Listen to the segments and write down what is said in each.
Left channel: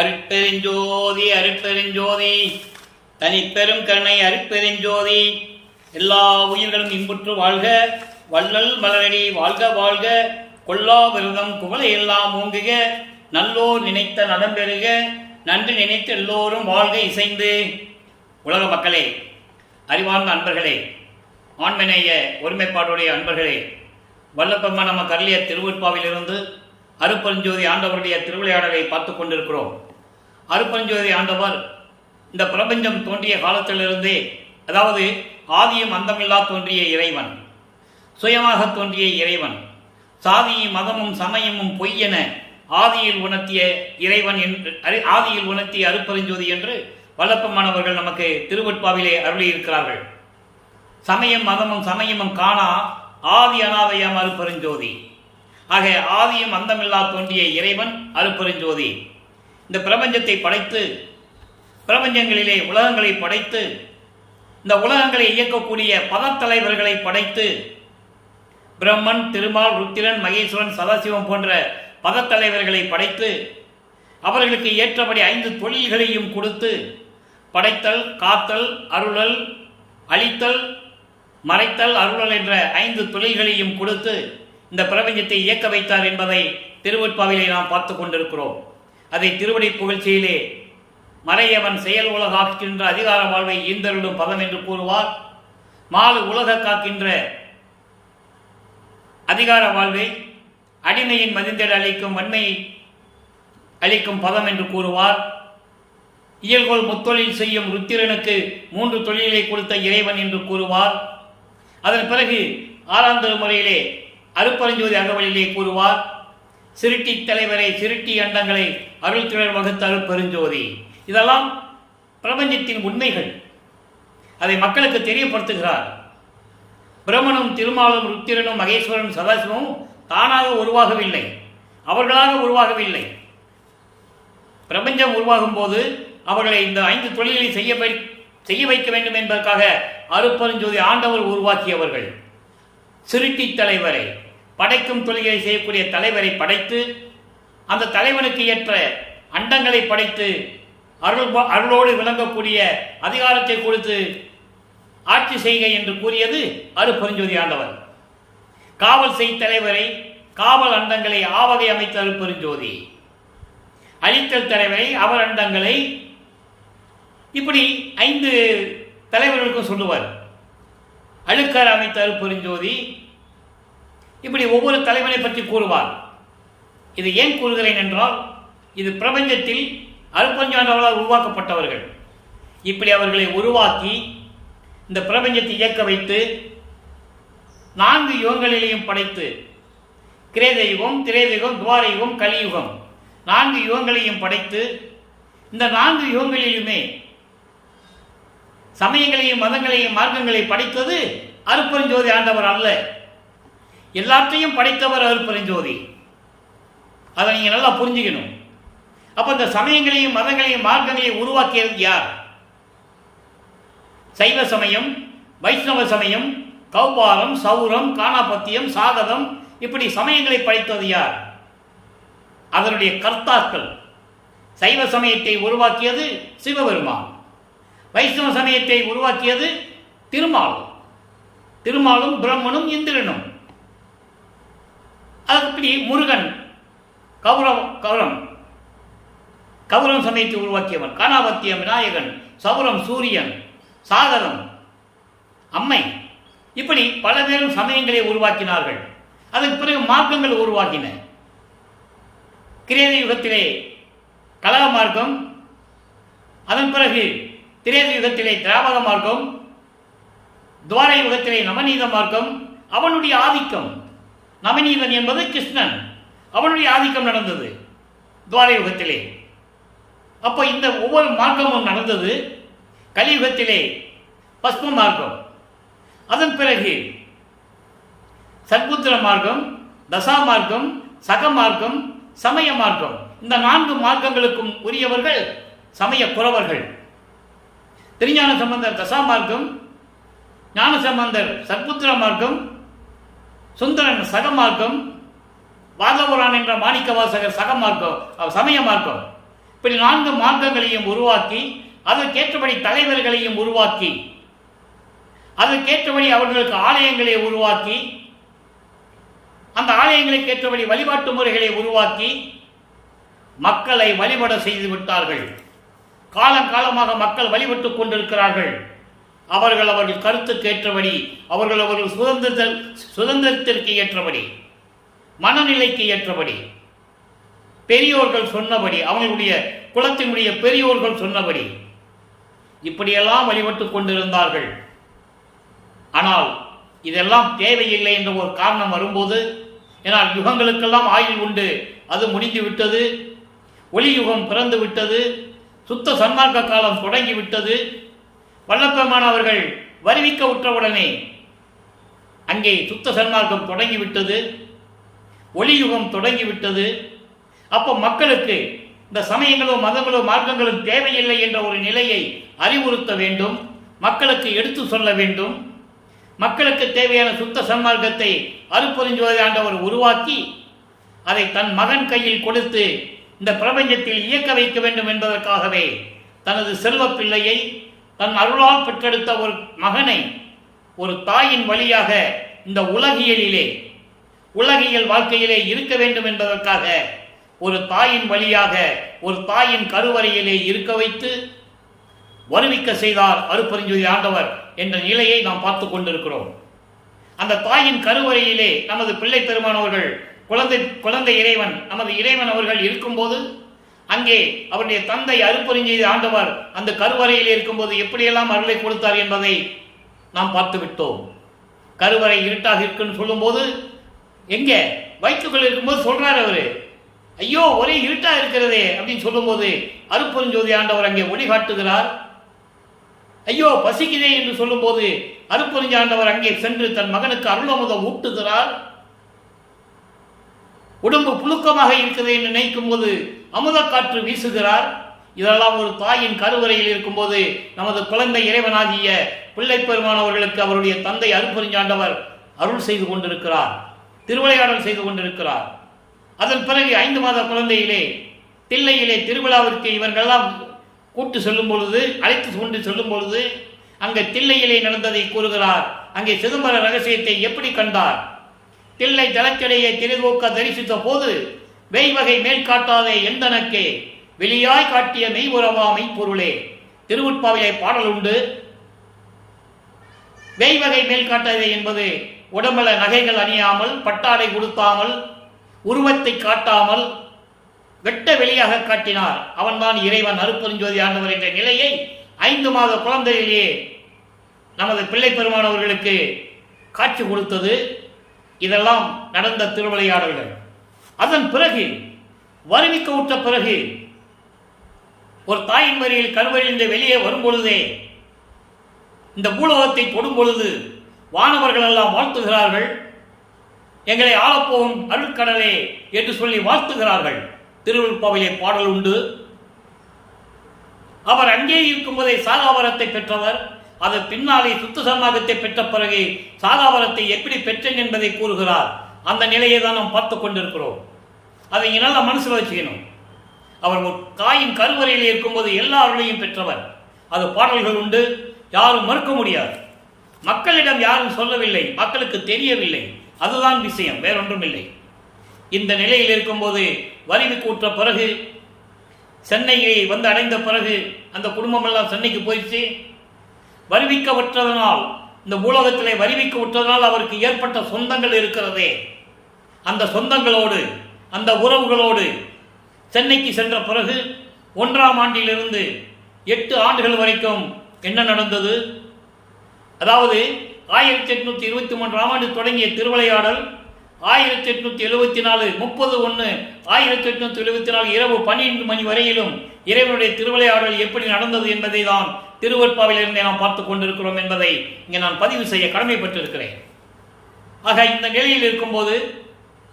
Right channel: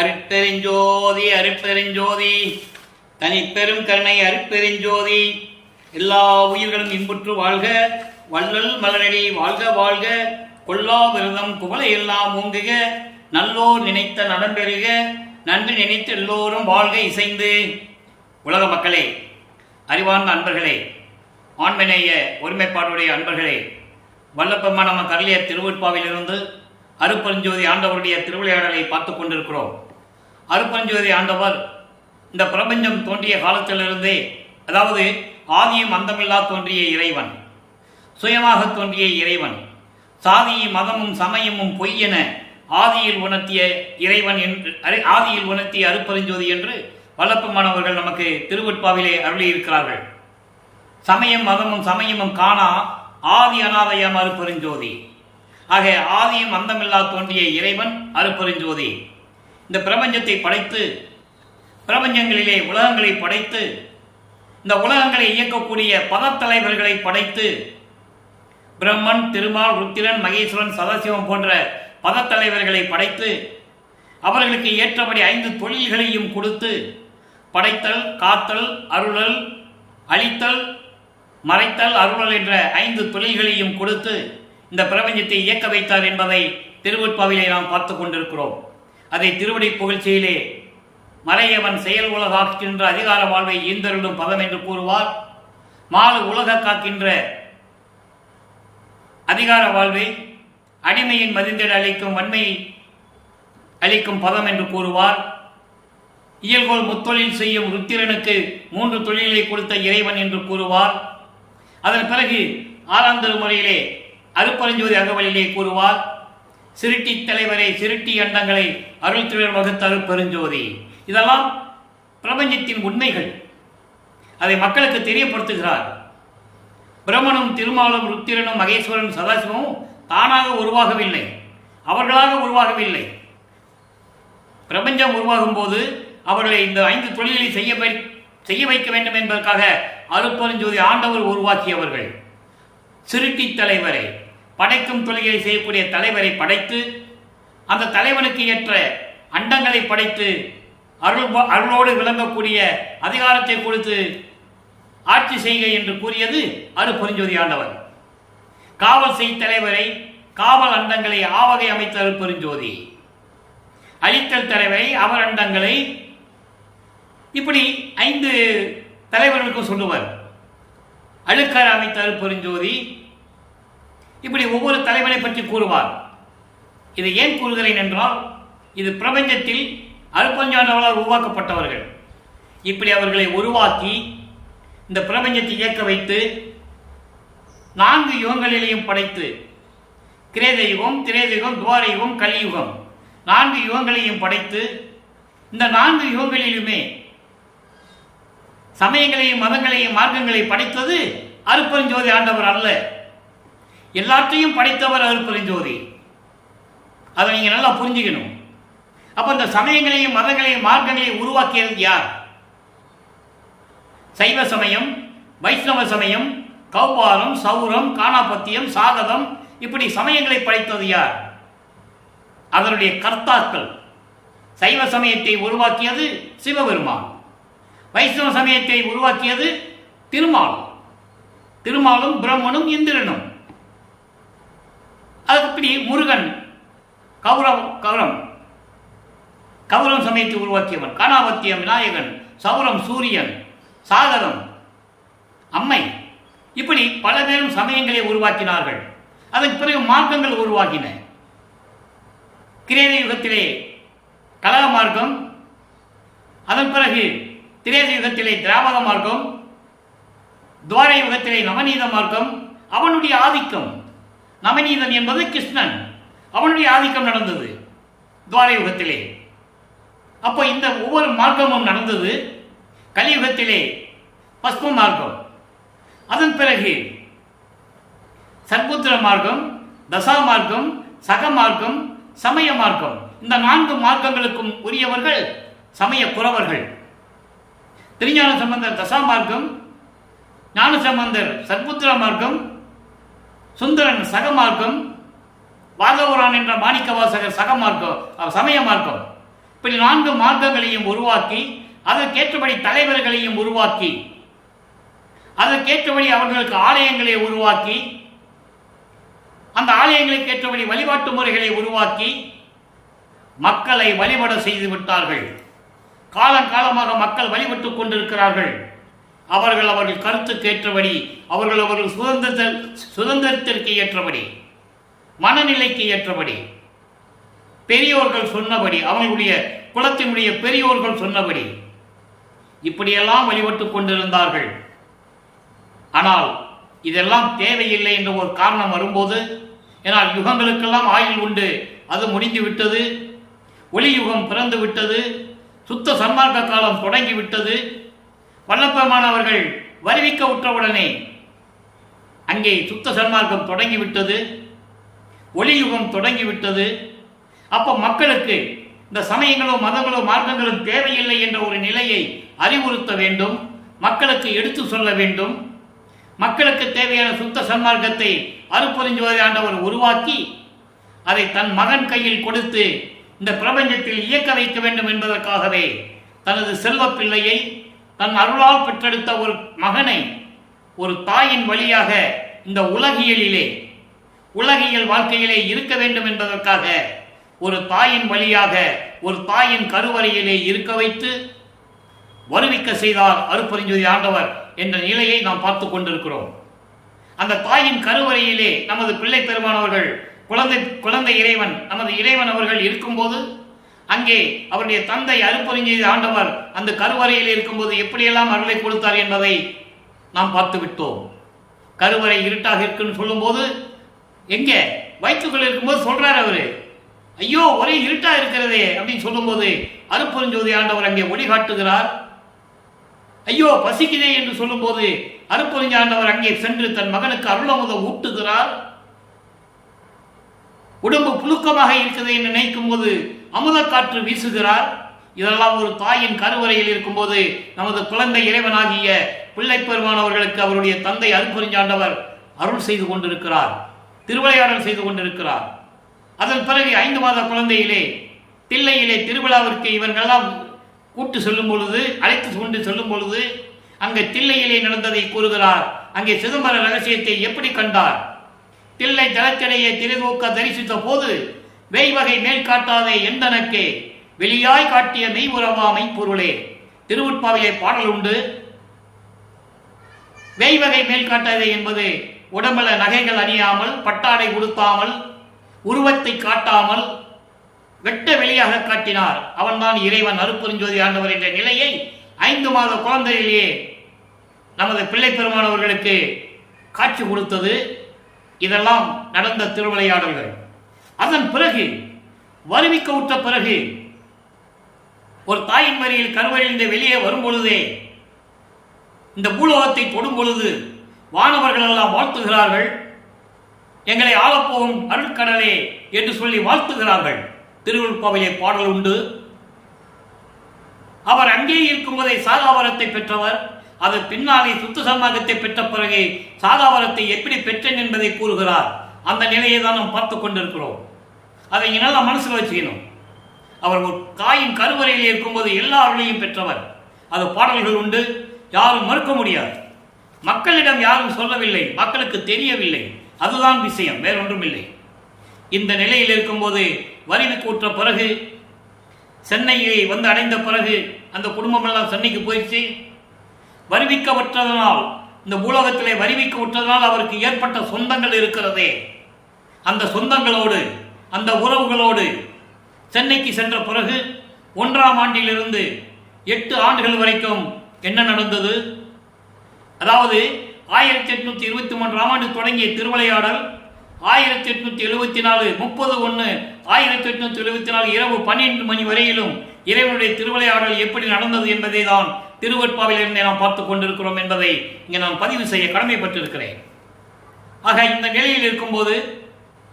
அருட்பெருஞ்சோதி அருட்பெருஞ்சோதி தனிப்பெரும் கருணை அருட்பெருஞ்சோதி. எல்லா உயிர்களும் இன்புற்று வாழ்க, வள்ளல் மலரடி வாழ்க வாழ்க, கொல்லா விரதம் குவளை எல்லாம் ஓங்குக, நல்லோர் நினைத்த நலம் பெறுக, நன்றி நினைத்து எல்லோரும் வாழ்க இசைந்து. உலக மக்களே, அறிவார்ந்த அன்பர்களே, ஆண்மநேய ஒருமைப்பாடுடைய அன்பர்களே, வல்லப்பெருமான் நம்ம கருளிய திருவெட்பாவிலிருந்து அருட்பெருஞ்சோதி ஆண்டவருடைய திருவிளையாடலை பார்த்து கொண்டிருக்கிறோம். அருட்பெருஞ்சோதி ஆண்டவர் இந்த பிரபஞ்சம் தோன்றிய காலத்திலிருந்தே, அதாவது ஆதியும் அந்தமில்லா தோன்றிய இறைவன், சுயமாக தோன்றிய இறைவன், சாதியும் மதமும் சமயமும் பொய் என ஆதியில் உணர்த்திய இறைவன் என்று, ஆதியில் உணர்த்திய அருட்பெருஞ்சோதி என்று வல்லப்பெருமானவர்கள் நமக்கு திருவெட்பாவிலே அருளியிருக்கிறார்கள். சமயம் மதமும் சமயமும் காணா ஆதி அநாதயம் அருட்பெருஞ்சோதி. ஆக ஆதியும் அந்தமில்லா தோன்றிய இறைவன் அருட்பெருஞ்சோதி இந்த பிரபஞ்சத்தை படைத்து, பிரபஞ்சங்களிலே உலகங்களை படைத்து, இந்த உலகங்களை இயக்கக்கூடிய பதத்தலைவர்களை படைத்து, பிரம்மன், திருமால், ருத்திரன், மகேஸ்வரன், சதாசிவம் போன்ற பதத்தலைவர்களை படைத்து, அவர்களுக்கு ஏற்றபடி 5 தொழில்களையும் கொடுத்து, படைத்தல், காத்தல், அருளல், அழித்தல், மறைத்தல், அருளல் என்ற 5 தொழில்களையும் கொடுத்து இந்த பிரபஞ்சத்தை இயக்க வைத்தார் என்பதை திருவெட்பாவிலே நாம் பார்த்து கொண்டிருக்கிறோம். அதை திருவடி புகழ்ச்சியிலே மறையவன் செயல் உலகாக்கின்ற அதிகார வாழ்வை ஈந்தருளும் பதம் என்று கூறுவார். மாலு உலக காக்கின்ற அதிகார வாழ்வை அடிமையின் மதிந்தேடு அளிக்கும் வன்மையை அளிக்கும் பதம் என்று கூறுவார். இயல்கோள் முத்தொழில் செய்யும் ருத்திரனுக்கு 3 தொழிலை கொடுத்த இறைவன் என்று கூறுவார். அதன் பிறகு 6ஆம் திருமுறையிலே அருட்பெருஞ்சோதி அகவலிலே கூறுவார், சிருட்டி தலைவரை சிருட்டி அண்டங்களை அருள் திறர் வகுத்த அருட்பெருஞ்சோதி. இதெல்லாம் பிரபஞ்சத்தின் உண்மைகள். அதை மக்களுக்கு தெரியப்படுத்துகிறார். பிரம்மனும், திருமாலும், ருத்திரனும், மகேஸ்வரனும், சதாசிவமும் தானாக உருவாகவில்லை, அவர்களாக உருவாகவில்லை. பிரபஞ்சம் உருவாகும் போது அவர்களை இந்த 5 தொழிலை செய்ய வைக்க வேண்டும் என்பதற்காக அருட்பெருஞ்சோதி ஆண்டவர் உருவாக்கியவர்கள். சிருட்டி தலைவரை, படைக்கும் தொழிலை செய்யக்கூடிய தலைவரை படைத்து, அந்த தலைவனுக்கு ஏற்ற அண்டங்களை படைத்து, அருளோடு விளங்கக்கூடிய அதிகாரத்தை கொடுத்து ஆட்சி செய்க என்று கூறியது அருட்பெருஞ்சோதி ஆண்டவர். காவல் செய் தலைவரை, காவல் அண்டங்களை ஆவகை அமைத்த அருட்பெருஞ்சோதி. அழித்தல் தலைவரை, அவர் அண்டங்களை, இப்படி 5 தலைவர்களுக்கும் சொல்லுவார். அழுக்கர் அமைத்த அருட்பெருஞ்சோதி. இப்படி ஒவ்வொரு தலைவனை பற்றி கூறுவார். இது ஏன் கூறுகிறேன் என்றால், இது பிரபஞ்சத்தில் அருட்பெருஞ்சாண்டவர்களால் உருவாக்கப்பட்டவர்கள். இப்படி அவர்களை உருவாக்கி இந்த பிரபஞ்சத்தை இயக்க வைத்து 4 யுகங்களிலேயும் படைத்து, கிரேத யுகம், திரேத யுகம், துவார யுகம், கலியுகம், 4 யுகங்களையும் படைத்து, இந்த 4 யுகங்களிலுமே சமயங்களையும் மதங்களையும் மார்க்கங்களையும் படைத்தது அருட்பெருஞ்சோதி ஆண்டவர் அல்ல, எல்லாத்தையும் படைத்தவர் அருட்பெருஞ்சோதி. அதை நீங்க நல்லா புரிஞ்சுக்கணும். அப்ப இந்த சமயங்களையும் மதங்களையும் மார்க்கங்களையும் உருவாக்கியது யார்? சைவ சமயம், வைஷ்ணவ சமயம், கௌபாரம், சௌரம், காணாபத்தியம், சாகதம், இப்படி சமயங்களை படைத்தது யார்? அதனுடைய கர்த்தாக்கள். சைவ சமயத்தை உருவாக்கியது சிவபெருமான், வைஷ்ணவ சமயத்தை உருவாக்கியது திருமால், திருமாலும் பிரம்மனும் இந்திரனும். அதுப்படி முருகன் கௌரம் சமயத்தை உருவாக்கியவன், காணாபத்தியம் விநாயகன், சௌரம் சூரியன், சாகரம் அம்மை, இப்படி பல பேரும் சமயங்களை உருவாக்கினார்கள். அதற்கு பிறகு மார்க்கங்கள் உருவாக்கின. கிரேத யுகத்திலே கலக மார்க்கம், அதன் பிறகு திரேத யுகத்திலே திராவக மார்க்கம், துவார யுகத்திலே நவநீத மார்க்கம். அவனுடைய ஆதிக்கம், நவநீதன் என்பது கிருஷ்ணன், அவனுடைய ஆதிக்கம் நடந்தது துவார யுகத்திலே. அப்போ இந்த ஒவ்வொரு மார்க்கமும் நடந்தது. கலியுகத்திலே பஸ்ம மார்க்கம், அதன் பிறகு சத்புத்திர மார்க்கம், தசா மார்க்கம், சக மார்க்கம், சமய மார்க்கம். இந்த 4 மார்க்கங்களுக்கும் உரியவர்கள் சமய புறவர்கள். திருஞான சம்பந்தர் தசா மார்க்கம், ஞான சம்பந்தர் சத்புத்திர மார்க்கம், சுந்தரன் சக மார்க்கம், வாதபுரான் என்ற மாணிக்க வாசகர் சக மார்க்கம், சமய மார்க்கம். இப்படி 4 மார்க்கங்களையும் உருவாக்கி அதற்கேற்றபடி தலைவர்களையும் உருவாக்கி அதற்கேற்றபடி அவர்களுக்கு ஆலயங்களை உருவாக்கி அந்த ஆலயங்களுக்கு ஏற்றபடி வழிபாட்டு முறைகளை உருவாக்கி மக்களை வழிபட செய்து விட்டார்கள். காலங்காலமாக மக்கள் வழிபட்டுக் கொண்டிருக்கிறார்கள். அவர்கள் கருத்துக்கு ஏற்றபடி அவர்கள் சுதந்திரத்திற்கு ஏற்றபடி மனநிலைக்கு ஏற்றபடி பெரியோர்கள் சொன்னபடி அவர்களுடைய குலத்தினுடைய பெரியோர்கள் சொன்னபடி இப்படியெல்லாம் வழிபட்டுக் கொண்டிருந்தார்கள். ஆனால் இதெல்லாம் தேவையில்லை என்ற ஒரு காரணம் வரும்போது, ஏனால் யுகங்களுக்கெல்லாம் ஆயுள் உண்டு, அது முடிந்து விட்டது, ஒளி யுகம் பிறந்து விட்டது, சுத்த சன்மார்க்க காலம் தொடங்கிவிட்டது. வல்லப்பெருமான் அவர்கள் வருவிக்க உற்றவுடனே அங்கே சுத்த சன்மார்க்கம் தொடங்கிவிட்டது, ஒளி யுகம் தொடங்கிவிட்டது. அப்போ மக்களுக்கு இந்த சமயங்களோ மதங்களோ மார்க்கங்களும் தேவையில்லை என்ற ஒரு நிலையை அறிவுறுத்த வேண்டும், மக்களுக்கு எடுத்து சொல்ல வேண்டும். மக்களுக்கு தேவையான சுத்த சன்மார்க்கத்தை அருட்பெருஞ்சோதி ஆண்டவர் உருவாக்கி அதை தன் மகன் கையில் கொடுத்து இந்த பிரபஞ்சத்தில் இயக்க வைக்க வேண்டும் என்பதற்காகவே தனது செல்வ பிள்ளையை தன் அருளால் பெற்றெடுத்த ஒரு மகனை ஒரு தாயின் வழியாக இந்த உலகியல் வாழ்க்கையிலே இருக்க வேண்டும் என்பதற்காக ஒரு தாயின் வழியாக ஒரு தாயின் கருவறையிலே இருக்க வைத்து வருவிக்க செய்தார் அருட்பெருஞ்சோதி ஆண்டவர் என்ற நிலையை நாம் பார்த்து கொண்டிருக்கிறோம். அந்த தாயின் கருவறையிலே நமது பிள்ளை பெருமானவர்கள் குழந்தை இறைவன் நமது இறைவன் அவர்கள் இருக்கும்போது அங்கே அவருடைய தந்தை அருட்பெருஞ்சோதி ஆண்டவர் அந்த கருவறையில் இருக்கும்போது எப்படியெல்லாம் அருளை கொடுத்தார் என்பதை நாம் பார்த்து விட்டோம். கருவறை இருட்டாக இருக்குன்னு சொல்லும்போது எங்கே வயிற்றுக்குள் இருக்கும்போது சொல்றாரு அவரு, ஐயோ ஒரே இருட்டா இருக்கிறதே அப்படின்னு சொல்லும்போது அருட்பெருஞ்சோதி ஆண்டவர் அங்கே ஒளிகாட்டுகிறார். ஐயோ பசிக்குதே என்று சொல்லும்போது அருட்பெருஞ்சோதி ஆண்டவர் அங்கே சென்று தன் மகனுக்கு அருளமுதம் ஊட்டுகிறார். உடம்பு புழுக்கமாக இருக்குது என்று நினைக்கும் போது அமுத காற்று வீசுகிறார். இதெல்லாம் ஒரு தாயின் கருவறையில் இருக்கும்போது நமது குழந்தை இறைவனாகிய பிள்ளை பெருமானவர்களுக்கு அவருடைய தந்தை அருட்பெருஞ்சோதி ஆண்டவர் அருள் செய்து கொண்டிருக்கிறார், திருவிளையாடல் செய்து கொண்டிருக்கிறார். அதன் பிறகு 5 மாத குழந்தையிலே தில்லையிலே திருவிழாவிற்கு இவர்களெல்லாம் கூட்டு செல்லும் பொழுது அழைத்து கொண்டு செல்லும் பொழுது அங்கே தில்லையிலே நடந்ததை கூறுகிறார். அங்கே சிதம்பர ரகசியத்தை எப்படி கண்டார்? தில்லை தலச்சடையை திரைதூக்க தரிசித்த போது வெய்வகை மேல் காட்டாதே எந்தனக்கே வெளியாய் காட்டிய மெய்புறவா மெய்ப்பொருளே. திருவுட்பாவிலே பாடல் உண்டு. வெய்வகை மேல் காட்டாதே என்பது உடம்புல நகைகள் அணியாமல் பட்டாடை உடுத்தாமல் உருவத்தை காட்டாமல் வெட்ட வெளியாக காட்டினார். அவன்தான் இறைவன் அருட்பெருஞ்சோதி ஆண்டவர் என்ற நிலையை 5 மாத குழந்தையிலேயே நமது பிள்ளை பெருமானவர்களுக்கு காட்சி கொடுத்தது. இதெல்லாம் நடந்த திருவிளையாடல்கள். அதன் பிறகு வருவிக்க உற்ற பிறகு ஒரு தாயின் வரியில் கருவறையிலிருந்து வெளியே வரும் பொழுதே இந்த பூலோகத்தை தொடும் பொழுது வானவர்கள் எல்லாம் வாழ்த்துகிறார்கள். எங்களை ஆளப்போகும் அருட்கடலே என்று சொல்லி வாழ்த்துகிறார்கள். திருவள்ளுப்பாவிலே பாடல் உண்டு. அவர் அங்கே இருக்கும்போதே சாகாவரத்தை பெற்றவர். அது பின்னாலே சுத்த சன்மார்க்கத்தை பெற்ற பிறகு சாகாவரத்தை எப்படி பெற்றேன் என்பதை கூறுகிறார். அந்த நிலையை தான் நாம் பார்த்து கொண்டிருக்கிறோம். அதை நல்லா மனசில் வச்சுக்கணும். அவர் ஒரு தாயின் கருவறையில் இருக்கும்போது எல்லா அருளையும் பெற்றவர். அது பாடல்கள் உண்டு, யாரும் மறுக்க முடியாது. மக்களிடம் யாரும் சொல்லவில்லை, மக்களுக்கு தெரியவில்லை. அதுதான் விஷயம், வேறொன்றும் இல்லை. இந்த நிலையில் இருக்கும்போது வரிவு கூற்ற பிறகு சென்னையை வந்து அடைந்த பிறகு அந்த குடும்பம் எல்லாம் சென்னைக்கு போயிடுச்சு. வருவிக்க விட்டதனால் இந்த பூலோகத்திலே வருவிக்க விட்டதனால் அவருக்கு ஏற்பட்ட சொந்தங்கள் இருக்கிறதே, அந்த சொந்தங்களோடு அந்த உறவுகளோடு சென்னைக்கு சென்ற பிறகு 1ஆம் ஆண்டிலிருந்து 8 ஆண்டுகள் வரைக்கும் என்ன நடந்தது? அதாவது 1823ஆம் ஆண்டு தொடங்கிய திருவிளையாடல் 1874 30/1/1874 இரவு 12 மணி வரையிலும் இறைவனுடைய திருவிளையாடல் எப்படி நடந்தது என்பதை தான் திருவற்பாவிலிருந்தே நாம் பார்த்துக் கொண்டிருக்கிறோம் என்பதை இங்கே நான் பதிவு செய்ய கடமைப்பட்டிருக்கிறேன். ஆக இந்த நிலையில் இருக்கும்போது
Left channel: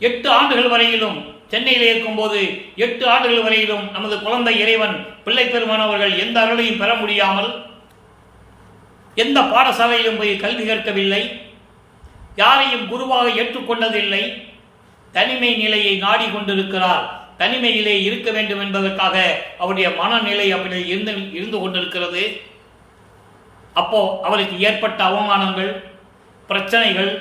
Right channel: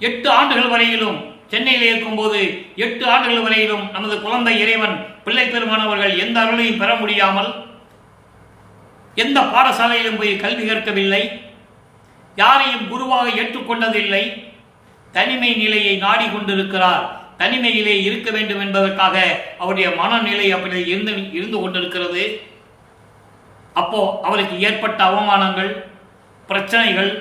8 ஆண்டுகள் வரையிலும் சென்னையில் இருக்கும்போது 8 ஆண்டுகள் வரையிலும் நமது குழந்தை இறைவன் பிள்ளை பெருமானவர்கள் எந்த அருளையும் பெற முடியாமல் எந்த பாடசாலையிலும் போய் கல்வி கற்கவில்லை, யாரையும் குருவாக ஏற்றுக்கொண்டதில்லை, தனிமை நிலையை நாடிக்கொண்டிருக்கிறார். தனிமையிலே இருக்க வேண்டும் என்பதற்காக அவருடைய மனநிலை அப்படி இருந்து கொண்டிருக்கிறது. அப்போ அவருக்கு ஏற்பட்ட அவமானங்கள், பிரச்சனைகள்,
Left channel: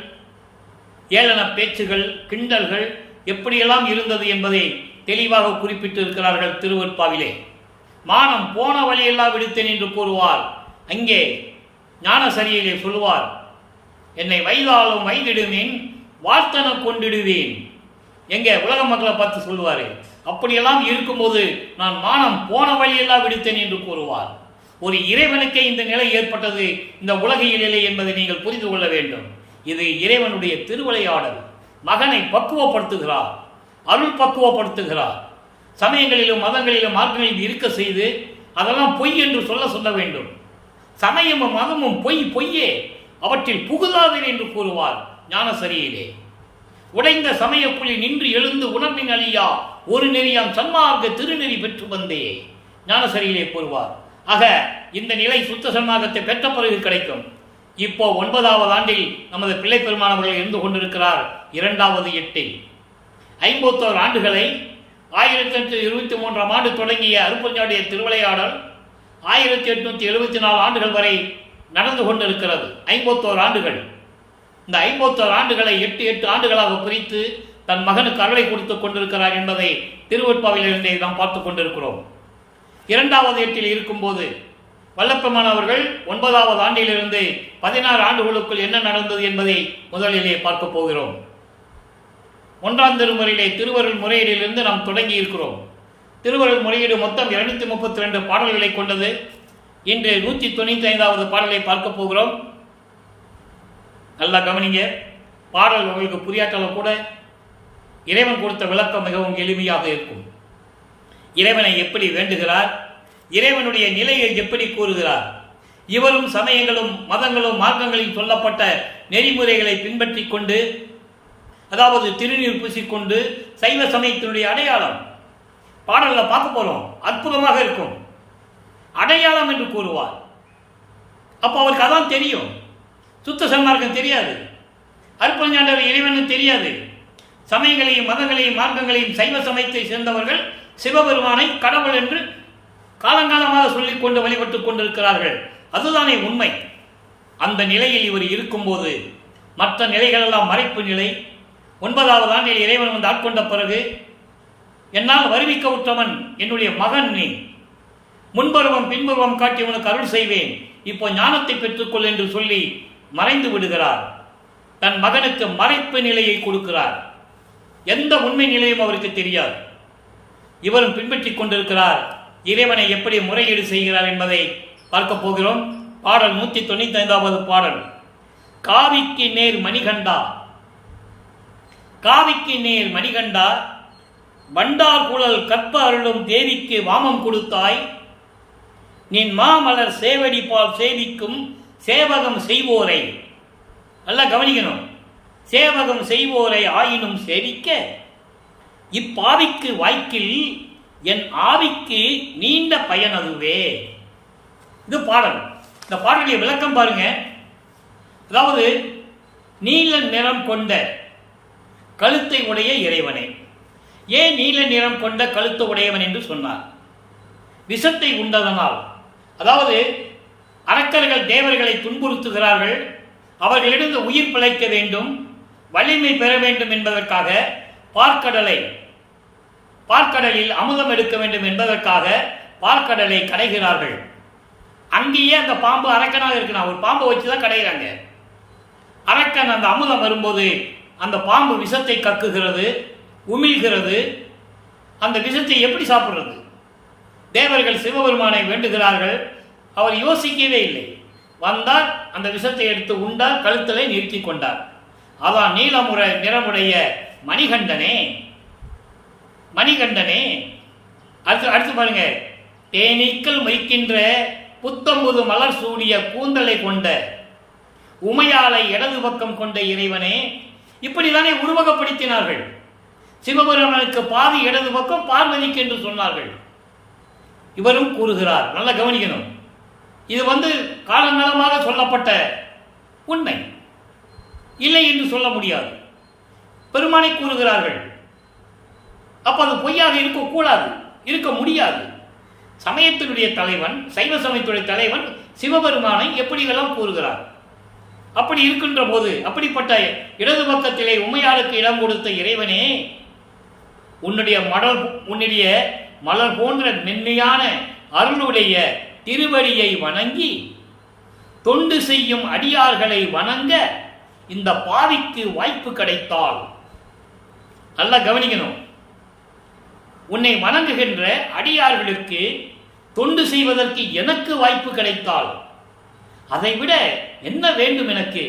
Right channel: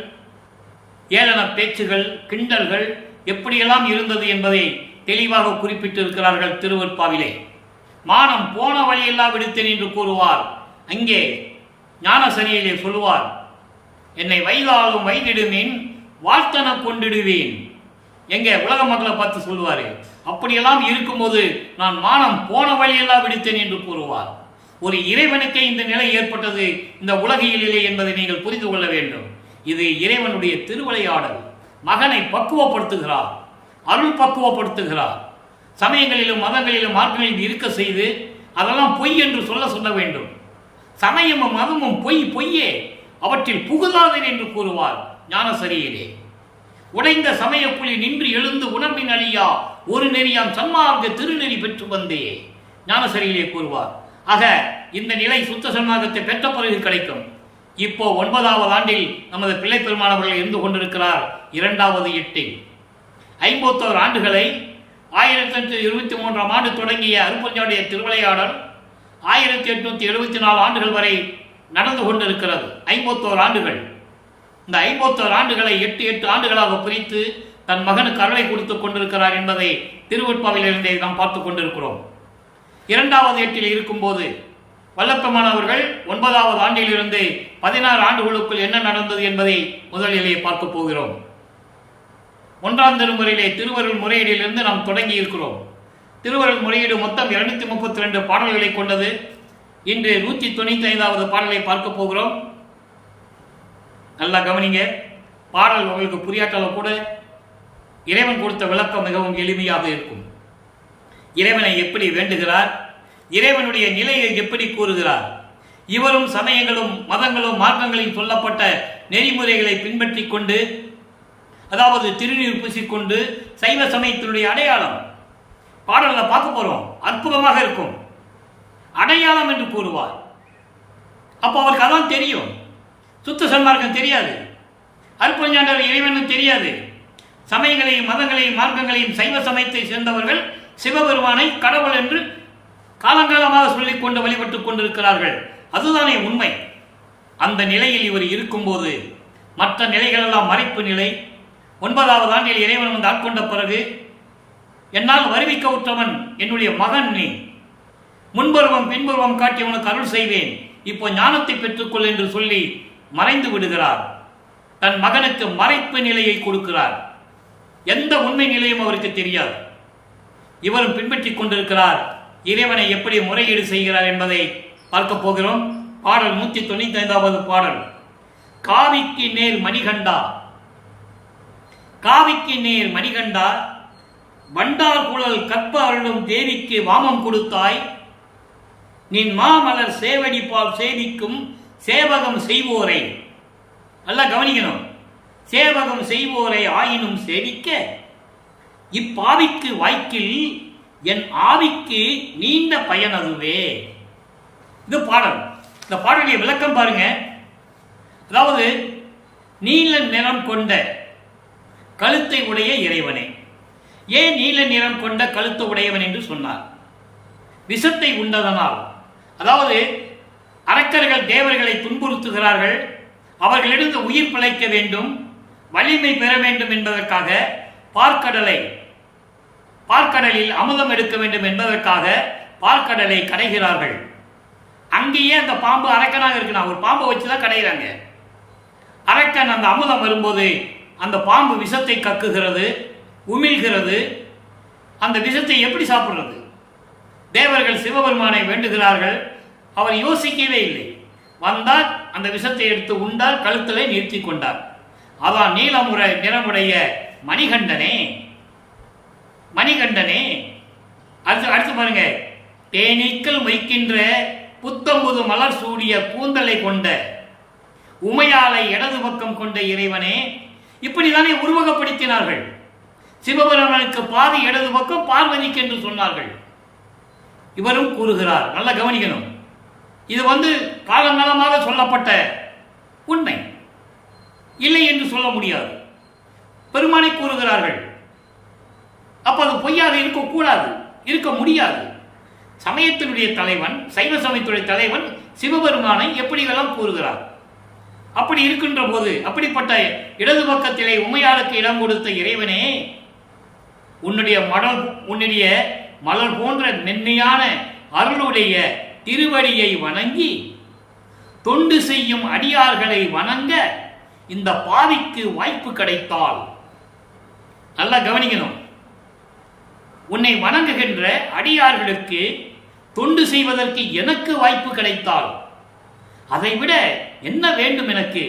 ஏளன பேச்சுகள், கிண்டல்கள் எப்படியெல்லாம் இருந்தது என்பதை தெளிவாக குறிப்பிட்டு இருக்கிறார்கள் திருவெற்பாவிலே. மானம் போன வழியெல்லாம் விடுத்தேன் என்று கூறுவார். அங்கே ஞானசரியிலே சொல்லுவார், என்னை வைதாலும் வைதிடுவேன், வாழ்த்தன கொண்டிடுவேன். எங்க உலக மக்களை பார்த்து சொல்லுவார். அப்படியெல்லாம் இருக்கும்போது நான் மானம் போன வழியெல்லாம் விடுத்தேன் என்று கூறுவார். ஒரு இறைவனுக்கே இந்த நிலை ஏற்பட்டது இந்த உலகியலிலே என்பதை நீங்கள் புரிந்து கொள்ள வேண்டும். இது இறைவனுடைய திருவிளையாடல். மகனை பக்குவப்படுத்துகிறார், அருள் பக்குவப்படுத்துகிறார். சமயங்களிலும் மதங்களிலும் மார்க்கங்களிலும் இருக்க செய்து அதெல்லாம் பொய் என்று சொல்ல வேண்டும். சமயமும் மதமும் பொய்யே, அவற்றில் புகுதாதன் என்று கூறுவார் ஞானசரியிலே. உடைந்த சமய புலி நின்று எழுந்து உணர்வின் அழியா ஒரு நெறியாம் சன்மார்க்க திருநெறி பெற்று வந்தே ஞானசரியிலே கூறுவார். ஆக இந்த நிலை சுத்த சன்மார்க்கத்தை பெற்ற பிறகு கிடைக்கும். இப்போ 9வது ஆண்டில் நமது பிள்ளை பெருமானவர்கள் இருந்து கொண்டிருக்கிறார். 2வது எட்டில் 51 ஆண்டுகளை 1823ஆம் ஆண்டு தொடங்கிய அருட்பெருஞ்சோதியுடைய திருவிளையாடல் 1874 ஆண்டுகள் வரை நடந்து கொண்டிருக்கிறது. 51 ஆண்டுகள். இந்த 51 ஆண்டுகளை 8 ஆண்டுகளாக பிரித்து தன் மகனுக்கு அருளை கொடுத்து கொண்டிருக்கிறார் என்பதை திருவெற்பாவிலிருந்தே நாம் பார்த்து கொண்டிருக்கிறோம். 2வது எட்டில் இருக்கும்போது வல்லப்பெருமான் அவர்கள் 9வது ஆண்டிலிருந்து 16 ஆண்டுகளுக்குள் என்ன நடந்தது என்பதை முதலிலே பார்க்க போகிறோம். 1ஆம் திருமுறையிலே திருவருள் முறையீடிலிருந்து நாம் தொடங்கி இருக்கிறோம். திருவருள் முறையீடு மொத்தம் 232 பாடல்களை கொண்டது. இன்று 195வது பாடலை பார்க்க போகிறோம். நல்லா கவனிங்க. பாடல் உங்களுக்கு புரியாட்டாலும் கூட இறைவன் கொடுத்த விளக்கம் மிகவும் எளிமையாக இருக்கும். இறைவனை எப்படி வேண்டுகிறார், இறைவனுடைய நிலையை எப்படி கூறுகிறார், இவரும் சமயங்களும் மதங்களும் மார்க்கங்களில் சொல்லப்பட்ட நெறிமுறைகளை பின்பற்றி கொண்டு, அதாவது திருநீர் பூசிக்கொண்டு சைவ சமயத்தினுடைய அடையாளம் பாடலில் பார்க்க போறோம். அற்புதமாக இருக்கும். அடையாளம் என்று கூறுவார். அப்போ அவருக்கு அதான் தெரியும். சுத்த சன்மார்க்கம் தெரியாது, அருட்பெருஞ்சாண்டவர் இறைவனும் தெரியாது. சமயங்களையும் மதங்களையும் மார்க்கங்களையும் சைவ சமயத்தை சேர்ந்தவர்கள் சிவபெருமானை கடவுள் என்று காலங்காலமாக சொல்லிக் கொண்டு வழிபட்டுக் கொண்டிருக்கிறார்கள். அதுதானே உண்மை. அந்த நிலையில் இவர் இருக்கும்போது மற்ற நிலைகளெல்லாம் மறைப்பு நிலை. 9வது ஆண்டில் இறைவன் வந்து ஆட்கொண்ட பிறகு, என்னால் வருவிக்க உற்றவன் என்னுடைய மகன், நீ முன்பருவம் பின்பருவம் காட்டி உனக்கு அருள் செய்வேன், இப்போ ஞானத்தை பெற்றுக்கொள் என்று சொல்லி மறைந்து விடுகிறார். தன் மகனுக்கு மறைப்பு நிலையை கொடுக்கிறார். எந்த உண்மை நிலையும் அவருக்கு தெரியாது. இவரும் பின்பற்றிக் கொண்டிருக்கிறார். இறைவனை எப்படி முறையீடு செய்கிறார் என்பதை பார்க்க போகிறோம். பாடல் 195வது பாடல். காவிக்கு நேர் மணிகண்டா, காவிக்கு நேர் மணிகண்டா, வண்டார் குழல் கற்ப அருளும் தேவிக்கு வாமம் கொடுத்தாய், நின் மாமலர் சேவடி பால் சேவிக்கும் சேவகம் செய்வோரை. நல்லா கவனிக்கணும். சேவகம் செய்வோரை ஆயினும் சேவிக்க இப்பாவிக்கு வாய்க்கில் என் ஆவிக்கு நீண்ட பயன் அதுவே. இது பாடல். இந்த பாடலுடைய விளக்கம் பாருங்க. அதாவது நீல நிறம் கொண்ட கழுத்தை உடைய இறைவனே. ஏன் நீல நிறம் கொண்ட கழுத்து உடையவன் என்று சொன்னார்? விஷத்தை உண்டதனால். அதாவது அரக்கர்கள் தேவர்களை துன்புறுத்துகிறார்கள், அவர்களிடம் உயிர் பிழைக்க வேண்டும், வலிமை பெற வேண்டும் என்பதற்காக பார்க்கடலில் அமுதம் எடுக்க வேண்டும் என்பதற்காக பார்க்கடலை கடைகிறார்கள். அங்கேயே அந்த பாம்பு அரக்கனாக இருக்குன்னா ஒரு பாம்பை வச்சுதான் கடைகிறாங்க. அரக்கன் அந்த அமுதம் வரும்போது அந்த பாம்பு விஷத்தை கக்குகிறது, உமிழ்கிறது. அந்த விஷத்தை எப்படி சாப்பிடுறது? தேவர்கள் சிவபெருமானை வேண்டுகிறார்கள். அவர் யோசிக்கவே இல்லை. வந்தார், அந்த விஷத்தை எடுத்து உண்டார், கழுத்தலை நிறுத்தி கொண்டார். அதான் நீலமுறை நிறமுடைய மணிகண்டனே, மணிகண்டனே. அடுத்து பாருங்க. தேனீக்கள் மொய்க்கின்ற புத்தம்புது மலர் சூடிய கூந்தலை கொண்ட உமையாலை இடது பக்கம் கொண்ட இறைவனே. இப்படிதானே உருவகப்படுத்தினார்கள். சிவபெருமானுக்கு பாதி இடது பக்கம், பார்வதிக்கு என்று சொன்னார்கள். இவரும் கூறுகிறார். நல்லா கவனிக்கணும். இது காலங்காலமாக சொல்லப்பட்ட உண்மை, இல்லை என்று சொல்ல முடியாது. பெருமானை கூறுகிறார்கள். அப்போ அது பொய்யாக இருக்கக்கூடாது, இருக்க முடியாது. சமயத்தினுடைய தலைவன், சைவ சமயத்துடைய தலைவன் சிவபெருமானை எப்படியெல்லாம் கூறுகிறார். அப்படி இருக்கின்ற போது, அப்படிப்பட்ட இடது பக்கத்திலே உமையாளுக்கு இடம் கொடுத்த இறைவனே, உன்னுடைய மலர் போன்ற மென்மையான அருளுடைய திருவடியை வணங்கி தொண்டு செய்யும் அடியார்களை வணங்க இந்த பாவிக்கு வாய்ப்பு கிடைத்தால், நல்லா கவனிக்கணும், உன்னை வணங்குகின்ற அடியார்களுக்கு தொண்டு செய்வதற்கு எனக்கு வாய்ப்பு கிடைத்தால் அதைவிட என்ன வேண்டும் எனக்கு?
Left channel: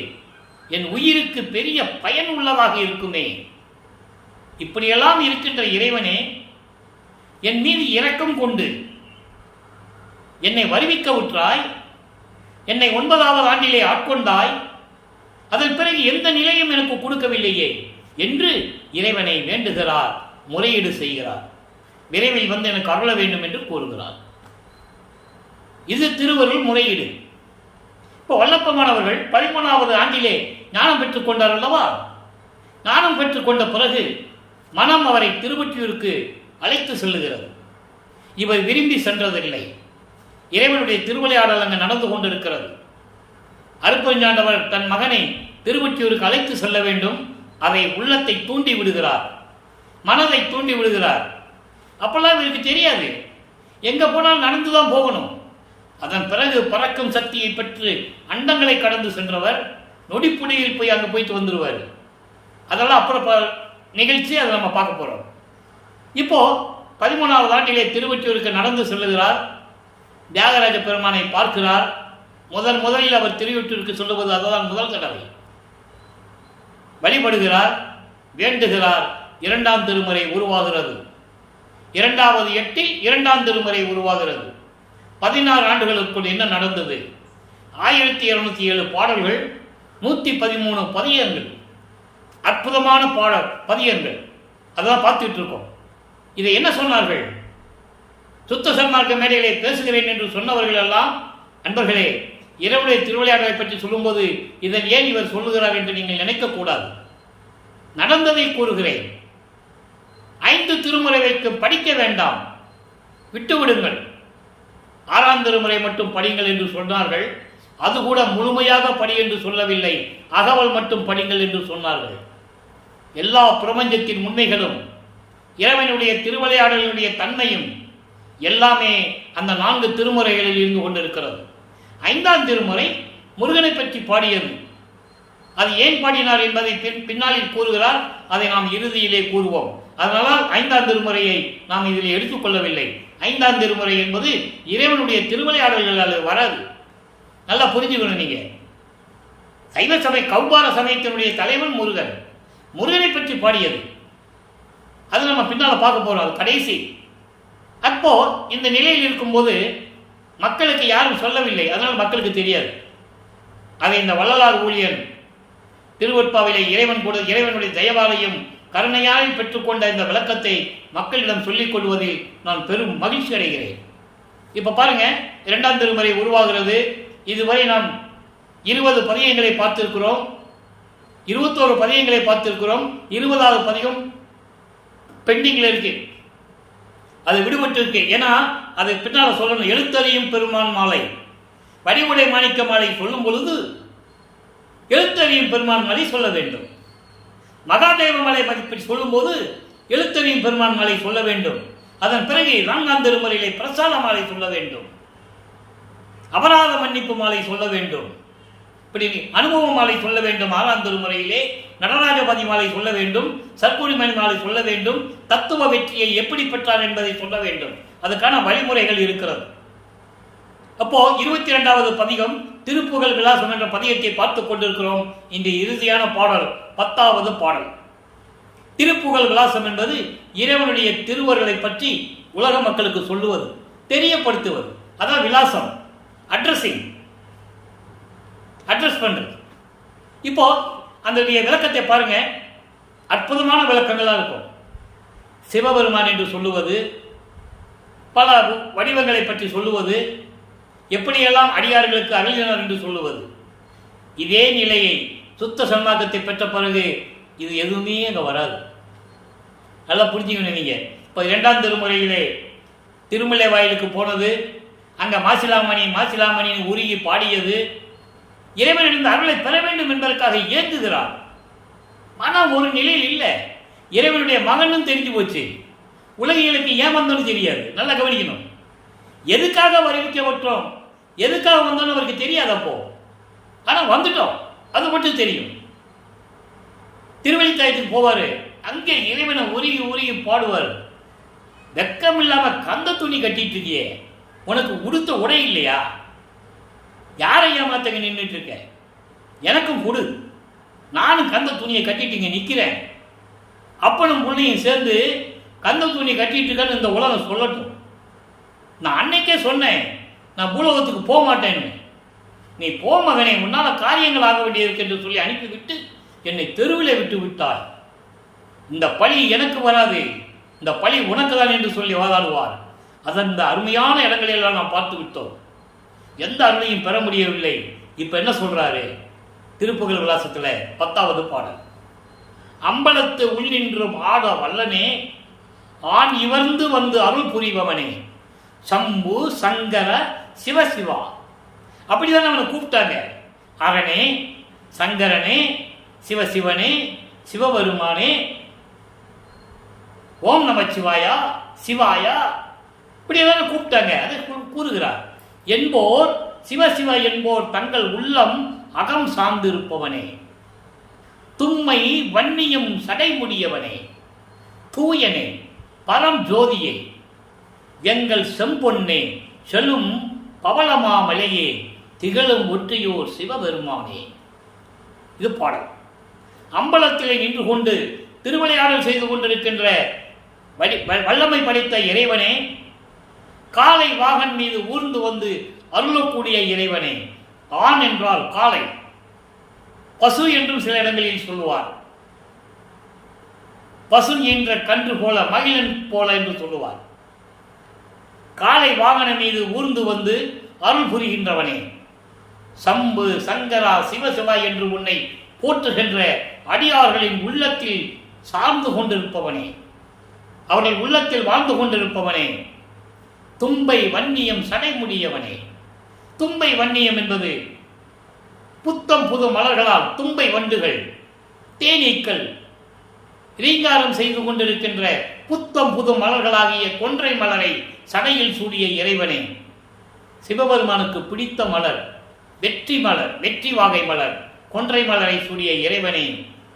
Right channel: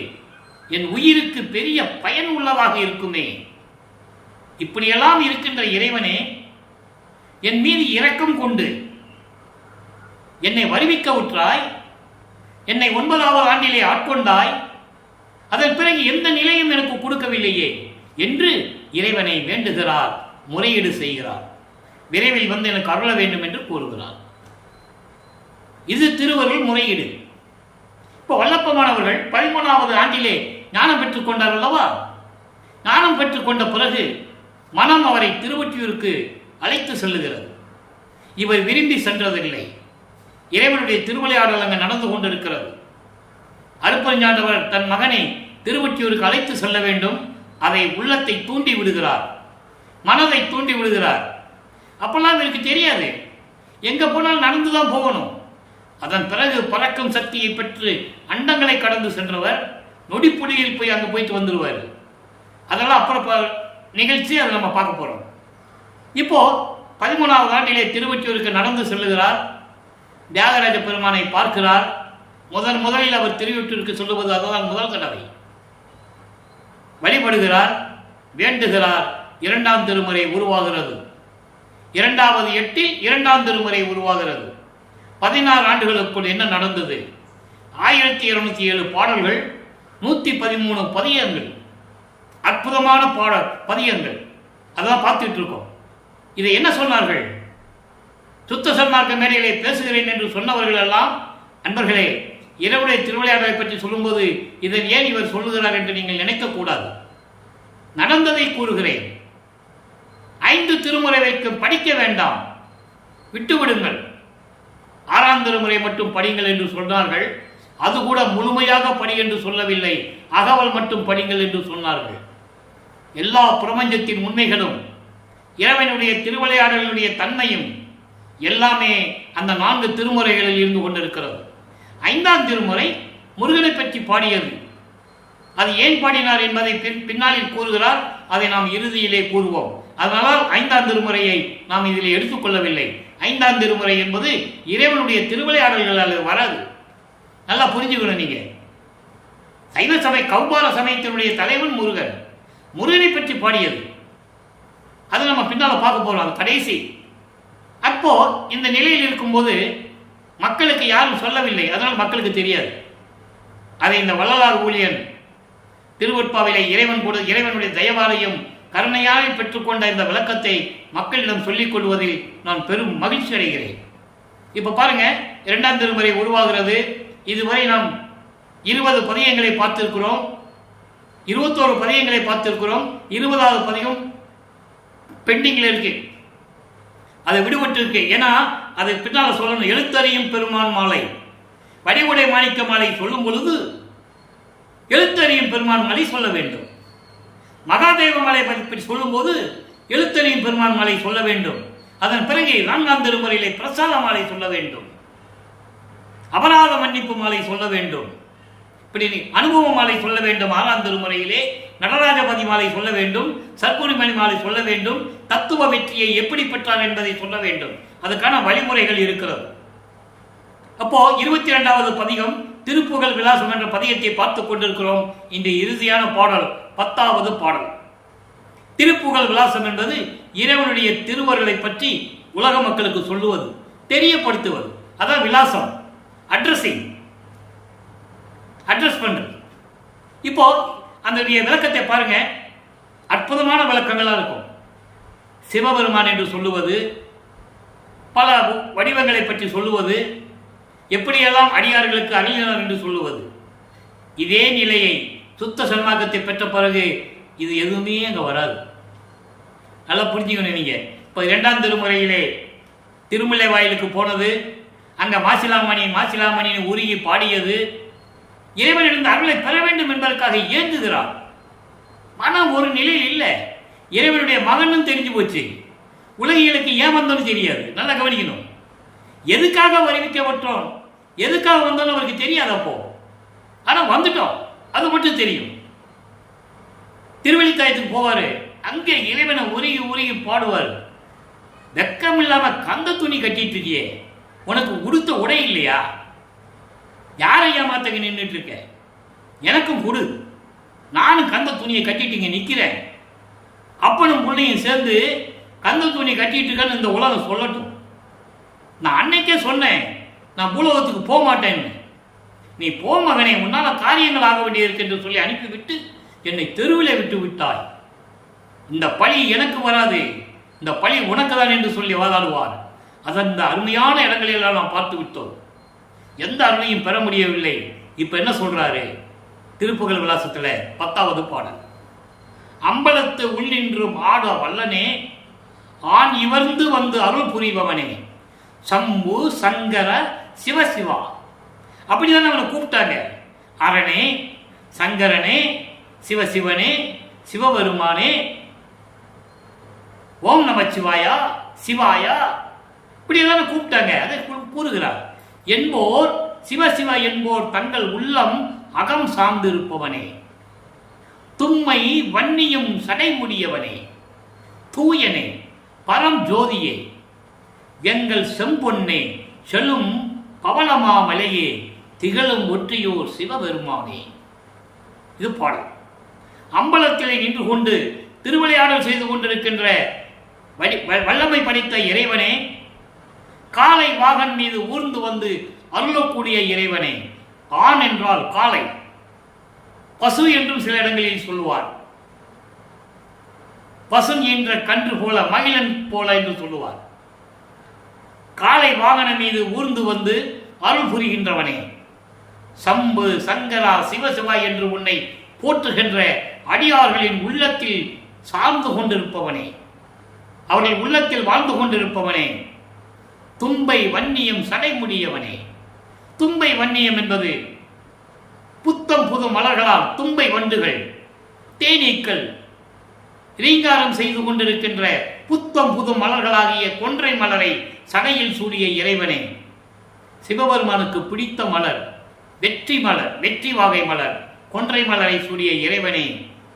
என் உயிருக்கு பெரிய பயன் உள்ளதாக இருக்குமே. இப்படியெல்லாம் இருக்கின்ற இறைவனே, என் மீது இரக்கம் கொண்டு என்னை வருவிக்க உற்றாய், என்னை 9வது ஆண்டிலே ஆட்கொண்டாய், அதன் பிறகு எந்த நிலையும் எனக்கு கொடுக்கவில்லையே என்று இறைவனை வேண்டுகிறார், முறையீடு செய்கிறார். விரைவில் வந்து எனக்கு அருள வேண்டும் என்று கூறுகிறார். இது திருவருள் முறையீடு. இப்போ வல்லப்பமானவர்கள் 13வது ஆண்டிலே ஞானம் பெற்றுக் கொண்டார் அல்லவா? ஞானம் பெற்றுக்கொண்ட பிறகு மனம் அவரை திருவொற்றியூருக்கு அழைத்து செல்லுகிறது. இவர் விரும்பி சென்றதில்லை. இறைவனுடைய திருவிளையாடல் அங்கு நடந்து கொண்டிருக்கிறது. அருட்பெருஞ்சாண்டவர் தன் மகனை திருவொற்றியூருக்கு அழைத்து செல்ல வேண்டும். அதை உள்ளத்தை தூண்டி விடுகிறார், மனதை தூண்டி விடுகிறார். அப்பெல்லாம் இவருக்கு தெரியாது, எங்க போனால் நடந்துதான் போகணும். அதன் பிறகு பறக்கும் சக்தியை பெற்று அண்டங்களை கடந்து சென்றவர் நொடிப்புடியில் போய் அங்கே போயிட்டு வந்துடுவார். அதெல்லாம் அப்புறம் நிகழ்ச்சி, அதை நம்ம பார்க்க போகிறோம். இப்போ 13வது ஆண்டிலே திருவொற்றியூருக்கு நடந்து செல்லுகிறார். தியாகராஜ பெருமானை பார்க்கிறார். முதலில் அவர் திருவொற்றியூருக்கு சொல்லுவது அதுதான் முதல் தடவை. வழிபடுகிறார், வேண்டுகிறார். 2ஆம் திருமுறை உருவாகிறது. 2வது எட்டில் 2ஆம் திருமுறை உருவாகிறது. 16 ஆண்டுகளுக்குள் என்ன நடந்தது? 1207 பாடல்கள், 113 பதியங்கள், அற்புதமான பதியங்கள். அதான் பார்த்துட்டு இருக்கோம். இதை என்ன சொன்னார்கள்? சுத்த சன்மார்க்க மேடையிலே பேசுகிறேன் என்று சொன்னவர்கள் எல்லாம், அன்பர்களே, இறைவனுடைய திருவிளையாடலை பற்றி சொல்லும்போது இதன் ஏன் இவர் சொல்லுகிறார் என்று நீங்கள் நினைக்கக்கூடாது. நடந்ததை கூறுகிறேன். 5 திருமுறை வைக்கும் படிக்க வேண்டாம், விட்டுவிடுங்கள். 6ஆம் திருமுறை மட்டும் படிங்கள் என்று சொன்னார்கள். அது கூட முழுமையாக படி என்று சொல்லவில்லை, அகவல் மட்டும் படிங்கள் என்று சொன்னார்கள். எல்லா பிரபஞ்சத்தின் உண்மைகளும், இறைவனுடைய திருவிளையாடலுடைய தன்மையும் எல்லாமே அந்த 4 திருமுறைகளில் இருந்து கொண்டிருக்கிறது. 5ஆம் திருமுறை முருகனை பற்றி பாடியது. அது ஏன் பாடினார் என்பதை பின்னாளில் கூறுகிறார். அதை நாம் இறுதியிலே கூறுவோம். அதனால் 5ஆம் திருமுறையை நாம் இதில் எடுத்துக்கொள்ளவில்லை. 5ஆம் திருமுறை என்பது இறைவனுடைய திருவிளையாடல்களால் வராது. நல்லா புரிஞ்சுக்கணும். நீங்க சைவ சபை கௌபார சமயத்தினுடைய தலைவன் முருகன், முருகனை பற்றி பாடியது. அது நம்ம பின்னால் பார்க்க போறோம், அது கடைசி. அப்போ இந்த நிலையில் இருக்கும்போது மக்களுக்கு யாரும் சொல்லவில்லை, அதனால் மக்களுக்கு தெரியாது. அதை இந்த வள்ளலார் ஊழியன் திருவொற்பாவிலே இறைவனுடைய தயவாலையும் கருணையால் பெற்றுக்கொண்ட இந்த விளக்கத்தை மக்களிடம் சொல்லிக் கொள்வதில் நான் பெரும் மகிழ்ச்சி அடைகிறேன். இப்ப பாருங்க, 2ஆம் திருமுறை உருவாகிறது. இதுவரை நாம் 20 பதியங்களை பார்த்திருக்கிறோம், 21 பதியங்களை பார்த்திருக்கிறோம். 20வது பதியம் பெண்டிங்கில் இருக்கு, அது விடுபட்டு இருக்கு. ஏன்னா அது பின்னால் சொல்லணும். எழுத்தறியும் பெருமான் மாலை, வடிவுடை மாணிக்க மாலை சொல்லும் பொழுது எழுத்தறியும் பெருமான் மாலை சொல்ல வேண்டும். மகாதேவ மலை பற்றி சொல்லும் போது எழுத்தறியும் பெருமான் மாலை சொல்ல வேண்டும். அதன் பிறகு 4ஆம் திருமுறையிலே பிரசாத மாலை சொல்ல வேண்டும், அபராத மன்னிப்பு மாலை சொல்ல வேண்டும், இப்படி அனுபவ மாலை சொல்ல வேண்டும். 6ஆம் திருமுறையிலே நடராஜபதி மாலை சொல்ல வேண்டும், சர்க்குரிமணி மாலை சொல்ல வேண்டும், தத்துவ வெற்றியை எப்படி பெற்றார் என்பதை சொல்ல வேண்டும். அதுக்கான வழிமுறைகள் இருக்கிறது. அப்போ 22வது பதிகம் திருப்புகழ் விலாசம் என்ற பதிகத்தை பார்த்துக் கொண்டிருக்கிறோம். இன்று இறுதியான பாடல் 10வது பாடல். திருப்புகழ் விலாசம் என்பது இறைவனுடைய திருவருளை பற்றி உலக மக்களுக்கு சொல்லுவது, தெரியப்படுத்துவது. அதான் விலாசம், அட்ரஸிங், அட்ரஸ் பண்றது. இப்போ அந்த விளக்கத்தை பாருங்க, அற்புதமான விளக்கங்களா இருக்கும். சிவபெருமான் என்று சொல்லுவது, பல வடிவங்களை பற்றி சொல்லுவது, எப்படியெல்லாம் அடியார்களுக்கு அருளினார் என்று சொல்லுவது. இதே நிலையை சுத்த சன்மார்க்கத்தை பெற்ற பிறகு இது எதுவுமே அங்கே வராது. நல்லா புரிஞ்சுக்கணும் நீங்கள். இப்போ 2ஆம் திருமுறையிலே திருமலை வாயிலுக்கு போனது, அங்கே மாசிலாமணின்னு உருகி பாடியது, இறைவனிடம் அருளை பெற வேண்டும் என்பதற்காக ஏங்குகிறார். மனம் ஒரு நிலையில் இல்லை. இறைவனுடைய மகனும் தெரிஞ்சு போச்சு, உலகியலுக்கு ஏன் வந்தோன்னு தெரியாது. நல்லா கவனிக்கணும். எதுக்காக அறிவிக்கப்பட்டோம், எதுக்காக வந்தோன்னு அவருக்கு தெரியாதப்போ, ஆனால் வந்துட்டோம், அது மட்டும் தெரியும். திருவள்ளித்தாயத்துக்கு போவார், அங்கே இறைவனை உருகி உருகி பாடுவார். வெக்கம் இல்லாமல் கந்த துணி கட்டிட்டு இருக்கியே, உனக்கு உடுத்த உடை இல்லையா? யாரை ஏமாத்தங்க நின்றுட்டு இருக்க? எனக்கும் கொடு, நானும் கந்த துணியை கட்டிட்டு இங்கே நிற்கிறேன். அப்பனும் பிள்ளையும் சேர்ந்து கந்த துணியை கட்டிட்டு இருக்கேன்னு இந்த உலகம் சொல்லட்டும். நான் அன்னைக்கே சொன்னேன், நான் பூலோகத்துக்கு போக மாட்டேன்னு. நீ போ மகனே, உன்னால் காரியங்கள் ஆக வேண்டியிருக்கு என்று சொல்லி அனுப்பிவிட்டு என்னை தெருவிலே விட்டு விட்டாய். இந்த பழி எனக்கு வராது, இந்த பழி உனக்கு தான் என்று சொல்லி வாதாடுவார். அந்த அருமையான இடங்களெல்லாம் நாம் பார்த்து விட்டோம். எந்த அருளையும் பெற முடியவில்லை. இப்போ என்ன சொல்றாரு திருப்புகழ் விலாசத்தில் 10வது பாடல். அம்பலத்து உள்நின்றும் ஆட வல்லனே, ஆண் இவர்ந்து வந்து அருள் புரிபவனே, சம்பு சங்கர சிவசிவா. அப்படிதான் அவனை கூப்பிட்டாங்க. அரணே, சங்கரனே, சிவசிவனே, சிவபெருமானே, ஓம் நமச்சிவாயா, சிவாயா, இப்படியேதான கூப்பிட்டாங்க. அதை கூறுகிறார். என்போர் சிவசிவ என்போர் தங்கள் உள்ளம் அகம் சார்ந்திருப்பவனே, தும்மை வன்னியும் சடைமுடியவனே, தூயனே, பரம் ஜோதியே, எங்கள் செம்பொன்னே, செலும் பவளமாமலையே, திகழும் ஒற்றியோர் சிவபெருமானே. இது பாடல். அம்பலத்திலே நின்று கொண்டு திருவிளையாடல் செய்து கொண்டிருக்கின்ற வல்லமை படைத்த இறைவனே, காளை வாகன் மீது ஊர்ந்து வந்து அருளக்கூடிய இறைவனே. ஆண் என்றால் காளை, பசு என்றும் சில இடங்களில் சொல்லுவார். பசுன் என்ற கன்று போல, மகிழன் போல என்று சொல்லுவார். காளை வாகன மீது ஊர்ந்து வந்து அருள் புரிகின்றவனே, சம்பு சங்கரா சிவசிவா என்று உன்னை போற்றுகின்ற அடியார்களின் உள்ளத்தில் சார்ந்து கொண்டிருப்பவனே, அவர்கள் உள்ளத்தில் வாழ்ந்து கொண்டிருப்பவனே, தும்பை வன்னியம் சடைமுடியவனே. தும்பை வன்னியம் என்பது புத்தம் புது மலர்களால் தும்பை வண்டுகள், தேனீக்கள் ரீங்காரம் செய்து கொண்டிருக்கின்ற புத்தம் புது மலர்களாகிய கொன்றை மலரை சடையில் சூடிய இறைவனே. சிவபெருமானுக்கு பிடித்த மலர் வெற்றி மலர், வெற்றி வாகை மலர், கொன்றை மலரை சூடிய இறைவனே,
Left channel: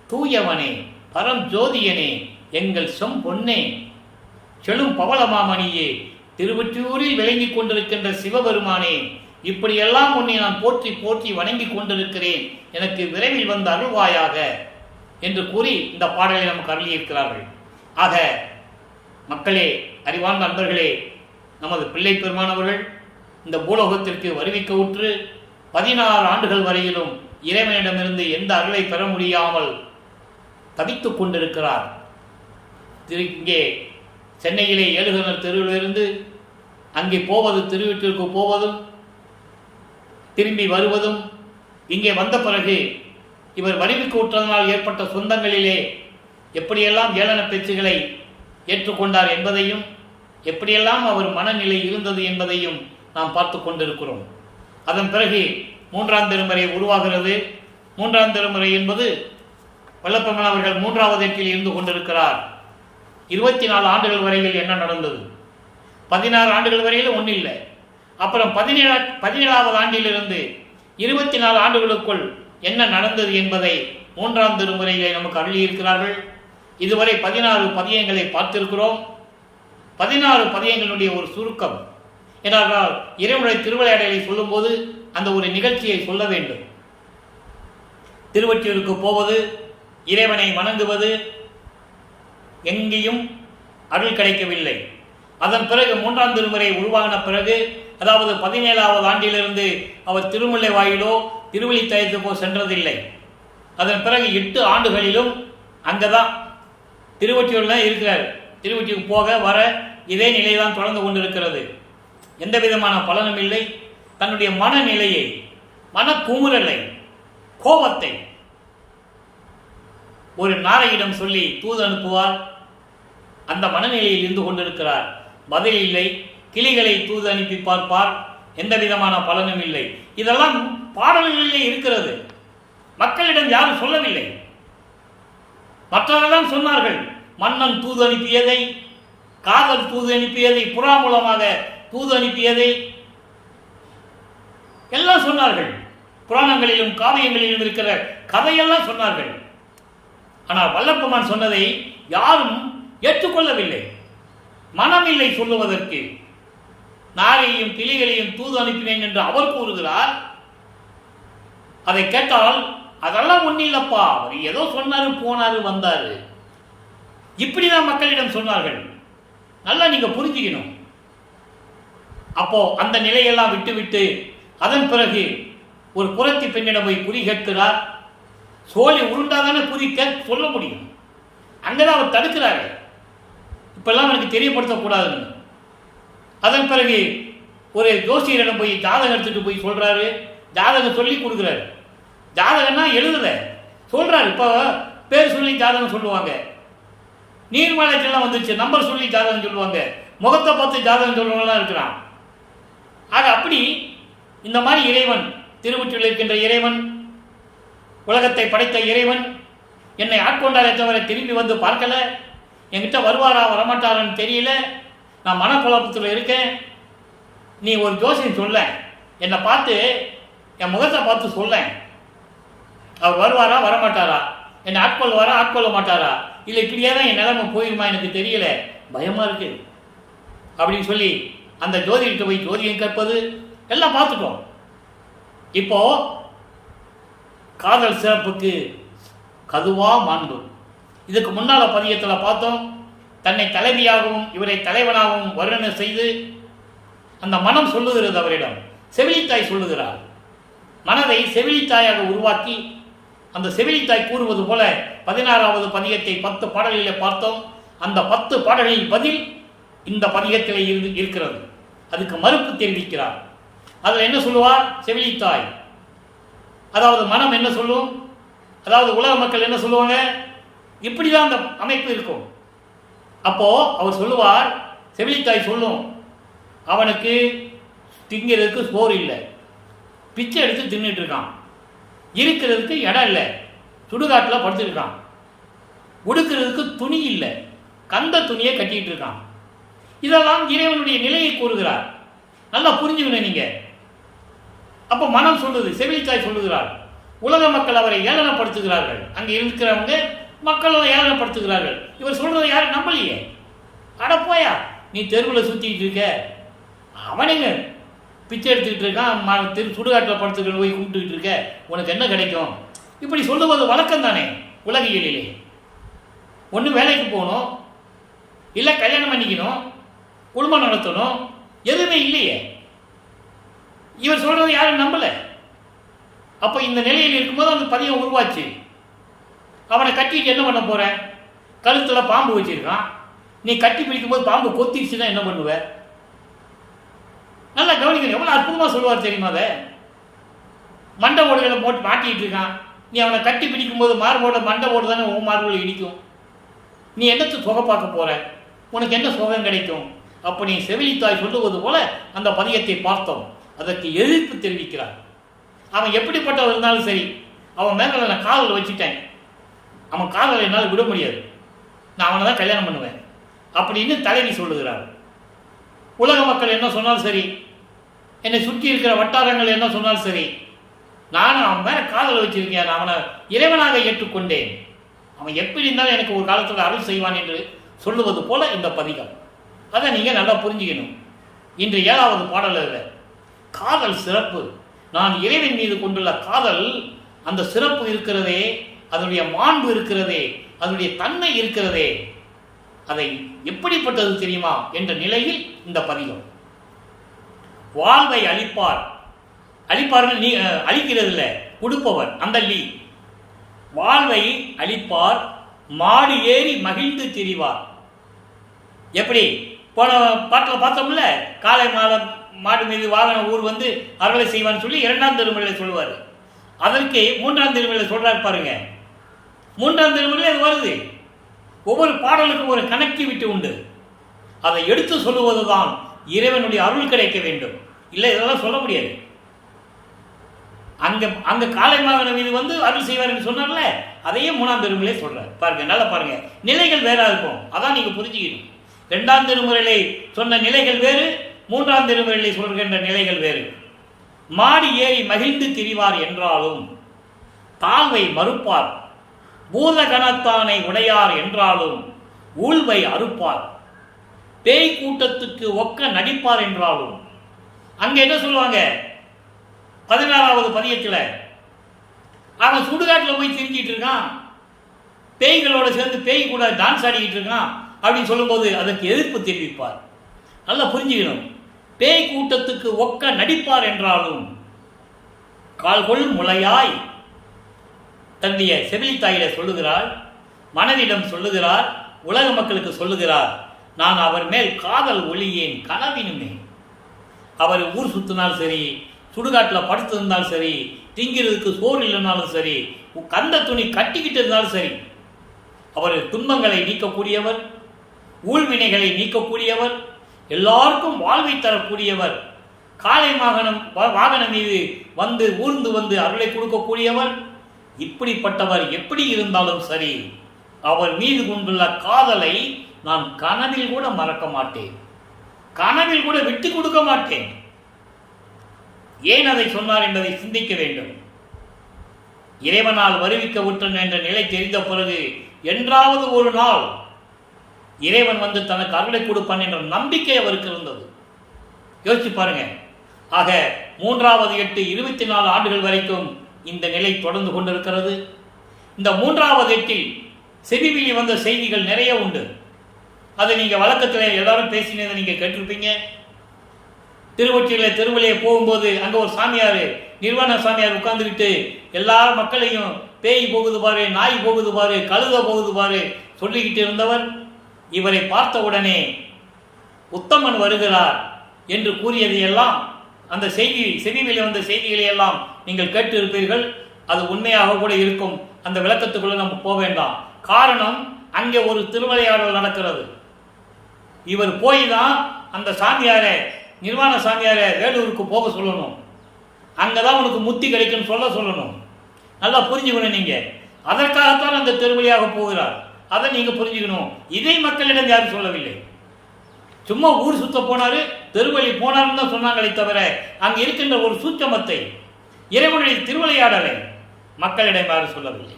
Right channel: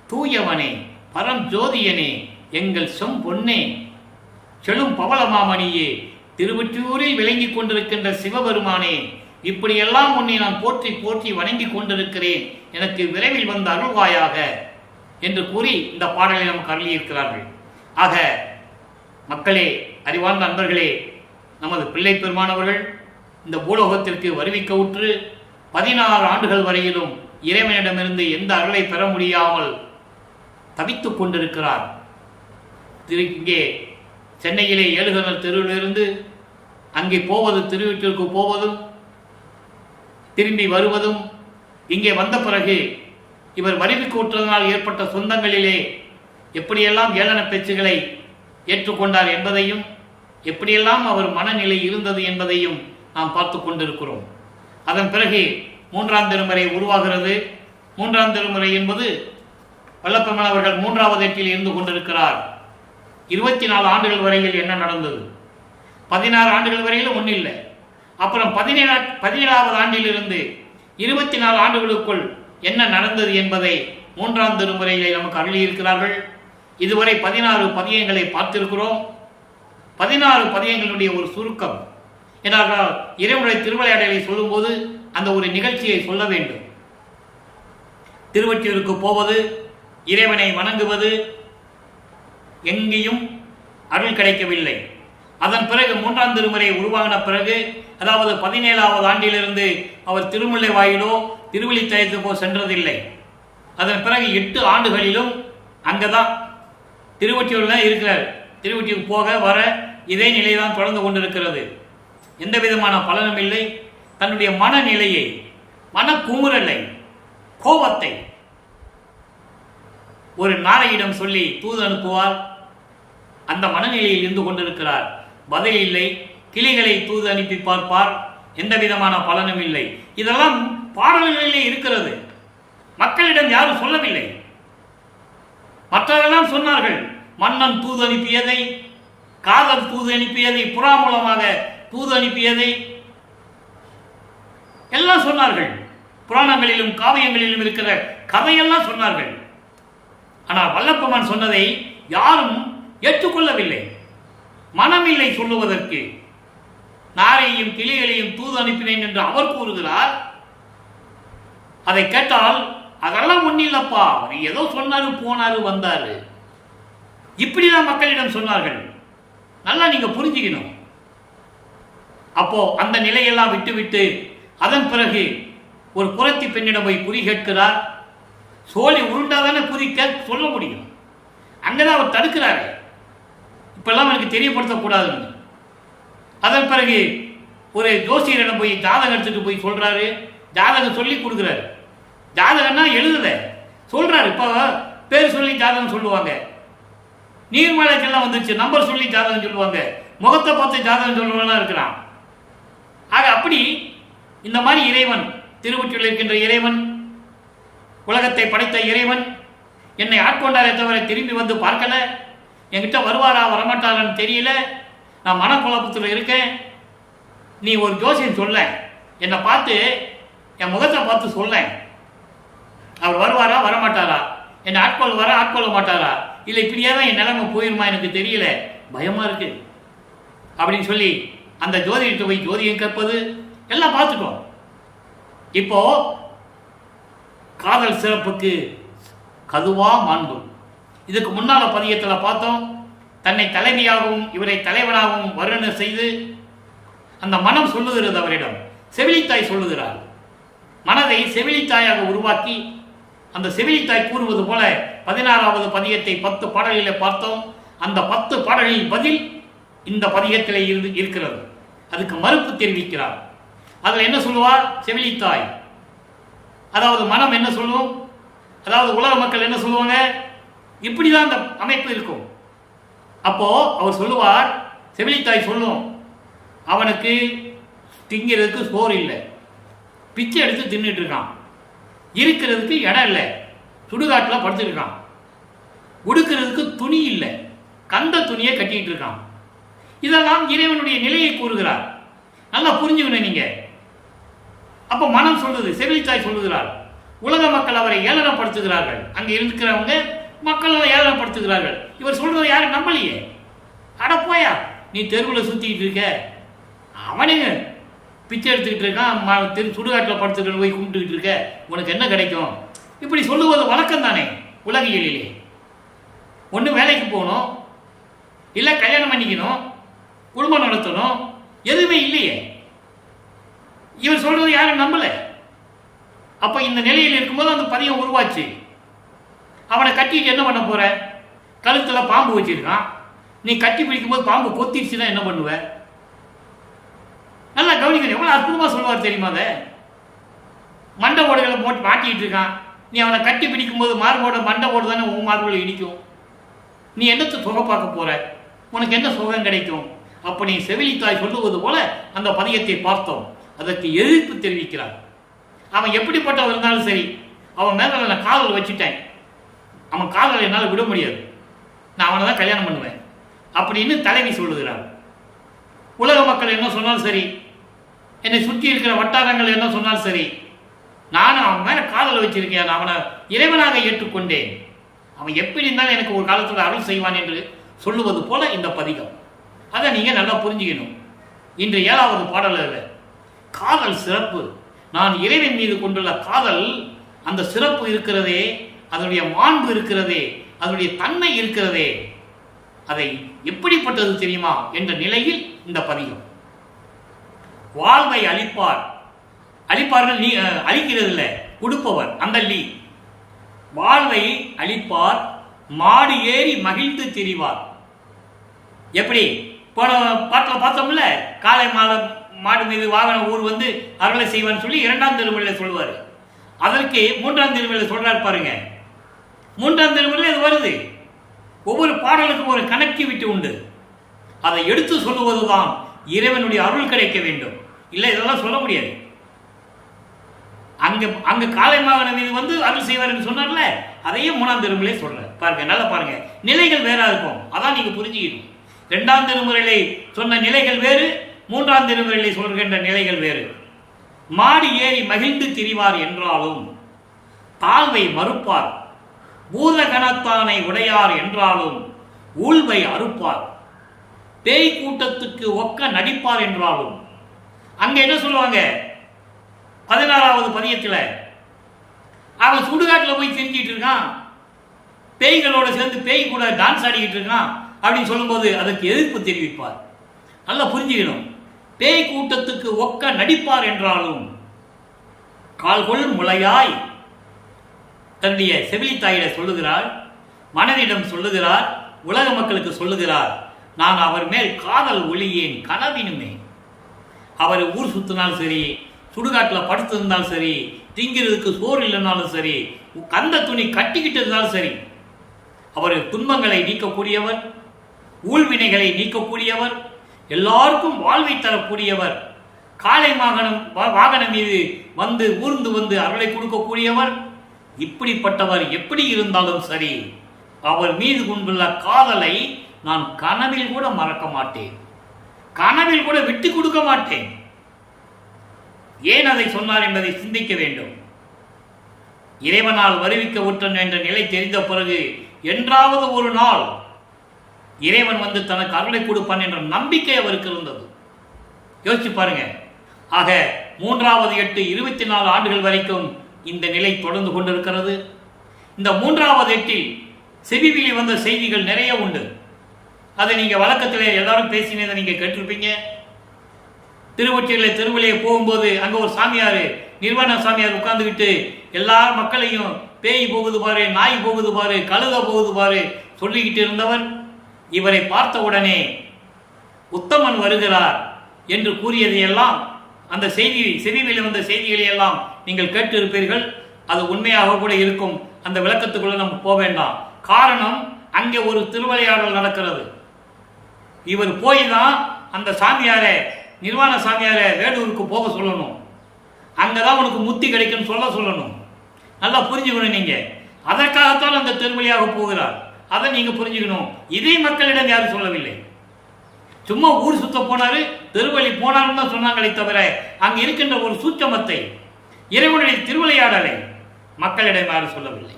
தூயவனே, பரம் ஜோதியனே, எங்கள் செம்பொன்னே, செழும் பவளமாமணியே, திருவொற்றியூரில் விளங்கிக் கொண்டிருக்கின்ற சிவபெருமானே, இப்படியெல்லாம் உன்னை நான் போற்றி போற்றி வணங்கி கொண்டிருக்கிறேன், எனக்கு விரைவில் வந்து அருள்வாயாக என்று கூறி இந்த பாடலை நமக்கு அருளியிருக்கிறார்கள். ஆக மக்களே, அறிவார்ந்த நண்பர்களே, நமது பிள்ளை பெருமானவர்கள் இந்த பூலோகத்திற்கு வருவிக்க உற்று 16 ஆண்டுகள் வரையிலும் இறைவனிடமிருந்து எந்த அருளை பெற முடியாமல் தவித்துக் கொண்டிருக்கிறார். இங்கே சென்னையிலே ஏழுகணர் தெருவிலிருந்து அங்கே போவது, திருவீட்டிற்கு போவதும் திரும்பி வருவதும், இங்கே வந்த பிறகு இவர் வருவிக்கு உற்றதனால் ஏற்பட்ட சொந்தங்களிலே எப்படியெல்லாம் ஏளன பேச்சுகளை ஏற்றுக்கொண்டார் என்பதையும், எப்படியெல்லாம் அவர் மனநிலை இருந்தது என்பதையும் நாம் பார்த்து கொண்டிருக்கிறோம். அதன் பிறகு 3ஆம் திருமுறை உருவாகிறது. 3ஆம் திருமுறை என்பது வல்லப்பெருமான் அவர்கள் 3வது எட்டில் இருந்து கொண்டிருக்கிறார். 24 ஆண்டுகள் வரையில் என்ன நடந்தது? 16 ஆண்டுகள் வரையில் ஒன்றும் இல்லை. அப்புறம் 17வது ஆண்டிலிருந்து 24 ஆண்டுகளுக்குள் என்ன நடந்தது என்பதை 3ஆம் திருமுறைகளை நமக்கு அருளியிருக்கிறார்கள். இதுவரை 16 பதியங்களை பார்த்திருக்கிறோம். 16 பதியங்களுடைய ஒரு சுருக்கம். ஏனென்றால் இறைவனுடைய திருவிளையாடலை சொல்லும்போது அந்த ஒரு நிகழ்ச்சியை சொல்ல வேண்டும். திருவொற்றியூருக்கு போவது, இறைவனை வணங்குவது, எங்கேயும் அருள் கிடைக்கவில்லை. அதன் பிறகு 3ஆம் திருமுறை உருவாகின பிறகு, அதாவது 17வது ஆண்டிலிருந்து அவர் திருமுல்லை வாயிலோ திருவள்ளித்தாயத்துக்கோ சென்றதில்லை. அதன் பிறகு 8 ஆண்டுகளிலும் அங்கதான் திருவொற்றியூர் தான் இருக்கிறார். திருவொற்றியூர் போக வர இதே நிலைதான் தொடர்ந்து கொண்டிருக்கிறது. எந்த விதமான பலனும் இல்லை. தன்னுடைய மனநிலையை, மனக்குமுறலை, கோபத்தை ஒரு நாரையிடம் சொல்லி தூது அனுப்புவார். அந்த மனநிலையில் இருந்து கொண்டிருக்கிறார். பதில் இல்லை. கிளிகளை தூது அனுப்பி பார்ப்பார், எந்த விதமான பலனும் இல்லை. இதெல்லாம் பாடல்களிலே இருக்கிறது. மக்களிடம் யாரும் சொல்லவில்லை. மற்றவெல்லாம் சொன்னார்கள். மன்னன் தூது அனுப்பியதை, காதல் தூது அனுப்பியதை, புறா மூலமாக தூது அனுப்பியதை எல்லாம் சொன்னார்கள். புராணங்களிலும் காவியங்களிலும் இருக்கிற கதையெல்லாம் சொன்னார்கள். ஆனால் வல்லப்பெருமான் சொன்னதை யாரும் ஏற்றுக்கொள்ளவில்லை. மனமில்லை சொல்லுவதற்கு. நாரையும் கிளிகளையும் தூது அனுப்பினேன் என்று அவர் கூறுகிறார். அதை கேட்டால் அதெல்லாம் ஒன்னில்லப்பா, அவர் ஏதோ சொன்னாரு, போனாரு, வந்தாரு, இப்படிதான் மக்களிடம் சொன்னார்கள். நல்லா நீங்க புரிஞ்சுக்கணும். அப்போ அந்த நிலையெல்லாம் விட்டுவிட்டு அதன் பிறகு ஒரு புரத்தி பெண்ணிடம் போய் குறி கேட்கிறார். சோழி உருண்டாதானே குறி சொல்ல முடியும். அங்கதான் அவர் தடுக்கிறாரு. இப்பெல்லாம் எனக்கு தெரியப்படுத்தக்கூடாதுன்னு. அதன் பிறகு ஒரு ஜோசியரிடம் போய் ஜாதகம் எடுத்துட்டு போய் சொல்றாரு. ஜாதகம் சொல்லி கொடுக்குறாரு. ஜாதகம்னா எழுதல, சொல்றாரு. இப்போ பேர் சொல்லி ஜாதகம் சொல்லுவாங்க. நீர்மலைக்கெல்லாம் வந்துச்சு, நம்பர் சொல்லி ஜாதகம் சொல்லுவாங்க. முகத்தை பார்த்து ஜாதகம் சொல்லுவங்களாம் இருக்கிறான். ஆக அப்படி இந்த மாதிரி இறைவன், திருவொற்றியூரில் இருக்கின்ற இறைவன், உலகத்தை படைத்த இறைவன் என்னை ஆட்கொண்டாரே தவிர திரும்பி வந்து பார்க்கல. என்கிட்ட வருவாரா வரமாட்டாரான்னு தெரியல. நான் மனக்குழப்பத்தில் இருக்கேன். நீ ஒரு ஜோசியம் சொல்ல, என்னை பார்த்து என் முகத்தை பார்த்து சொல்ல, அவர் வருவாரா வரமாட்டாரா, என்னை ஆட்கொள்வாரா ஆட்கொள்ள மாட்டாரா, இல்லை இப்படியே தான் என் நிலைமை போயிருமா எனக்கு தெரியல, பயமா இருக்கு அப்படின்னு சொல்லி அந்த ஜோதிடத்தை போய் ஜோதியம் கற்பது எல்லாம் பார்த்துட்டோம். இப்போ காதல் சிறப்புக்கு கதுவா மாண்பு. இதுக்கு முன்னால பதியத்தில் பார்த்தோம். தன்னை தலைவியாகவும் இவரை தலைவனாகவும் வர்ணனை செய்து அந்த மனம் சொல்லுகிறது அவரிடம். செவிலித்தாய் சொல்லுகிறார். மனதை செவிலித்தாயாக உருவாக்கி அந்த செவிலித்தாய் கூறுவது போல 16வது பதியத்தை 10 பாடல்களில் பார்த்தோம். அந்த 10 பாடல்களின் பதில் இந்த பதியத்திலே இருக்கிறது. அதுக்கு மறுப்பு தெரிவிக்கிறார். அதில் என்ன சொல்லுவார்? செவிலித்தாய், அதாவது மனம் என்ன சொல்லும், அதாவது உலக மக்கள் என்ன சொல்லுவாங்க, இப்படிதான் அந்த அமைப்பு இருக்கும். அப்போ அவர் சொல்லுவார், செவிலித்தாய் சொல்லும், அவனுக்கு திங்கிறதுக்கு சோறு இல்லை, பிச்சை எடுத்து தின்னுட்டு இருக்கான், இருக்கிறதுக்கு இடம் இல்லை, சுடுகாட்டில் படுத்துருக்கான், உடுக்கிறதுக்கு துணி இல்லை, கந்த துணியை கட்டிட்டு இருக்கான். இதெல்லாம் இறைவனுடைய நிலையை கூறுகிறார். நல்லா புரிஞ்சுக்கணும் நீங்க. அப்போ மனம் சொல்லுது, செவிலித்தாய் சொல்லுகிறார், உலக மக்கள் அவரை ஏளனப்படுத்துகிறார்கள். அங்கே இருக்கிறவங்க மக்கள் ஏளனப்படுத்துகிறார்கள். இவர் சொல்றதை யாரும் நம்பலையே. அடப்போயா, நீ தெருவில் சுத்திக்கிட்டு இருக்க, அவனுங்க பிச்சை எடுத்துக்கிட்டு இருக்கான், சுடுகாட்டில் படுத்துக்கிட்டு போய் கும்பிட்டுக்கிட்டு இருக்க, உனக்கு என்ன கிடைக்கும்? இப்படி சொல்லுவது வழக்கம் தானே உலகியலிலே. ஒன்று வேலைக்கு போகணும், இல்லை கல்யாணம் பண்ணிக்கணும், குடும்பம் நடத்தணும், எதுவுமே இல்லையே. இவர் சொல்றது யாரும் நம்பல. அப்ப இந்த நிலையில் இருக்கும்போது அந்த பதியம் உருவாச்சு. அவனை கட்டிட்டு என்ன பண்ண போற? கழுத்துல பாம்பு வச்சிருக்கான், நீ கட்டி பிடிக்கும் போது பாம்பு கொத்திடுச்சுன்னா என்ன பண்ணுவ? நல்லா கவனிக்கணும். எவ்வளவு அற்புதமா சொல்லுவார் தெரியுமா? அதை மண்டை ஓடுகளை போட்டு மாட்டிட்டு இருக்கான். நீ அவனை கட்டி பிடிக்கும் போது மார்போட மண்டை ஓடு தானே உன் மார்போட இடிக்கும். நீ என்னத்து சுகம் பார்க்க போற? உனக்கு என்ன சுகம் கிடைக்கும்? அப்ப நீ செவிலித்தாய் சொல்லுவது போல அந்த பதியத்தை பார்த்தோம். அதற்கு எதிர்ப்பு தெரிவிக்கிறார். அவன் எப்படிப்பட்டவன் இருந்தாலும் சரி, அவன் மேல நான் காதல் வச்சுட்டேன், அவன் காதலை என்னால் விட முடியாது, நான் அவனை தான் கல்யாணம் பண்ணுவேன் அப்படின்னு தலைவி சொல்லுகிறார். உலக மக்கள் என்ன சொன்னாலும் சரி, என்னை சுற்றி இருக்கிற வட்டாரங்கள் என்ன சொன்னாலும் சரி, நானும் அவன் மேல காதலை வச்சிருக்கேன், அவனை இறைவனாக ஏற்றுக்கொண்டேன், அவன் எப்படி இருந்தாலும் எனக்கு ஒரு காலத்தில் அருள் செய்வான் என்று சொல்லுவது போல இந்த பதிகம். அதை நீங்க நல்லா புரிஞ்சுக்கணும். இன்று 7வது பாடலில் காதல் சிறப்பு, நான் இறைவன் மீது கொண்டுள்ள காதல், அந்த சிறப்பு இருக்கிறதே, அதனுடைய மாண்பு இருக்கிறதே, அதனுடைய தன்மை இருக்கிறதே, அதை எப்படிப்பட்டது தெரியுமா என்ற நிலையில் இந்த பதிகம். வாழ்வை அளிப்பார், அளிப்பார்கள் நீ அளிக்கிறது இல்லை, கொடுப்பவர் அந்த லீ. வாழ்வை அளிப்பார், மாடு ஏறி மகிழ்ந்து திரிவார். எப்படி போன பாட்டில் பார்த்தோம்ல, காலை மாடு மீது வாகன ஊர் வந்து அருளை செய்வான்னு சொல்லி 2ஆம் திருமுறையில் சொல்லுவார். அதற்கு 3ஆம் திருமுறையில் சொல்றாரு பாருங்க. 3ஆம் திருமுறையில் அது வருது. ஒவ்வொரு பாடலுக்கும் ஒரு கணக்கி விட்டு உண்டு. அதை எடுத்து சொல்லுவதுதான் இறைவனுடைய அருள் கிடைக்க வேண்டும். இல்லை இதெல்லாம் சொல்ல முடியாது. அங்க காளை மகன மீது வந்து அருள் செய்வார் சொன்னார்ல, அதையே 3ஆம் திருமுறையிலே சொல்றார். பாருங்க, நல்லா பாருங்க, நிலைகள் வேறா இருக்கும். அதான் நீங்க புரிஞ்சுக்கணும். 2ஆம் திருமுறையிலே சொன்ன நிலைகள் வேறு, 3ஆம் திருமுறையிலே சொல்கின்ற நிலைகள் வேறு. மாடி ஏறி மகிழ்ந்து திரிவார் என்றாலும் தாழ்வை மறுப்பார், பூத கணத்தானை உடையார் என்றாலும் ஊழ்வை அறுப்பார், பேய் கூட்டத்துக்கு ஒக்க நடிப்பார் என்றாலும். அங்க என்ன சொல்லுவாங்க? 16வது பதியத்தில் அவன் சுடுகாட்டில் போய் திரிஞ்சிட்டு இருக்கான், பேய்களோட சேர்ந்து பேய் கூட டான்ஸ் ஆடிக்கிட்டு இருக்கான் அப்படின்னு சொல்லும்போது அதற்கு எதிர்ப்பு தெரிவிப்பார். நல்லா புரிஞ்சுக்கணும். பேய் கூட்டத்துக்கு ஒக்க நடிப்பார் என்றாலும் கால்கொள் முளையாய் தன்னுடைய செவிலித்தாயிட சொல்லுகிறார், மனதிடம் சொல்லுகிறார், உலக மக்களுக்கு சொல்லுகிறார், நான் அவர் மேல் காதல் ஒளியேன் கனவினுமே. அவர் ஊர் சுத்தினாலும் சரி, சுடுகாட்டில் படுத்து இருந்தாலும் சரி, திங்கிறதுக்கு சோறு இல்லைனாலும் சரி, கந்த துணி கட்டிக்கிட்டு இருந்தாலும் சரி, அவர் துன்பங்களை நீக்கக்கூடியவர், ஊழ்வினைகளை நீக்கக்கூடியவர், எல்லாருக்கும் வாழ்வை தரக்கூடியவர், காளை வாகனம் மீது வந்து ஊர்ந்து வந்து அருளை கொடுக்கக்கூடியவர். இப்படிப்பட்டவர் எப்படி இருந்தாலும் சரி, அவர் மீது கொண்டுள்ள காதலை நான் கனவில் கூட மறக்க மாட்டேன், கனவில் கூட விட்டு கொடுக்க மாட்டேன். ஏன் அதை சொன்னார் என்பதை சிந்திக்க வேண்டும். இறைவனால் வருவிக்க விட்டன் என்ற நிலை தெரிந்த பிறகு என்றாவது ஒரு நாள் இறைவன் வந்து தனக்கு அருளை கொடுப்பான் என்ற நம்பிக்கை அவருக்கு இருந்தது. யோசிச்சு பாருங்க. ஆக 3வது 8 24 ஆண்டுகள் வரைக்கும் இந்த நிலை தொடர்ந்து கொண்டிருக்கிறது. இந்த 3வது 8 செவிவிழி வந்த செய்திகள் நிறைய உண்டு. அதை நீங்க வழக்கத்தில் எல்லாரும் பேசினதை நீங்க கேட்டிருப்பீங்க. திருவொற்றியில் திருவிழையை போகும்போது அங்க ஒரு சாமியார், நிர்வாண சாமியார் உட்கார்ந்துக்கிட்டு எல்லா மக்களையும் பேய் போகுது பாரு, நாய் போகுது பாரு, கழுத போகுது பாரு சொல்லிக்கிட்டு இருந்தவர் இவரை பார்த்த உடனே உத்தமன் வருகிறார் என்று கூறியதையெல்லாம், அந்த செவிவிலே வந்த செய்திகளை எல்லாம் நீங்கள் கேட்டு இருப்பீர்கள். அது உண்மையாக கூட இருக்கும். அந்த விளக்கத்துக்குள்ள நம்ம போக வேண்டாம். காரணம், அங்கே ஒரு திருவிளையாடல் நடக்கிறது. இவர் போய் தான் அந்த சாமியாரை, நிர்வாண சாமியாரை வேலூருக்கு போக சொல்லணும். அங்கதான் உனக்கு முத்தி கிடைக்குன்னு சொல்லணும். நல்லா புரிஞ்சுக்கணும் நீங்க. அதற்காகத்தான் அந்த திருவழியாக போகிறார். அதை நீங்க புரிஞ்சுக்கணும். இதை மக்களிடம் யாரும் சொல்லவில்லை. சும்மா ஊர் சுத்த போனாரு, திருவழி போனாருன்னு தான் சொன்னாங்களே தவிர அங்க இருக்கின்ற ஒரு சூட்சமத்தை, இறைவனுடைய திருவிளையாடலை மக்களிடம் யாரும் சொல்லவில்லை.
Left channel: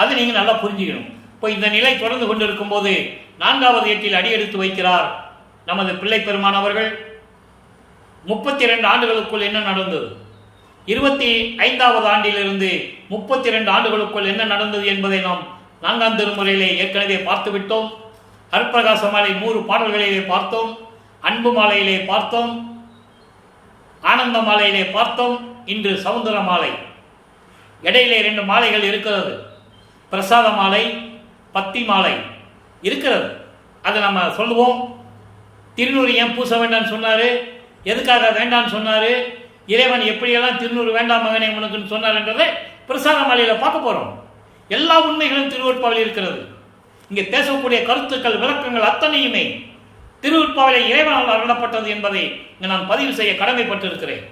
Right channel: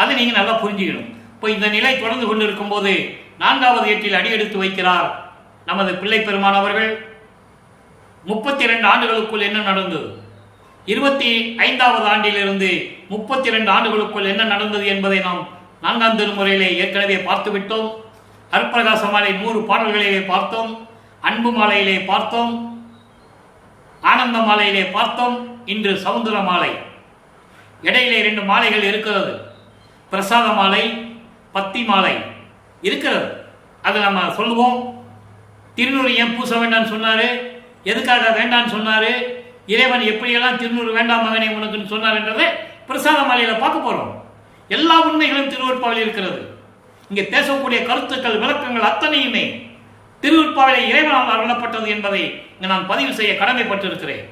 அதை நீங்க நல்லா புரிஞ்சுக்கணும். இப்போ இந்த நிலை தொடர்ந்து கொண்டிருக்கும் போது 4வது 8 அடியெடுத்து வைக்கிறார் நமது பிள்ளை பெருமானவர்கள். 32 ஆண்டுகளுக்குள் என்ன நடந்தது, 25வது ஆண்டிலிருந்து 32 ஆண்டுகளுக்குள் என்ன நடந்தது என்பதை நாம் 4ஆம் திருமுறையிலே ஏற்கனவே பார்த்து விட்டோம். அருட்பிரகாச மாலை 100 பாடல்களிலே பார்த்தோம், அன்பு மாலையிலே பார்த்தோம், ஆனந்த மாலையிலே பார்த்தோம். இன்று சவுந்தர மாலை. இடையிலே 2 மாலைகள் இருக்கிறது. பிரசாத மாலை, பத்தி மாலை இருக்கிறது. அது நம்ம சொல்லுவோம். திருநூறு ஏன் பூச வேண்டாம்னு சொன்னாரு, எதுக்காக வேண்டான்னு சொன்னாரு, இறைவன் எப்படியெல்லாம் திருநூறு வேண்டாம் மகனே உனக்குன்னு சொன்னார் என்றதை பிரசாத மாலையில பார்க்க போறோம். எல்லா உண்மைகளும் திருவருட்பாவில் இருக்கிறது. இங்கே பேசக்கூடிய கருத்துக்கள், விளக்கங்கள் அத்தனையுமே திருவருட்பாவிலே இறைவனால் அருளப்பட்டது என்பதை நான் பதிவு செய்ய கடமைப்பட்டிருக்கிறேன்.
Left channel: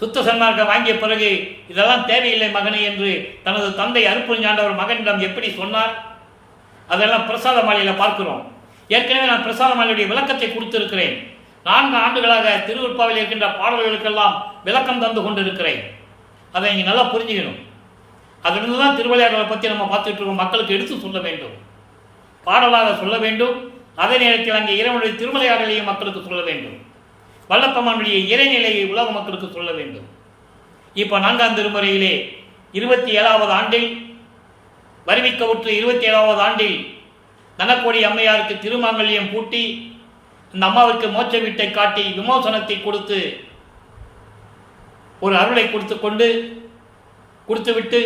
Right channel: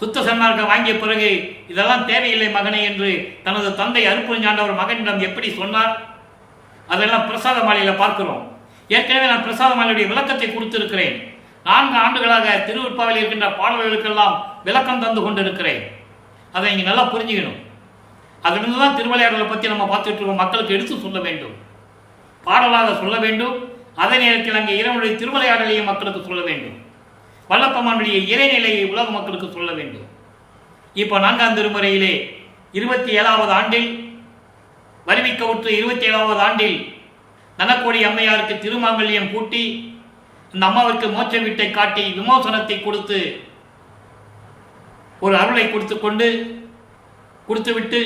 சுத்த சன்மார்க்கம் வாங்கிய பிறகு இதெல்லாம் தேவையில்லை மகனே என்று தனது தந்தை அருட்பெருஞ்சாண்டவர் மகனிடம் எப்படி சொன்னார், அதெல்லாம் பிரசாத மாலையில பார்க்கிறோம். ஏற்கனவே நான் பிரசாத மாலையுடைய விளக்கத்தை கொடுத்திருக்கிறேன். 4 ஆண்டுகளாக திருவருட்பாவில் இருக்கின்ற பாடல்களுக்கெல்லாம் விளக்கம் தந்து கொண்டிருக்கிறேன். அதை இங்கே நல்லா புரிஞ்சுக்கணும். அதிலிருந்து தான் திருவிளையாடலை பற்றி நம்ம பார்த்துட்டு இருக்கோம். மக்களுக்கு எடுத்து சொல்ல வேண்டும், பாடலாக சொல்ல வேண்டும். அதே நேரத்தில் அங்கே இறைவனுடைய திருவிளையாடலையும் மக்களுக்கு சொல்ல வேண்டும். வல்லப்பெருமானுடைய இறைநிலையை உலக மக்களுக்கு சொல்ல வேண்டும். இப்போ 4ஆம் திருமுறையிலே 27வது ஆண்டில் வருவிக்கவுற்று 27வது ஆண்டில் நனக்கோடி அம்மையாருக்கு திருமாங்கல்யம் பூட்டி அந்த அம்மாவிற்கு மோட்ச வீட்டை காட்டி விமோசனத்தை கொடுத்து ஒரு அருளை கொடுத்துவிட்டு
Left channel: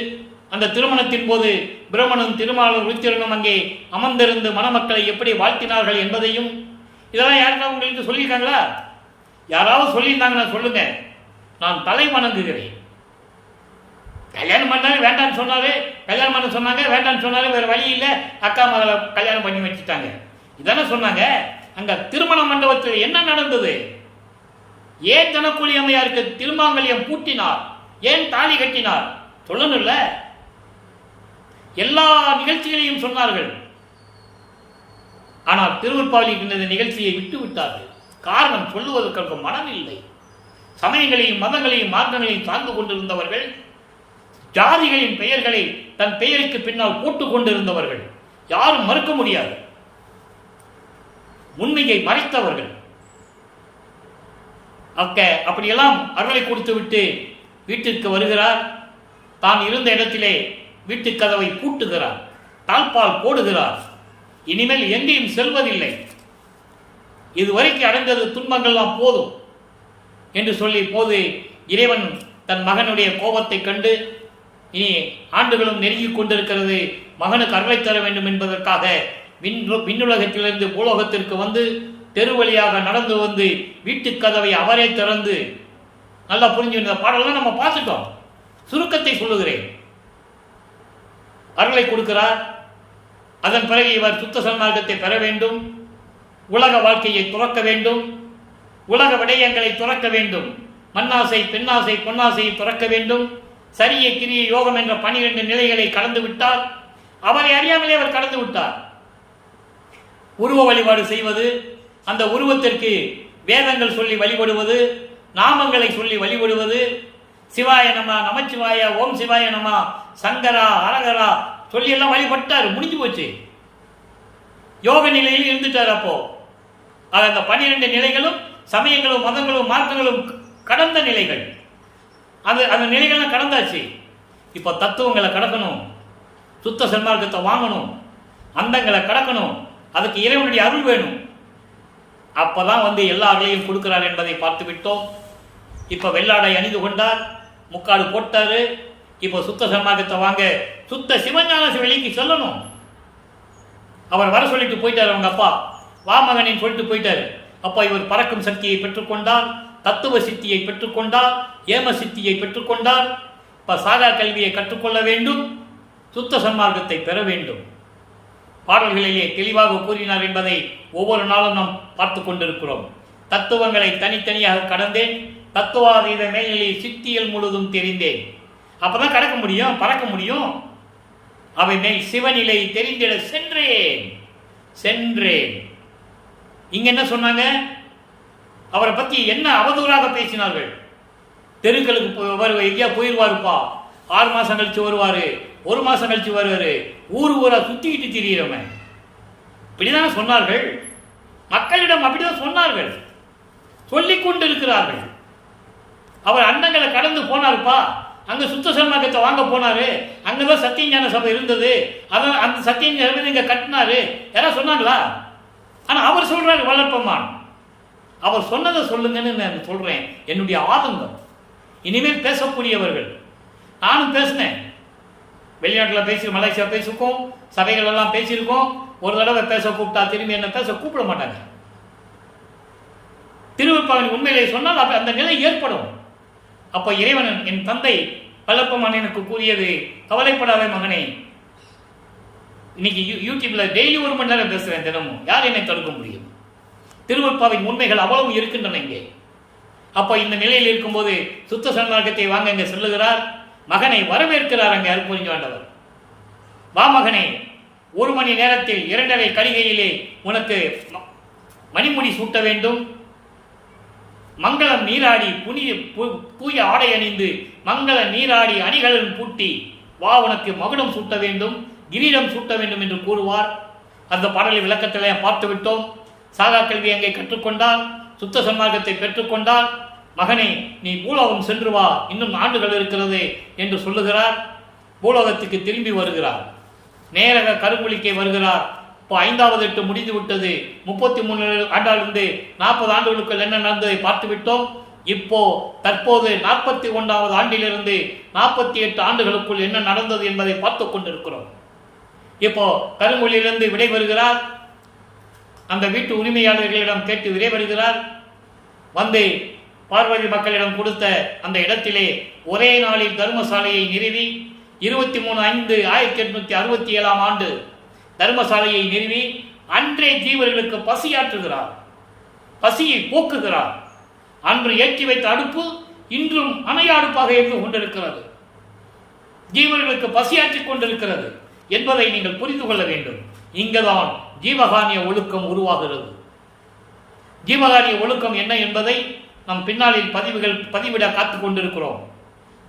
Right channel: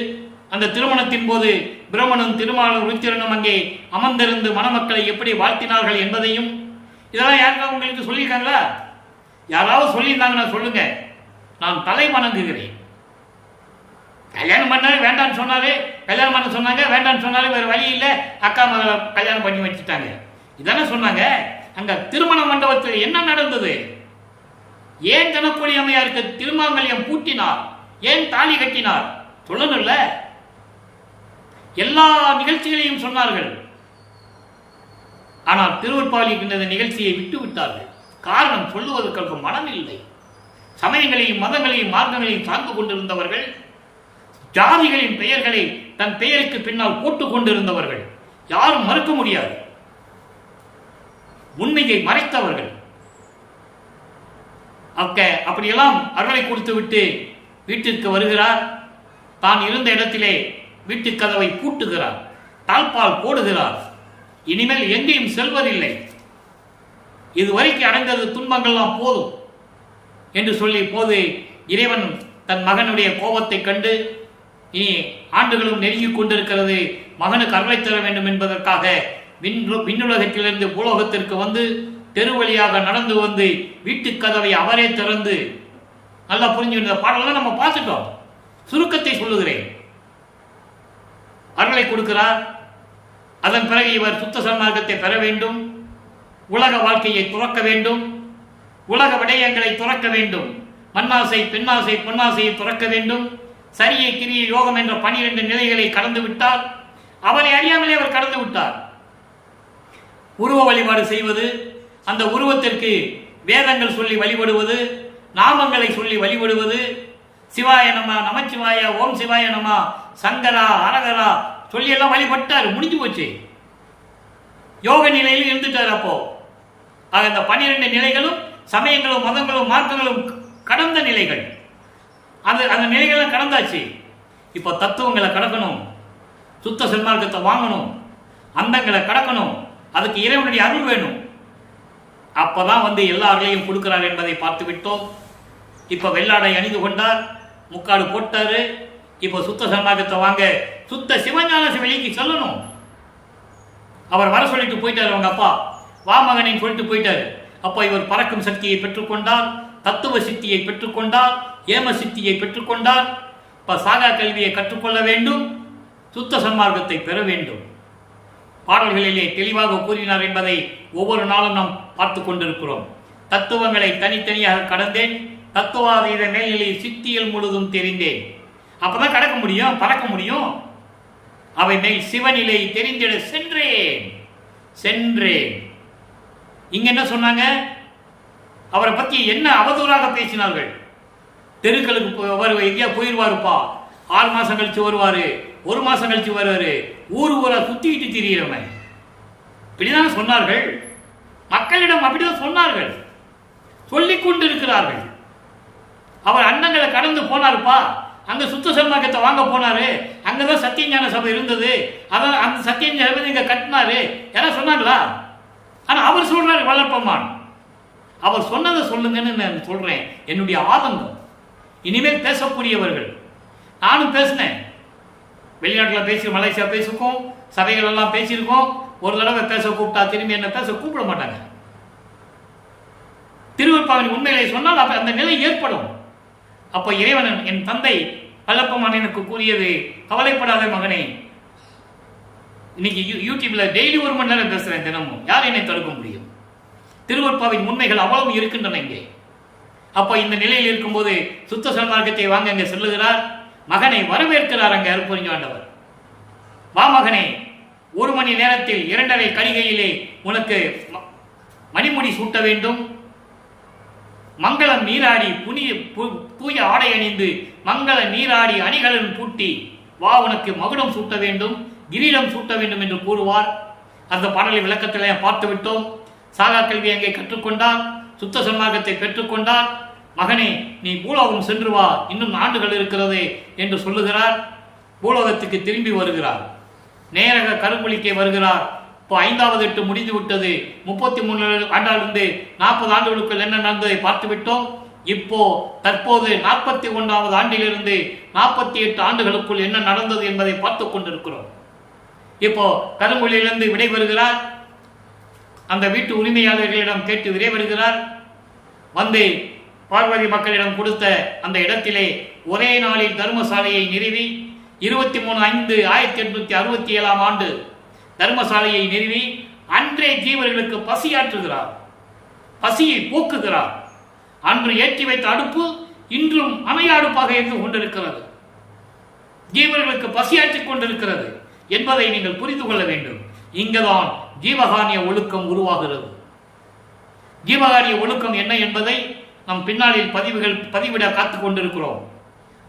அந்த திருமணத்தின் போது பிரம்மனும் திருமாலும் ருத்திரனும் அங்கே அமர்ந்திருந்து மணமக்களை எப்படி வாழ்த்தினார்கள் என்பதையும், இதெல்லாம் யாருக்கா உங்களுக்கு சொல்லியிருக்காங்களா? யாராவது சொல்லியிருந்தாங்கன்னா சொல்லுங்க, நான் தலை வணங்குகிறேன். கல்யாணம் பண்ணாரு, வேண்டான்னு சொன்னாரு. கல்யாணம் பண்ண சொன்னாங்க, வேண்டான்னு சொன்னாரு. வேற வழி இல்லை, அக்கா மகளை கல்யாணம் பண்ணி வச்சுட்டாங்க. இதானே சொன்னாங்க. அங்க திருமண மண்டபத்தில் என்ன நடந்தது? ஏன் தனக்குழி அம்மையாருக்கு திருமாங்கல்யம் பூட்டினார்? ஏன் தாலி கட்டினார்? சொல்லணும்ல. எல்லா நிகழ்ச்சிகளையும் சொன்னார்கள். ஆனால் திருவற்பாலிக்கு இந்த நிகழ்ச்சியை விட்டு விட்டார்கள். காரணம், சொல்லுவதற்கு மனம் இல்லை. சமயங்களையும் மதங்களையும் மார்க்கங்களையும் சார்ந்து கொண்டிருந்தவர்கள், ஜாதிகளின் பெயர்களை தன் பெயருக்கு பின்னால் போட்டுக் கொண்டிருந்தவர்கள், யாரும் மறுக்க முடியாது. உண்மையை மறைத்தவர்கள். அப்படியெல்லாம் அருளை கொடுத்து விட்டு வீட்டிற்கு வருகிறார். தான் இருந்த இடத்திலே வீட்டு கதவை பூட்டுகிறார், தாழ்பால் போடுகிறார். இனிமேல் எங்கேயும் செல்வதில்லை, இதுவரைக்கும் அடைந்தது துன்பங்கள்லாம் போதும் என்று சொல்லி போது இறைவன் தன் மகனுடைய கோபத்தை கண்டு, இனி ஆண்டுகளும் நெருங்கிக் கொண்டிருக்கிறது, மகனுக்கு அருளை தர வேண்டும் என்பதற்காக விண்ணுலகத்திலிருந்து பூலோகத்திற்கு வந்து தெரு வழியாக நடந்து வந்து வீட்டு கதவை அவரே திறந்து, நல்லா புரிஞ்சு இந்த பாடலாம் நம்ம பார்த்துட்டோம். சுருக்கத்தை சொல்லுகிறேன். அருளை கொடுக்கிறார். அதன் பிறகு இவர் சுத்த சன்மார்க்கத்தை பெற வேண்டும், உலக வாழ்க்கையை துறக்க வேண்டும், உலக விடயங்களை துறக்க வேண்டும், மண்ணாசை பெண்ணாசை பொன்னாசையை துறக்க வேண்டும். சரியை கிரிய யோகம் என்ற 12 நிலைகளை கடந்து விட்டார். அவரை அறியாமலே அவர் கடந்து விட்டார். உருவ வழிபாடு செய்வது, அந்த உருவத்திற்கு வேதங்கள் சொல்லி வழிபடுவது, நாமங்களை சொல்லி வழிபடுவது, சிவாய நம, நமச்சிவாய, ஓம் சிவாய நம, சங்கரா, அரகரா சொல்லி எல்லாம் வழிபட்டார். முடிஞ்சு போச்சு. யோக நிலையில் இருந்துட்டார். அப்போ அந்த 12 நிலைகளும் சமயங்களும் மதங்களும் மார்க்கங்களும் கடந்த நிலைகள். அந்த நிலைகள்லாம் கடந்தாச்சு. இப்போ தத்துவங்களை கடக்கணும், சுத்த சன்மார்க்கத்தை வாங்கணும், அந்தங்களை கடக்கணும். அதுக்கு இறைவனுடைய அருள் வேணும். அப்பதான் வந்து எல்லா அருளையும் கொடுக்கிறார் என்பதை பார்த்து விட்டோம். இப்போ வெள்ளாடை அணிந்து கொண்டார், முக்காடு போட்டாரு. இப்போ சுத்த சன்மார்க்கத்தை வாங்க சுத்த சிவஞான வெளிக்கு சொல்லணும். அவர் வர சொல்லிட்டு போயிட்டார். அவங்க அப்பா வா மகனின் சொல்லிட்டு போயிட்டாரு. அப்போ இவர் பறக்கும் சக்தியை பெற்றுக்கொண்டார், தத்துவ சித்தியை பெற்றுக்கொண்டார், ஏம சித்தியை பெற்றுக்கொண்டார். இப்போ சாகா கல்வியை கற்றுக்கொள்ள வேண்டும், சுத்த சன்மார்க்கத்தை பெற வேண்டும். பாடல்களிலே தெளிவாக கூறினார் என்பதை ஒவ்வொரு நாளும் நாம் பார்த்து கொண்டிருக்கிறோம். தத்துவங்களை தனித்தனியாக கடந்தேன், தத்துவாதீத மேல்நிலையில் சித்தியல் முழுதும் தெரிந்தேன். அப்பதான் கடக்க முடியும், பறக்க முடியும். அவை மேல் சிவநிலை தெரிந்திட சென்றேன். இங்க என்ன சொன்னாங்க? அவரை பற்றி என்ன அவதூறாக பேசினார்கள். தெருக்களுக்கு எங்கேயா போயிடுவாருப்பா, 6 மாசம் கழிச்சு வருவாரு, 1 மாசம் கழிச்சு வருவாரு, ஊரா சுத்திக்கிட்டு திரியிறவன், இப்படிதான் சொன்னார்கள். மக்களிடம் அப்படிதான் சொன்னார்கள், சொல்லிக் கொண்டிருக்கிறார்கள். அவர் அண்டங்களை கடந்து போனாருப்பா, அங்க சுத்த சன்மார்க்கத்தை வாங்க போனாரு, அங்கதான் சத்தியஞான சபை இருந்தது, அதான் அந்த சத்தியஞான சபை இங்க கட்டினாரு, யாராவது சொன்னாங்களா? ஆனா அவர் சொல்றாரு வளர்ப்பமான். அவர் சொன்னதை சொல்லுங்கன்னு நான் சொல்றேன். என்னுடைய ஆதங்கம். இனிமேல் பேசக்கூடியவர்கள், நானும் பேசினேன், வெளிநாட்டில் பேசி, மலேசியா பேசிருக்கோம், சபைகள் எல்லாம் பேசியிருக்கோம். ஒரு தடவை பேச கூப்பிட்டா திரும்பி என்ன பேச கூப்பிட மாட்டாங்க. திருவற்பாவின் உண்மையிலே சொன்னால் அந்த நிலை ஏற்படும். அப்போ இறைவன், என் தந்தை பல்லப்பமான எனக்கு கூறியது, கவலைப்படாத மகனே, இன்னைக்கு யூடியூப்ல டெய்லி 1 மணி நேரம் பேசுறேன் தினமும், யார் என்னை தடுக்க முடியும்? திருவற்பாவின் உண்மைகள் அவ்வளவு இருக்கின்றன இங்கே. அப்போ இந்த நிலையில் இருக்கும்போது சுத்த சன்மார்க்கத்தை வாங்க அங்கே செல்லுகிறார். மகனை வரவேற்கிறார் அங்கே அருட்பெருஞ்சாண்டவர். வா மகனே, 1 மணி நேரத்தில் 2.5 கடிகையிலே உனக்கு மணிமுடி சூட்ட வேண்டும், மங்களம் நீராடி தூய ஆடை அணிந்து மங்கள நீராடி அணிகளும் பூட்டி வா, உனக்கு மகுடம் சூட்ட வேண்டும், கிரீடம் சூட்ட வேண்டும் என்று கூறுவார். அந்த பாடலை விளக்கத்திலே பார்த்து விட்டோம். சாகா கல்வி அங்கே கற்றுக்கொண்டார், சுத்த சன்மார்க்கத்தை பெற்றுக்கொண்டார். மகனே, நீ பூலோகம் சென்று வா, இன்னும் ஆண்டுகள் இருக்கிறது என்று சொல்லுகிறார். பூலோகத்துக்கு திரும்பி வருகிறார். நேரக கருங்குழிக்கை வருகிறார். இப்போ 5வது எட்டு முடிந்து விட்டது. 33 ஆண்டாலிருந்து 40 ஆண்டுகளுக்குள் என்ன நடந்ததை பார்த்து விட்டோம். இப்போ தற்போது 41வது ஆண்டிலிருந்து 48 ஆண்டுகளுக்குள் என்ன நடந்தது என்பதை பார்த்து கொண்டிருக்கிறோம். இப்போ கருங்குழியிலிருந்து விடைபெறுகிறார். அந்த வீட்டு உரிமையாளர்களிடம் கேட்டு விடைபெறுகிறார். வந்து பார்வதி மக்களிடம் கொடுத்த அந்த இடத்திலே ஒரே நாளில் தர்மசாலையை நிறுவி 23/5/1867 ஆண்டு தர்மசாலையை நிறுவி அன்றே ஜீவர்களுக்கு பசியாற்றுகிறார், பசியை போக்குகிறார். அன்று ஏற்றி வைத்த அடுப்பு இன்றும் அணைய அடுப்பாக இருந்து கொண்டிருக்கிறது, ஜீவர்களுக்கு பசியாற்றிக் கொண்டிருக்கிறது என்பதை நீங்கள் புரிந்து கொள்ள வேண்டும். இங்குதான் ஜீவகானிய ஒழுக்கம் உருவாகிறது. ஜீவகானிய ஒழுக்கம் என்ன என்பதை நம் பின்னாளில் பதிவிட காத்துக் கொண்டிருக்கிறோம்.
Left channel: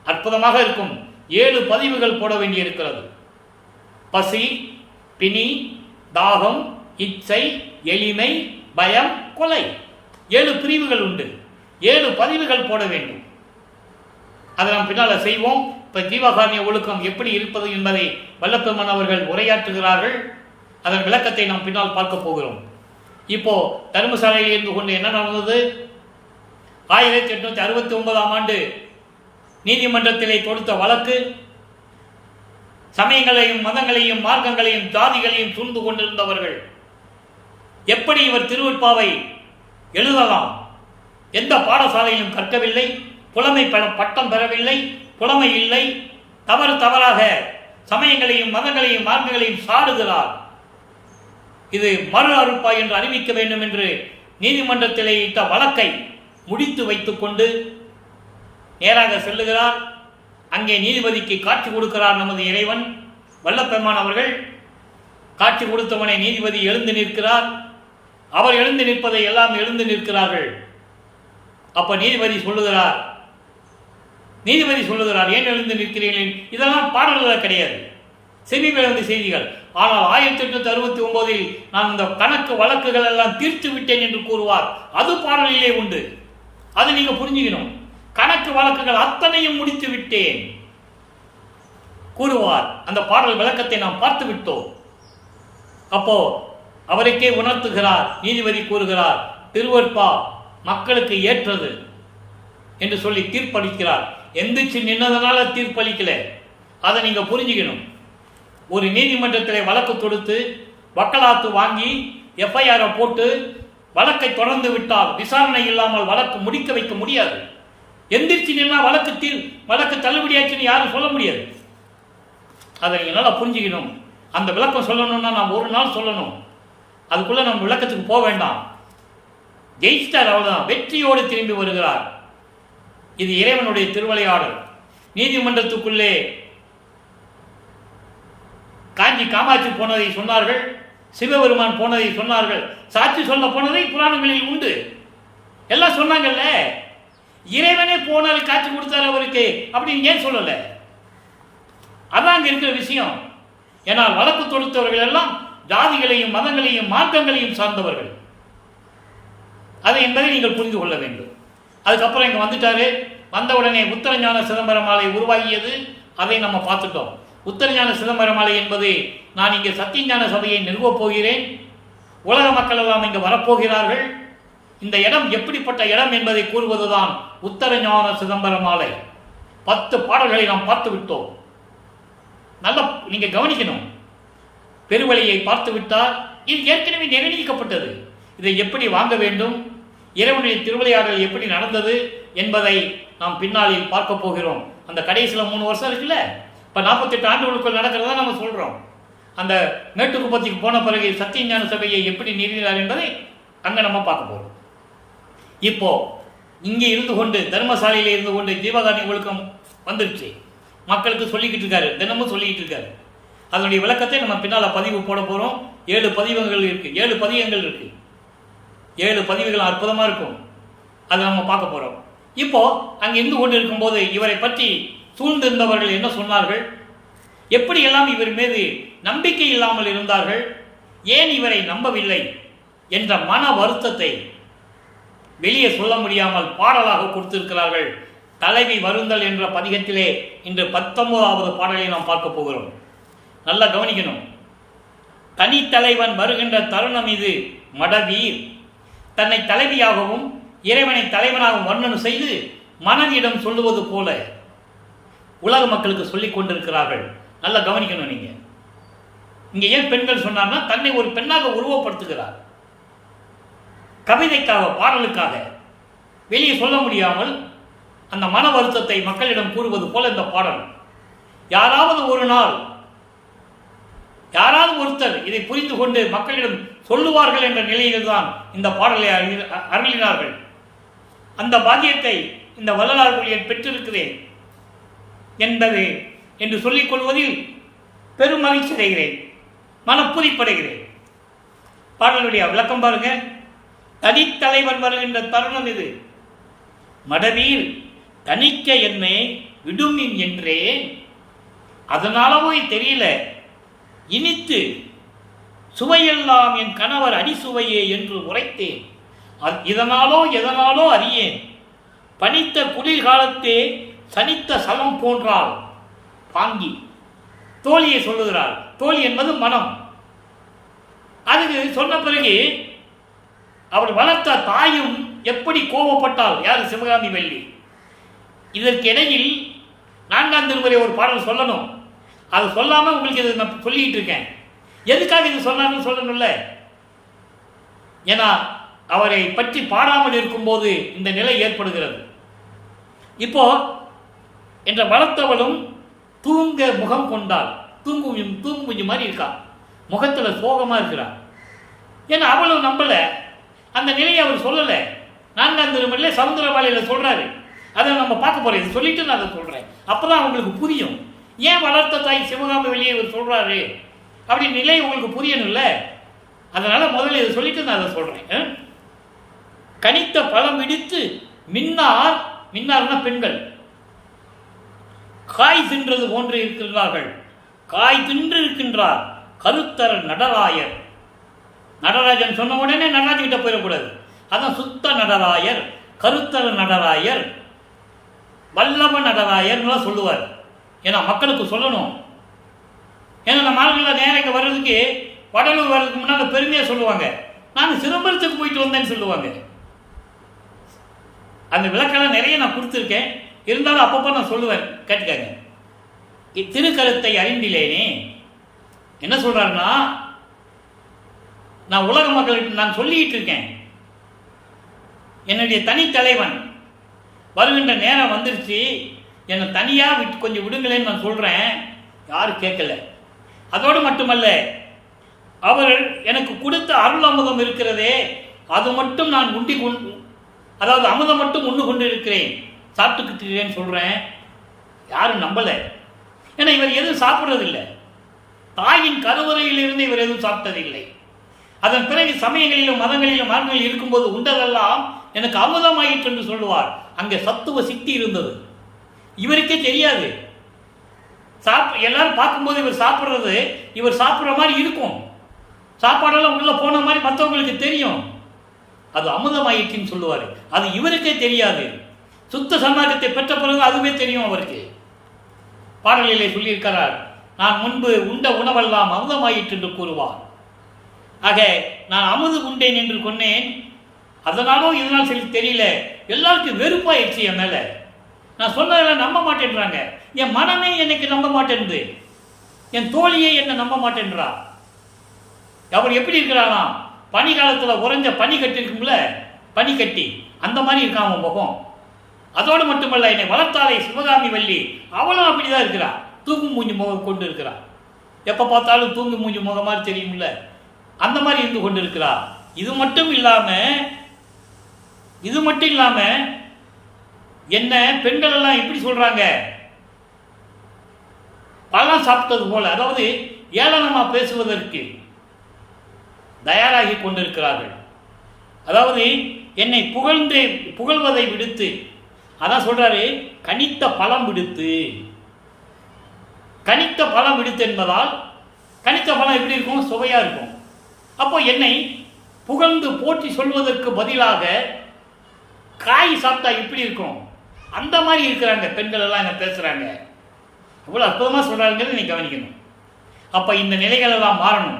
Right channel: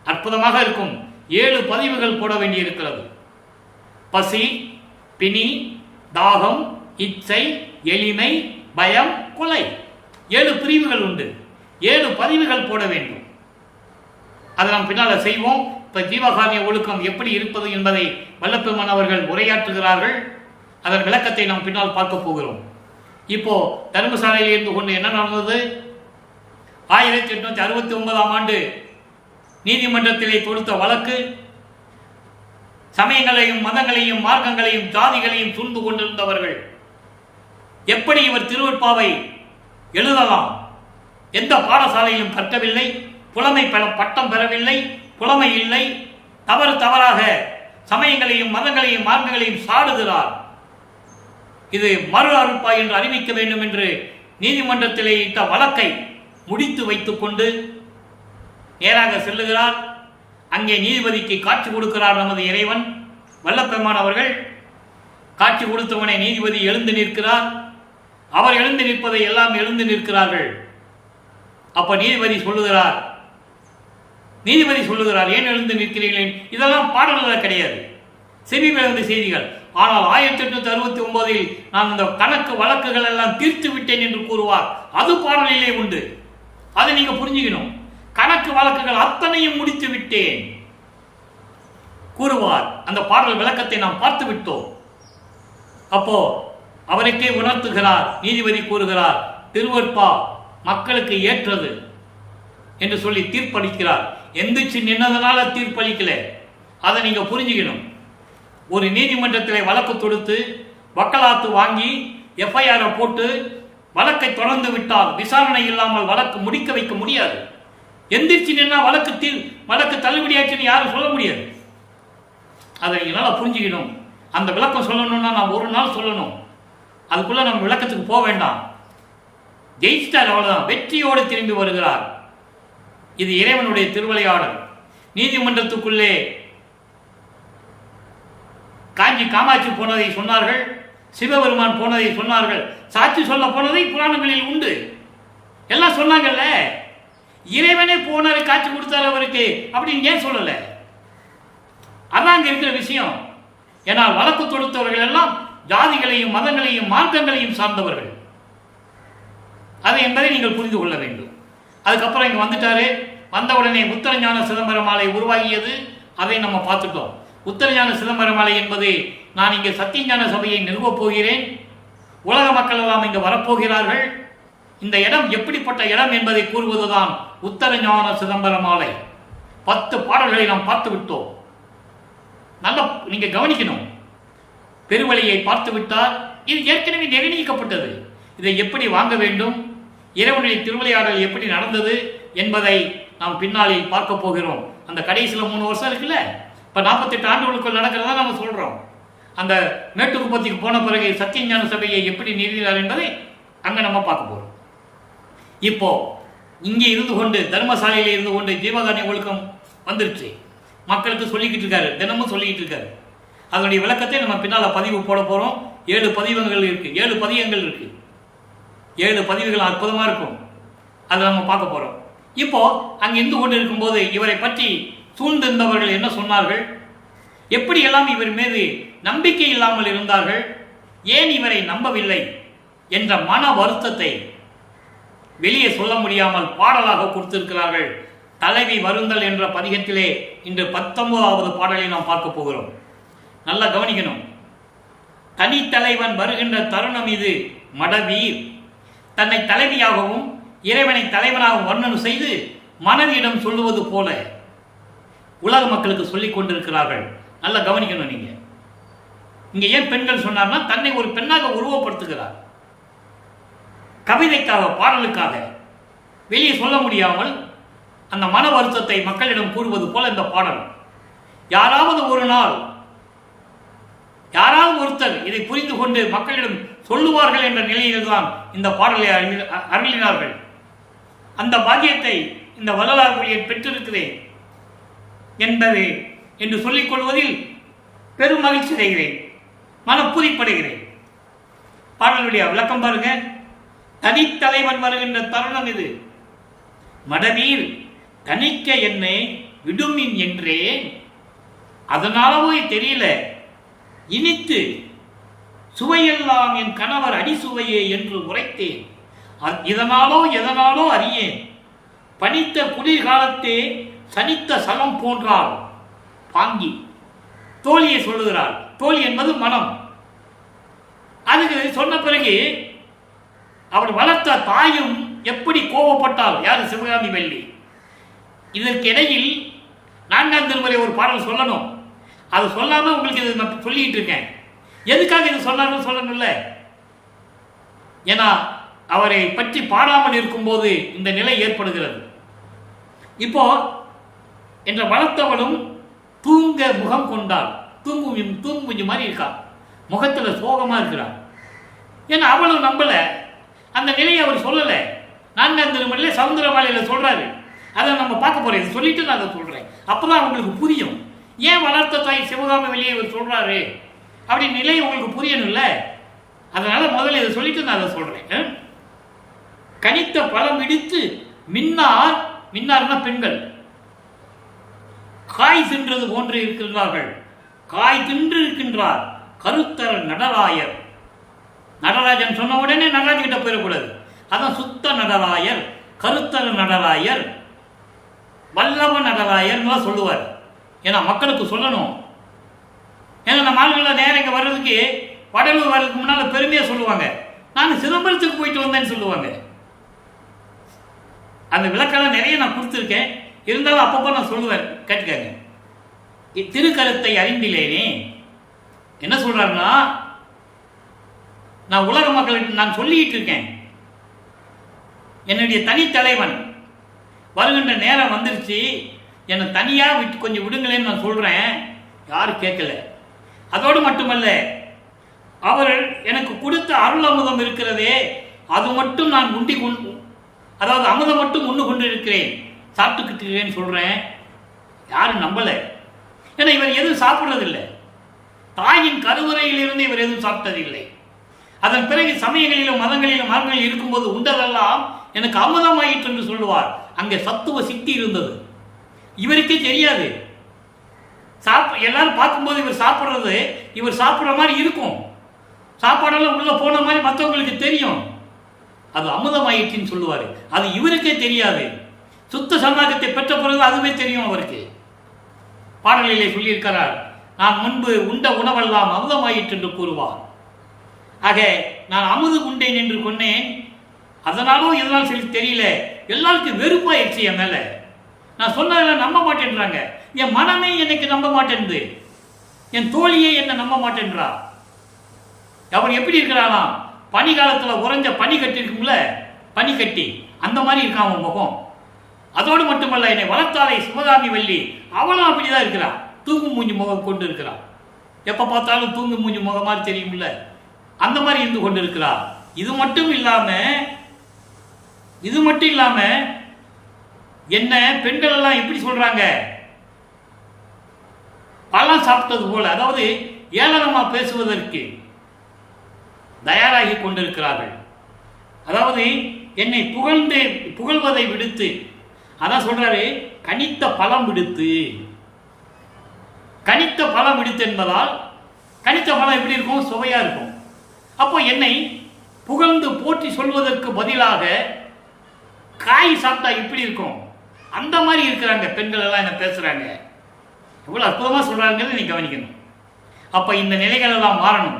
அற்புதமாக இருக்கும். 7 பதிவுகள் போட வேண்டியிருக்கிறது. பசி, பிணி, தாகம், இச்சை, எளிமை, பயம், கொலை, 7 பிரிவுகள் உண்டு. 7 பதிவுகள் போட வேண்டும். அதை நாம் பின்னால செய்வோம். இப்ப ஜீவகானிய ஒழுக்கம் எப்படி இருப்பது என்பதை வல்லப்பெருமான் அவர்கள் உரையாற்றுகிறார்கள். அதன் விளக்கத்தை நாம் பின்னால் பார்க்க போகிறோம். இப்போ தர்மசாலையில் இருந்து கொண்டு என்ன நடந்தது? 1869 ஆண்டு நீதிமன்றத்திலே தொடுத்த வழக்கு சமயங்களையும் மதங்களையும் மார்க்கங்களையும் ஜாதிகளையும் சூழ்ந்து கொண்டிருந்தவர்கள் எப்படி இவர் திருவெட்பாவை எழுதலாம், எந்த பாடசாலையிலும் கற்கவில்லை, புலமை பட்டம் பெறவில்லை, புலமை இல்லை, தவறாக சமயங்களையும் மதங்களையும் மார்க்கங்களையும் சாடுகிறார், இது மறு அறுப்பா என்று அறிவிக்க வேண்டும் என்று நீதிமன்றத்திலே இட்ட வழக்கை முடித்து வைத்துக் கொண்டு நேராக செல்லுகிறார். அங்கே நீதிபதிக்கு காட்சி கொடுக்கிறார் நமது இறைவன் வல்லப்பெருமான் அவர்கள். காட்சி கொடுத்தவனை நீதிபதி எழுந்து நிற்கிறார். அவர் எழுந்து நிற்பதை எல்லாம் எழுந்து நிற்கிறார்கள். அப்ப நீதிபதி சொல்லுகிறார், ஏன் எழுந்து நிற்கிறீர்கள்? இதெல்லாம் பாடல்கள் கிடையாது, செவி விழுந்த செய்திகள். ஆனால் 1869 நான் இந்த கணக்கு வழக்குகள் எல்லாம் தீர்த்து விட்டேன் என்று கூறுவார். அது பாடலிலே உண்டு. அதை நீங்க புரிஞ்சுக்கணும். கணக்கு வழக்குகள் அத்தனையும் முடித்து விட்டேன் கூறுவார். அந்த பாடல் விளக்கத்தை நாம் பார்த்து விட்டோம். அப்போ அவருக்கே உணர்த்துகிறார். நீதிபதி கூறுகிறார், திருவெட்பா மக்களுக்கு ஏற்றது என்று சொல்லி தீர்ப்பளிக்கிறார். எந்திரிச்சு நின்னதனால தீர்ப்பளிக்கல, அதை நீங்க புரிஞ்சுக்கணும். ஒரு நீதிமன்றத்தில் வழக்கு தொடுத்து வக்காலத்து வாங்கி எஃப்ஐஆர் போட்டு வழக்கை தொடர்ந்து விட்டால் விசாரணை இல்லாமல் வழக்கு முடிக்க வைக்க முடியாது. எந்திரிச்சு நின்னா வழக்கு தள்ளுபடியாச்சுன்னு யாரும் சொல்ல முடியாது. அதை நீங்க நல்லா புரிஞ்சுக்கணும். அந்த விளக்கம் சொல்லணும்னா நாம் ஒரு நாள் சொல்லணும். அதுக்குள்ள நம்ம விளக்கத்துக்கு போக வேண்டாம். ஜெயிச்சிட்டார், அவ்வளவுதான். வெற்றியோடு திரும்பி வருகிறார். இது இறைவனுடைய திருவிளையாடல். நீதிமன்றத்துக்குள்ளே காஞ்சி காமாட்சி போனதை சொன்னார்கள், சிவபெருமான் போனதை சொன்னார்கள், சாட்சி சொல்ல போனதை புராணங்களில் உண்டு. எல்லாம் சொன்னாங்கல்ல. இறைவனே போனாரு, காட்சி கொடுத்தாரு அவருக்கு அப்படின்னு ஏன் சொல்லல? அதான் அங்க இருக்கிற விஷயம். ஏன்னா வழக்கு தொடுத்தவர்கள் எல்லாம் ஜாதிகளையும் மதங்களையும் மார்க்கங்களையும் சார்ந்தவர்கள். அதை என்பதை நீங்கள் புரிந்து கொள்ள வேண்டும். அதுக்கப்புறம் இங்க வந்துட்டாரு. வந்தவுடனே உத்தரஞான சிதம்பரமாலை உருவாகியது. அதை நம்ம பார்த்துட்டோம். உத்தரஞான சிதம்பரமாலை என்பது நான் இங்கே சத்தியஞான சபையை நிறுவப் போகிறேன், உலக மக்கள் எல்லாம் இங்கு வரப்போகிறார்கள், இந்த இடம் எப்படிப்பட்ட இடம் என்பதை கூறுவதுதான் உத்தரஞான சிதம்பரமாலை. 10 பாடல்களை நாம் பார்த்து விட்டோம். நல்லா நீங்க கவனிக்கணும். பெருவழியை பார்த்து விட்டால் இது ஏற்கனவே நிர்ணயிக்கப்பட்டது. இதை எப்படி வாங்க வேண்டும், இறைவனுடைய திருவிளையாடல் எப்படி நடந்தது என்பதை நாம் பின்னாளில் பார்க்க போகிறோம். அந்த கடைசியில் 3 வருஷம் இருக்குல்ல, இப்போ 48 ஆண்டுகளுக்குள் நடக்கிறதா நம்ம சொல்றோம். அந்த மேட்டுக்குப்பத்திக்கு போன பிறகு சத்தியஞான சபையை எப்படி நிறுவினார் என்பதை அங்கே நம்ம பார்க்க போகிறோம். இப்போ இங்கே இருந்து கொண்டு தர்மசாலையில் இருந்து கொண்டு ஜீவகானிய ஒழுக்கம் வந்துருச்சு. மக்களுக்கு சொல்லிக்கிட்டு இருக்காரு, தினமும் சொல்லிக்கிட்டு இருக்காரு. அதனுடைய விளக்கத்தை நம்ம பின்னால் பதிவு போட போகிறோம். 7 பதிவங்கள் இருக்கு, 7 பதிகங்கள் இருக்கு. 7 பதிவுகள் அற்புதமாக இருக்கும். அதை நம்ம பார்க்க போகிறோம். இப்போ அங்கே இருந்து கொண்டு இருக்கும்போது இவரை பற்றி சூழ்ந்திருந்தவர்கள் என்ன சொன்னார்கள், எப்படி எல்லாம் இவர் மீது நம்பிக்கை இல்லாமல் இருந்தார்கள், ஏன் இவரை நம்பவில்லை என்ற மன வருத்தத்தை வெளியே சொல்ல முடியாமல் பாடலாக கொடுத்திருக்கிறார்கள். தலைவி வருந்தல் என்ற பதிகத்திலே இன்று 19வது பாடலை நாம் பார்க்க போகிறோம். நல்லா கவனிக்கணும். தனித்தலைவன் வருகின்ற தருணம் இது மடவீர். தன்னை தலைவியாகவும் இறைவனை தலைவனாகவும் வர்ணனை செய்து மனைவியிடம் சொல்லுவது போல உலக மக்களுக்கு சொல்லிக் கொண்டிருக்கிறார்கள். நல்லா கவனிக்கணும். நீங்க இங்க ஏன் பெண்கள் சொன்னார்னா, தன்னை ஒரு பெண்ணாக உருவப்படுத்துகிறார். கவிதைக்காக, பாடலுக்காக. வெளியே சொல்ல முடியாமல் அந்த மன வருத்தத்தை மக்களிடம் கூறுவது போல இந்த பாடல். யாராவது ஒரு நாள் யாராவது ஒருத்தர் இதை புரிந்து கொண்டு மக்களிடம் சொல்லுவார்கள் என்ற நிலையில்தான் இந்த பாடலை அருளினார்கள். அந்த பாக்கியத்தை இந்த வள்ளலார் ஊழியர் பெற்றிருக்கிறேன் என்பது என்று சொல்லிக் கொள்வதில் பெரும் மகிழ்ச்சி அடைகிறேன், மனப்புதிப்படைகிறேன். பாடலுடைய விளக்கம் பாருங்க. தனித்தலைவன் வருகின்ற தருணம் இது. மடவீர் தனிக்க என்னை விடுமின் என்றேன், அதனாலவோ தெரியல இனித்து சுவையெல்லாம் என் கணவர் அடிசுவையே என்று உரைத்தேன். இதனாலோ எதனாலோ அறியேன், பனித்த குளிர்காலத்தே சனித்த சலம் போன்றாள் பாங்கி. தோழியை சொல்லுகிறாள். தோழி என்பது மனம். அதுக்கு சொன்ன பிறகு அவள் வளர்த்த தாயும் எப்படி கோபப்பட்டாள், யார்? சிவகாமி வள்ளி. இதற்கு இடையில் 4ஆம் திருமுறை ஒரு பாடல் சொல்லணும். அது சொல்லாமல் உங்களுக்கு இது நான் சொல்லிட்டு இருக்கேன். எதுக்காக இது சொன்னாலும் சொல்லணும்ல? ஏன்னா அவரை பற்றி பாடாமல் இருக்கும்போது இந்த நிலை ஏற்படுகிறது. இப்போ என்ற வளர்த்தவளும் தூங்க முகம் கொண்டாள். தூங்குஞ்சு மாதிரி இருக்கா, முகத்தில் சோகமாக இருக்கிறான். ஏன்னா அவளும் நம்பல, அந்த நிலையை அவர் சொல்லலை. 4ஆம் திருமுறையில் சவுந்தரமாலையில் சொல்றாரு. அதை நம்ம பார்க்க போறோம். இதை சொல்லிட்டு நான் அதை சொல்றேன். அப்பதான் உங்களுக்கு புரியும் ஏன் வளர்த்த தாய் சிவகாமி வெளியே இவர் சொல்றாரு அப்படி நிலை உங்களுக்கு புரியணும்ல. அதனால முதல்ல இதை சொல்லிட்டு நான் அதை சொல்றேன். கனித்த பழம் இடித்து மின்னார்னா பெண்கள் காய் தின்றது போன்று இருக்கின்றார்கள். காய் தின்று இருக்கின்றார் கருத்தர நடராயர். நடராஜன் சொன்ன உடனே நடராஜன் கிட்ட போயிடக்கூடாது. அதான் சுத்த நடராயர், கருத்தர நடராயர், வல்லவ நடராயர்லாம் சொல்லுவார். ஏன்னா மக்களுக்கு சொல்லணும். ஏன்னா நம்ம ஆளுங்களாம் நேரம் இங்கே வர்றதுக்கு வடலூர் வர்றதுக்கு முன்னால் பெருமையாக சொல்லுவாங்க, நான் சிதம்பரத்துக்கு போயிட்டு வந்தேன்னு சொல்லுவாங்க. அந்த விளக்கெல்லாம் நிறைய நான் கொடுத்துருக்கேன். இருந்தாலும் அப்பப்போ நான் சொல்லுவேன், கேட்டுக்காங்க. திருக்கருத்தை அறிந்திலேனே என்ன சொல்றாருன்னா, நான் உலக மக்களுக்கு நான் சொல்லிட்டு இருக்கேன், என்னுடைய தனித்தலைவன் வருகின்ற நேரம் வந்துருச்சு, என்னை தனியாக விட்டு கொஞ்சம் விடுங்களேன்னு நான் சொல்கிறேன். யாரும் கேட்கல. அதோடு மட்டுமல்ல, அவர் எனக்கு கொடுத்த அருள் அமுதம் இருக்கிறதே, அது மட்டும் நான் அதாவது அமுதம் மட்டும் உண்ணு கொண்டு இருக்கிறேன், சாப்பிட்டுக்கிட்டு இருக்கிறேன்னு சொல்கிறேன். யாரும் நம்பலை. ஏன்னா இவர் எதுவும் சாப்பிட்றதில்லை. தாயின் கருவறையிலிருந்து இவர் எதுவும் சாப்பிட்டதில்லை. அதன் பிறகு சமயங்களிலும் மதங்களிலும் மார்க்கங்களில் இருக்கும்போது உண்டதெல்லாம் எனக்கு அமுதமாயிற்று என்று சொல்லுவார். அங்கே சத்துவ சித்தி இருந்தது. இவருக்கே தெரியாது. எல்லாரும் பார்க்கும்போது இவர் சாப்பிட்றது இவர் சாப்பிட்ற மாதிரி இருக்கும். சாப்பாடெல்லாம் உள்ள போன மாதிரி மற்றவங்களுக்கு தெரியும். அது அமுதமாயிற்றுன்னு சொல்லுவார். அது இவருக்கே தெரியாது. சுத்த சமாகத்தை பெற்ற பிறகு அதுவே தெரியும் அவருக்கு. பாடலிலே சொல்லியிருக்கிறார், நான் முன்பு உண்ட உணவெல்லாம் அமுதமாயிற்று என்று கூறுவார். ஆக நான் அமுது உண்டேன் என்று கொன்னேன், அதனாலோ இதனால் சொல்லி தெரியல, எல்லாருக்கும் வெறுப்பாயிடுச்சு என் மேலே. நான் சொன்னதெல்லாம் நம்ப மாட்டேன்றாங்க. என் மனமே எனக்கு நம்ப மாட்டேன்து. என் தோழியே என்னை நம்ப மாட்டேன்றா. அவர் எப்படி இருக்கிறாராம், பனி காலத்தில் உறைஞ்ச பனி கட்டி இருக்கும்ல, பனி கட்டி அந்த மாதிரி இருக்கான் அவன் முகம். அதோடு மட்டுமல்ல, என்னை வளர்த்தாலே சிவகாமி வள்ளி அவளும் அப்படிதான் இருக்கிறா. தூங்கும் மூஞ்சி முகம் கொண்டு இருக்கிறான். எப்போ பார்த்தாலும் தூங்கும் மூஞ்சி முகம் மாதிரி தெரியும்ல, அந்த மாதிரி இருந்து கொண்டு இருக்கிறா. இது மட்டும் இல்லாம என்ன பெண்கள் எல்லாம் எப்படி சொல்றாங்க, பழம் சாப்பிட்டது போல, அதாவது ஏளனமா பேசுவதற்கு தயாராகி கொண்டிருக்கிறார்கள். அதாவது என்னை புகழ்வதை விடுத்து, அதான் சொல்றாரு, கனித்த பழம் விடுத்து. கனித்த பழம் விடுத்து என்பதால் கனித்த பழம் எப்படி இருக்கும், சுவையா இருக்கும். அப்போ என்னை புகழ்ந்து போற்றி சொல்வதற்கு பதிலாக காய் சாப்பிட்டா எப்படி இருக்கும், அந்த மாதிரி இருக்கிறாங்க பெண்கள் எல்லாம் என்ன பேசுறாங்க. எவ்வளவு அற்புதமா சொல்றாங்கிறத நீ கவனிக்கணும். அப்ப இந்த நிலைகள் எல்லாம் மாறணும்.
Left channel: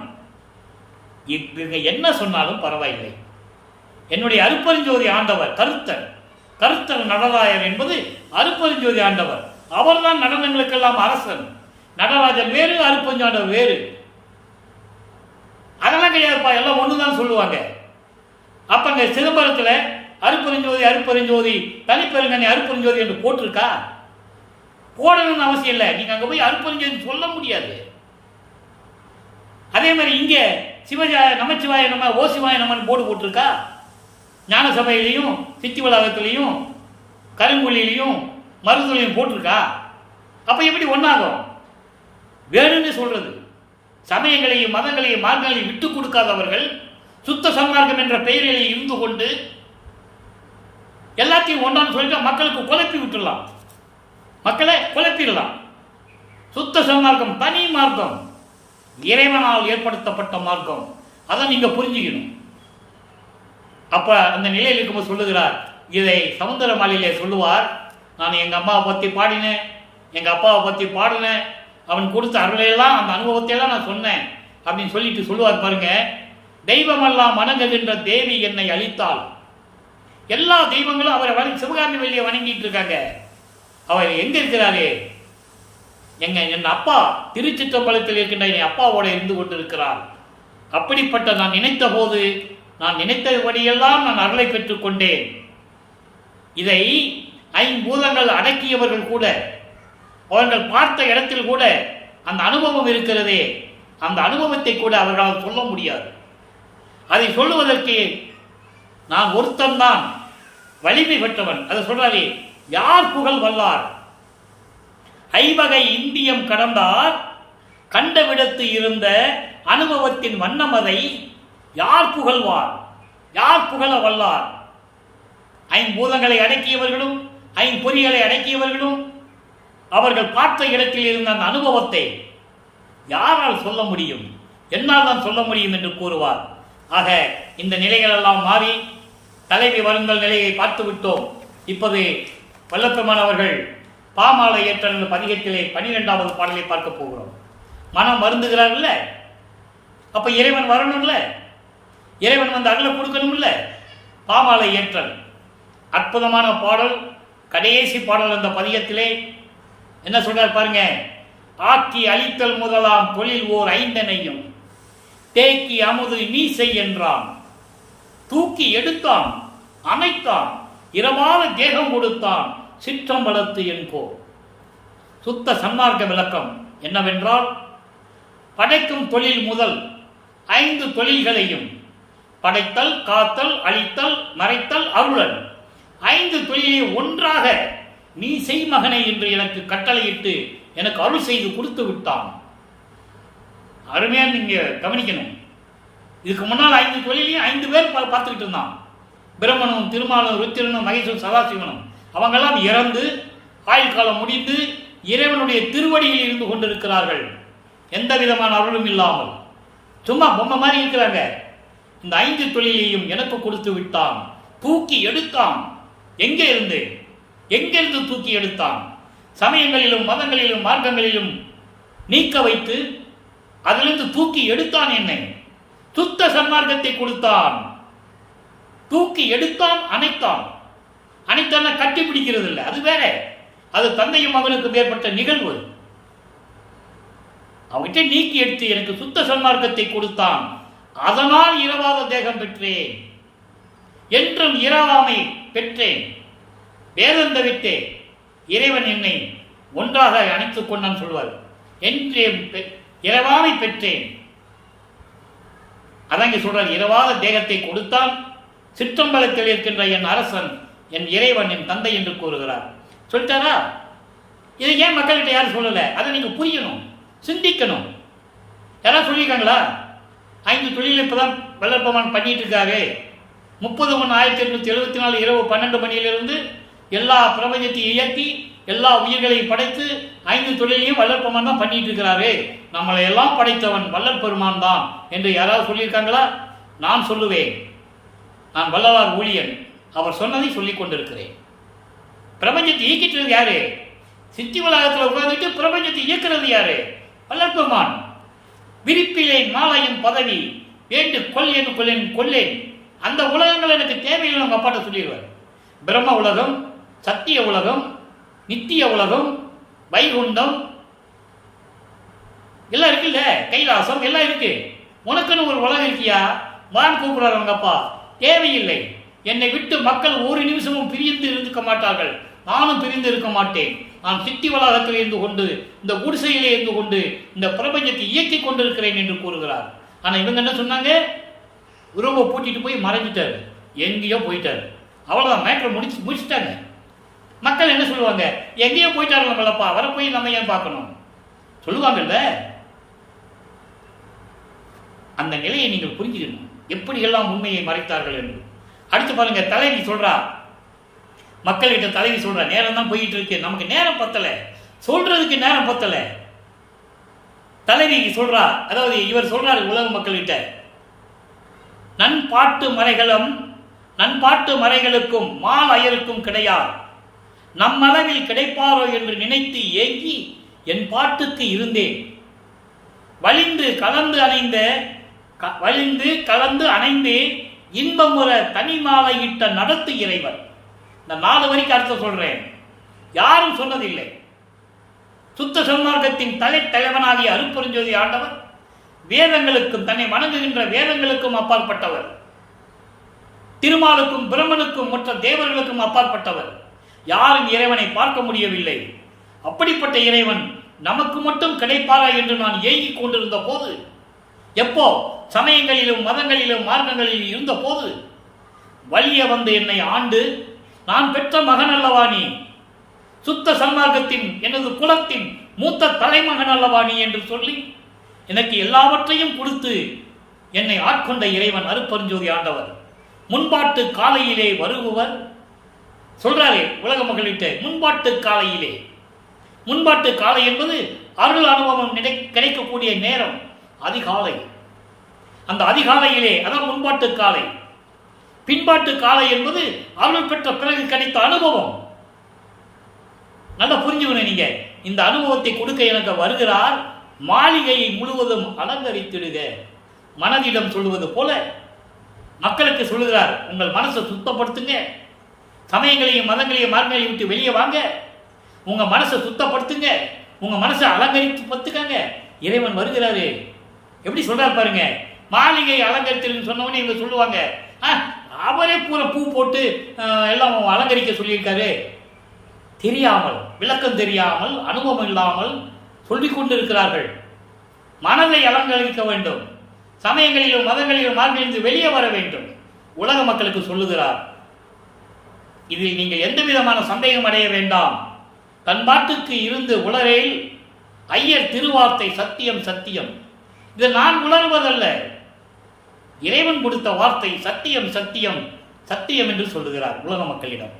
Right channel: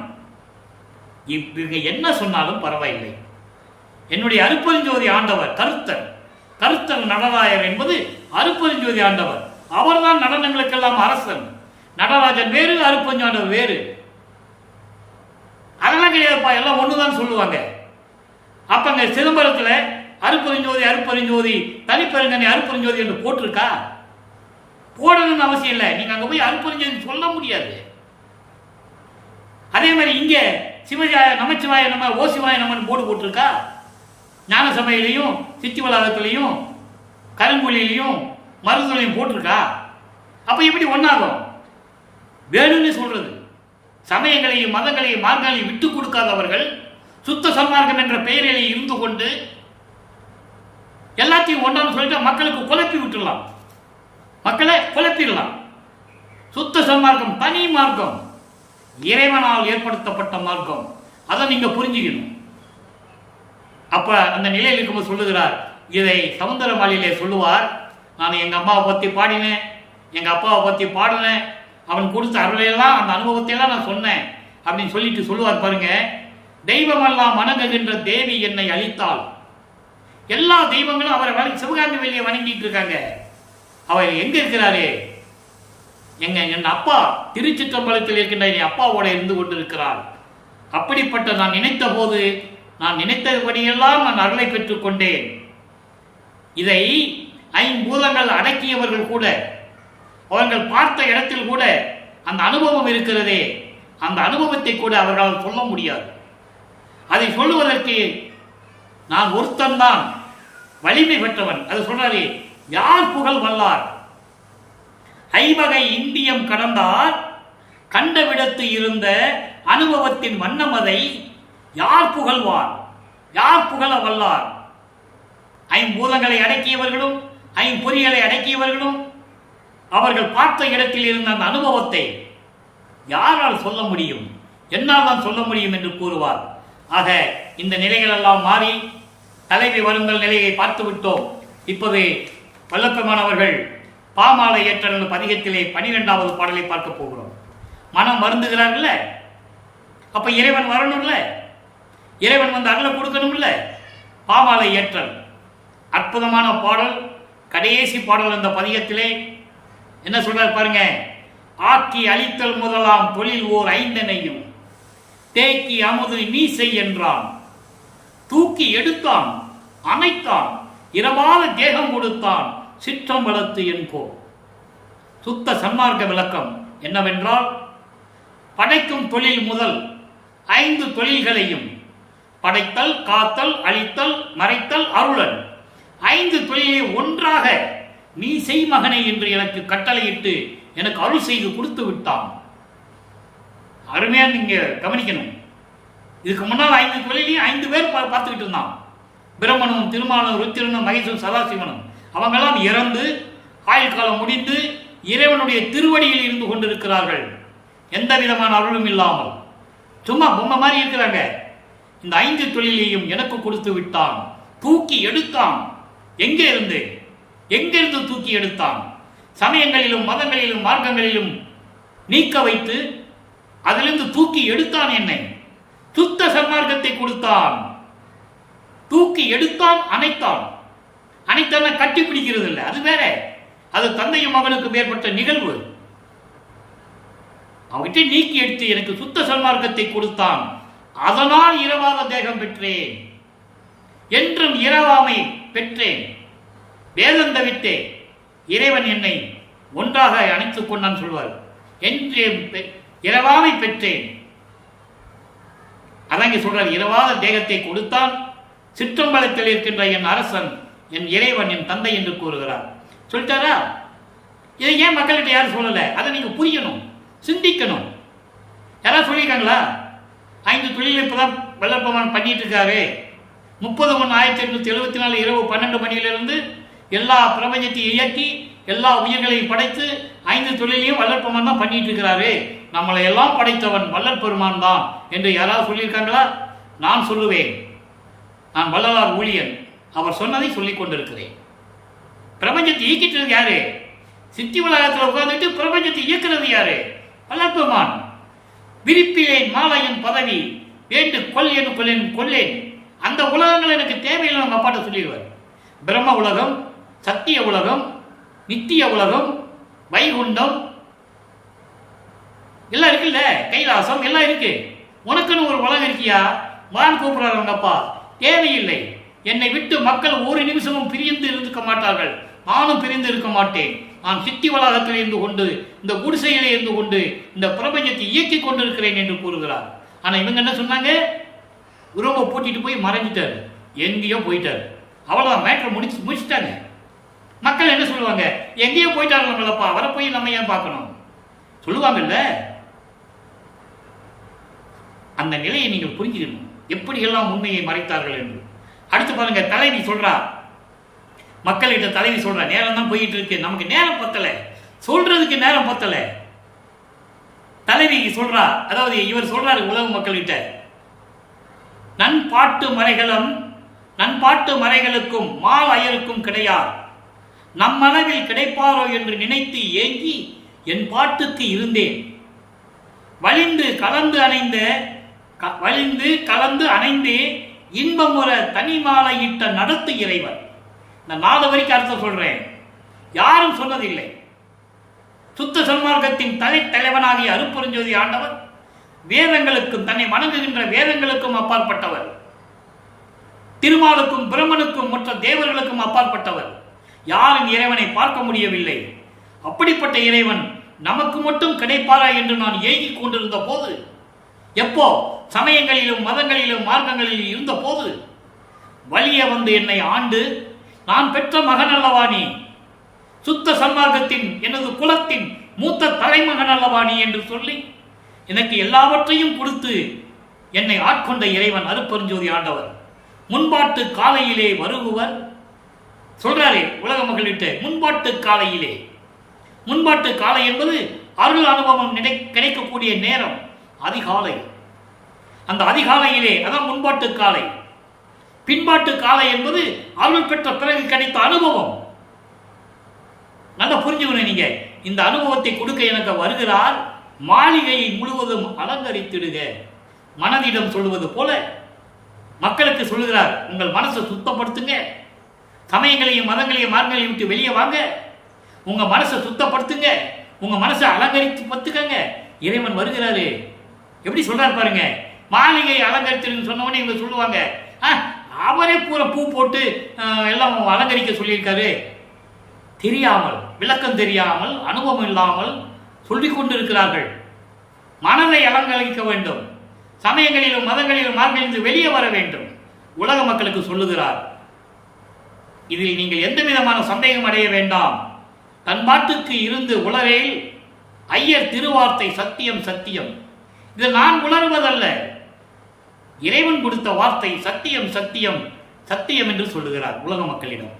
இவங்க என்ன சொன்னாலும் பரவாயில்லை. என்னுடைய அருப்பெருஞ்சோதி ஆண்டவர் கருத்தர் நடராயர் என்பது அருப்பெருஞ்சோதி ஆண்டவர். அவர்தான் நடனங்களுக்கெல்லாம் அரசன். நடராஜன் வேறு, அருப்பெருஞ்சாண்டவர் வேறு. அதெல்லாம் கிடையாதுப்பா, எல்லாம் ஒண்ணுதான் சொல்லுவாங்க. அப்ப அங்க சிதம்பரத்தில் அருப்பெருஞ்சோதி அருப்பெருஞ்சோதி தனிப்பெருங்கனி அருப்பெருஞ்சோதி என்று போட்டிருக்கா? போடணும்னு அவசியம் இல்லை. நீங்க அங்க போய் அருப்பெருஞ்சோதி சொல்ல முடியாது. அதே மாதிரி இங்க சிவஜாய நமச்சிவாய நம்ம ஓசிவாய நம்ம போர்டு போட்டிருக்கா? ஞான சபையிலையும் சித்தி வளாகத்திலையும் கருங்குழிலையும் மருந்துலையும் போட்டிருக்கா? அப்ப எப்படி ஒன்னாகும்? வேணும்னு சொல்றது. சமயங்களையும் மதங்களையும் மார்க்கங்களையும் விட்டுக் கொடுக்காதவர்கள் சுத்த சன்மார்க்கம் என்ற பெயரிலே இருந்து கொண்டு எல்லாத்தையும் ஒன்றான்னு சொல்லிட்டு மக்களுக்கு குழப்பி விட்டுடலாம், மக்களை குழப்பிடலாம். சுத்த சன்மார்க்கம் தனி மார்க்கம், இறைவனால் ஏற்படுத்தப்பட்ட மார்க்கம். அதை நீங்க புரிஞ்சுக்கணும். அப்ப அந்த நிலையில் இருக்கும்போது சொல்லுகிறார், இதை சமுத்திரமாலிலே சொல்லுவார், நான் எங்க அம்மாவை பத்தி பாடினேன், எங்க அப்பாவை பத்தி பாடினேன், அவன் கொடுத்த அருளையெல்லாம் அந்த அனுபவத்தையெல்லாம் நான் சொன்னேன் அப்படின்னு சொல்லிட்டு சொல்லுவார் பாருங்க. தெய்வமெல்லாம் வணங்குகின்ற தேவி என்னை அளித்தாள். எல்லா தெய்வங்களும் அவரை சிவகாமி வள்ளியை வணங்கிட்டு இருக்காங்க. அவர் எங்க இருக்கிறாரு? என் அப்பா திருச்சிற்றம்பலத்தில் இருக்கின்ற என் அப்பாவோட இருந்து கொண்டிருக்கிறார். அப்படிப்பட்ட நான் நினைத்த போது நான் நினைத்தபடியெல்லாம் நான் அருளை பெற்றுக் கொண்டேன். இதை ஐம்பூதங்கள் அடக்கியவர்கள் கூட, அவர்கள் பார்த்த இடத்தில் கூட அந்த அனுபவம் இருக்கிறதே, அந்த அனுபவத்தை கூட அவர்களால் சொல்ல முடியாது. அதை சொல்லுவதற்கு நான் ஒருத்தன் தான் வலிமை பெற்றவன். அதை சொல்றாரு, யார் புகழ் வல்லார் ஐவகை இந்தியம் கடந்தார் கண்டவிடத்து இருந்த அனுபவத்தின் வண்ணமதை யார் புகழ்வார், யார் புகழ வல்லார்? ஐம்பூதங்களை அடக்கியவர்களும் ஐம்பொறிகளை அடக்கியவர்களும் அவர்கள் பார்த்த இடத்தில் இருந்த அந்த அனுபவத்தை யாரால் சொல்ல முடியும்? என்னால் தான் சொல்ல முடியும் என்று கூறுவார். ஆக இந்த நிலைகள் எல்லாம் மாறி தலைவி வருங்கள் நிலையை பார்த்து விட்டோம். இப்போது வல்லப்பெருமானவர்கள் பாமாலை ஏற்ற பதிகத்திலே 12வது பாடலை பார்க்க போகிறோம். மனம் வருந்துகிறார்கள்ல, அப்ப இறைவன் வரணும்ல, இறைவன் வந்து அருளை கொடுக்கணும்ல. பாமாலை ஏற்றல் அற்புதமான பாடல், கடைசி பாடல். அந்த பதிகத்திலே என்ன சொல்றார் பாருங்க. ஆக்கி அழித்தல் முதலாம் தொழில் ஓர் ஐந்தனையும் தேக்கி அமுது நீ செய் என்றான், தூக்கி எடுத்தான் அணைத்தான் இரவாத தேகம் கொடுத்தான் சிற்றம்பலத்து என்போ. சுத்த சன்மார்க்க விளக்கம் என்னவென்றால், படைக்கும் தொழில் முதல் 5 தொழில்களையும் படைத்தல், காத்தல், அழித்தல், மறைத்தல், அருளல் 5 தொழிலை ஒன்றாக நீ செய் மகனை என்று எனக்கு கட்டளையிட்டு எனக்கு அருள் செய்து கொடுத்து விட்டான். அருமையா நீங்க கவனிக்கணும். இதுக்கு முன்னால் 5 தொழிலையும் 5 பேர் பார்த்துக்கிட்டு இருந்தான். பிரம்மனும் திருமாலும் ருத்திரனும் மகேசும் சதாசிவனும் அவங்கெல்லாம் இறந்து ஆயுள் காலம் முடிந்து இறைவனுடைய திருவடியில் இருந்து கொண்டிருக்கிறார்கள். எந்த விதமான அருளும் இல்லாமல் சும்மா பொம்மை மாதிரி இருக்கிறாங்க. இந்த 5 தொழிலையும் எனக்கு கொடுத்து விட்டான், தூக்கி எடுத்தான். எங்கே இருந்து தூக்கி எடுத்தான்? சமயங்களிலும் மதங்களிலும் மார்க்கங்களிலும் நீக்க வைத்து அதிலிருந்து தூக்கி எடுத்தான். என்னை சுத்த சன்மார்க்கத்தை கொடுத்தான், தூக்கி எடுத்தான், அணைத்தான். அணைத்தான கட்டி பிடிக்கிறது இல்லை, அது வேற. அது தந்தையும் மகனுக்கு ஏற்பட்ட நிகழ்வு. அவகிட்ட நீக்கி எடுத்து எனக்கு சுத்த சன்மார்க்கத்தை கொடுத்தான். அதனால் இரவாத தேகம் பெற்றேன், என்றும் இரவாமை பெற்றேன். வேதம் தவித்தே இறைவன் என்னை ஒன்றாக அணைத்துக் கொண்டான் சொல்வார். என்றே இரவாமை பெற்றேன். அதான் இங்க சொல்றார், இரவாத தேகத்தை கொடுத்தான். சிற்றம்பலத்தில் இருக்கின்ற என் அரசன், என் இறைவன், என் தந்தை என்று கூறுகிறார். சொல்லிட்டாரா? இதை ஏன் மக்கள்கிட்ட யாரும் சொல்லலை? அதை நீங்க புரியணும், சிந்திக்கணும். யாராவது சொல்லியிருக்காங்களா? 5 தொழில் இப்பதான் வல்லற்பெருமான் பண்ணிட்டு இருக்காரு. 30/1/1874 இரவு 12 மணியிலிருந்து எல்லா பிரபஞ்சத்தையும் இயக்கி எல்லா உயிர்களையும் படைத்து 5 தொழிலையும் வல்லற்பெருமான் தான் பண்ணிட்டு இருக்கிறாரு. நம்மளை எல்லாம் படைத்தவன் வல்லற்பெருமான் தான் என்று யாராவது சொல்லியிருக்காங்களா? நான் சொல்லுவேன். நான் வள்ளலார் ஊழியன், அவர் சொன்னதை சொல்லிக் கொண்டிருக்கிறேன். பிரபஞ்சத்தை இயக்கிட்டு யாரு? சித்தி வளாகத்தில் உட்கார்ந்துட்டு பிரபஞ்சத்தை இயக்கிறது யாரு? வல்லற்பெருமான். விரிப்பிலேன் மாலையின் பதவி வேண்டு கொல்லேன் கொல்லேன் கொல்லேன். அந்த உலகங்கள் எனக்கு தேவையில்லை நம்ம அப்பாட்ட சொல்லிடுவார். பிரம்ம உலகம், சத்திய உலகம், நித்திய உலகம், வைகுண்டம் எல்லாம் இருக்குல்ல, கைலாசம் எல்லாம் இருக்கு. உனக்குன்னு ஒரு உலகம் இருக்கியா? வான் கூப்பிடுறாரு அவங்க அப்பா. தேவையில்லை. என்னை விட்டு மக்கள் ஒரு நிமிஷமும் பிரிந்து இருக்க மாட்டார்கள், நானும் பிரிந்து இருக்க மாட்டேன். நான் சிட்டி வளாகத்தில் இருந்து கொண்டு, இந்த குடிசையிலே இருந்து கொண்டு இந்த பிரபஞ்சத்தை இயக்கிக் கொண்டிருக்கிறேன் என்று கூறுகிறார். ஆனால் இவங்க என்ன சொன்னாங்க? உறவை பூட்டிட்டு போய் மறைஞ்சிட்டாரு, எங்கேயோ போயிட்டாரு. அவ்வளோதான், மேட்ரை முடிச்சுட்டாங்க. மக்கள் என்ன சொல்லுவாங்க? எங்கேயோ போயிட்டாரு நம்மளப்பா, அவரை போய் நம்ம ஏன் பார்க்கணும் சொல்லுவாங்கல்ல. அந்த நிலையை நீங்கள் புரிஞ்சுக்கணும், எப்படியெல்லாம் உண்மையை மறைத்தார்கள் என்று. அடுத்து பாருங்க, தலைவி சொல்றா, மக்கள்கிட்ட தலைவி சொல்றா, நேரம் தான் போயிட்டு இருக்கு, நமக்கு நேரம் பத்தலை, சொல்றதுக்கு நேரம் பத்தலை. தலைவி சொல்றா, அதாவது இவர் சொல்றாரு உலக மக்கள்கிட்ட, நண்பாட்டு மறைகளுக்கும் மால் அயருக்கும் கிடையாது, நம்மளவில் கிடைப்பாரோ என்று நினைத்து ஏங்கி என் பாட்டுக்கு இருந்தேன். வலிந்து கலந்து அணைந்தே இன்பமுற தனிமாலையிட்ட நடத்து இறைவன். இந்த 4 வரைக்கும் அர்த்தம் சொல்றேன், யாரும் சொன்னதில்லை. சுத்த சன்மார்க்கத்தின் தலைவனாகிய அருட்பெருஞ்சோதி ஆண்டவர் வேதங்களுக்கும், தன்னை வணங்குகின்ற வேதங்களுக்கும் அப்பாற்பட்டவர், திருமாலுக்கும் பிரம்மனுக்கும் மற்ற தேவர்களுக்கும் அப்பாற்பட்டவர். யாரும் இறைவனை பார்க்க முடியவில்லை. அப்படிப்பட்ட இறைவன் நமக்கு மட்டும் கிடைப்பாரா என்று நான் ஏங்கிக் கொண்டிருந்த போது, எப்போ சமயங்களிலும் மதங்களிலும் மார்க்கங்களிலும் இருந்த போது வலிய வந்து என்னை ஆண்டு, நான் பெற்ற மகன் அல்லவா நீ, சுத்த சன்மார்க்கத்தின் எனது குலத்தின் மூத்த தலைமகன் அல்லவா நீ என்று சொல்லி எனக்கு எல்லாவற்றையும் கொடுத்து என்னை ஆட்கொண்ட இறைவன் அருட்பெருஞ்சோதி ஆண்டவர். முன்பாட்டு காலையிலே வருகுவர் சொல்றாரு உலக மக்கள்கிட்ட. முன்பாட்டு காலை என்பது அருள் அனுபவம் கிடைக்கக்கூடிய நேரம், அதிகாலை. அந்த அதிகாலையிலே அதான் முன்பாட்டு காலை. பின்பாட்டு காலை என்பது அருள் பெற்ற பிறகு கிடைத்த அனுபவம். நல்லா புரிஞ்சுக்கணும் நீங்க. இந்த அனுபவத்தை கொடுக்க எனக்கு வருகிறார், மாளிகையை முழுவதும் அலங்கரித்திடுக. மனதிடம் சொல்லுவது போல மக்களுக்கு சொல்லுகிறார், உங்கள் மனசை சுத்தப்படுத்துங்க, சமயங்களையும் மதங்களையும் மார்க்கங்களையும் விட்டு வெளியே வாங்க, உங்க மனசை சுத்தப்படுத்துங்க, உங்க மனசை அலங்கரித்து பத்துக்கங்க. இறைவன் வருகிறாரு. எப்படி சொல்றாரு பாருங்க. மாளிகை அலங்கரித்து சொன்னவனே இவங்க சொல்லுவாங்க, அவரே பூரா பூ போட்டு எல்லாம் அலங்கரிக்க சொல்லியிருக்காரு. தெரியாமல், விளக்கம் தெரியாமல், அனுபவம் இல்லாமல் சொல்லிக் கொண்டிருக்கிறார்கள். மனதை அலங்கரிக்க வேண்டும், சமயங்களிலும் மதங்களிலும் மார்க்கங்களிலிருந்து வெளியே வர வேண்டும். உலக மக்களுக்கு சொல்லுகிறார். இதில் நீங்கள் எந்த விதமான சந்தேகம் அடைய வேண்டாம். தன் பாட்டுக்கு இருந்து உளரேல் ஐயர் திருவார்த்தை சத்தியம் சத்தியம். இது நான் உணர்வதல்ல, இறைவன் கொடுத்த வார்த்தை சத்தியம் சத்தியம் சத்தியம் என்று சொல்லுகிறார் உலக மக்களிடம்.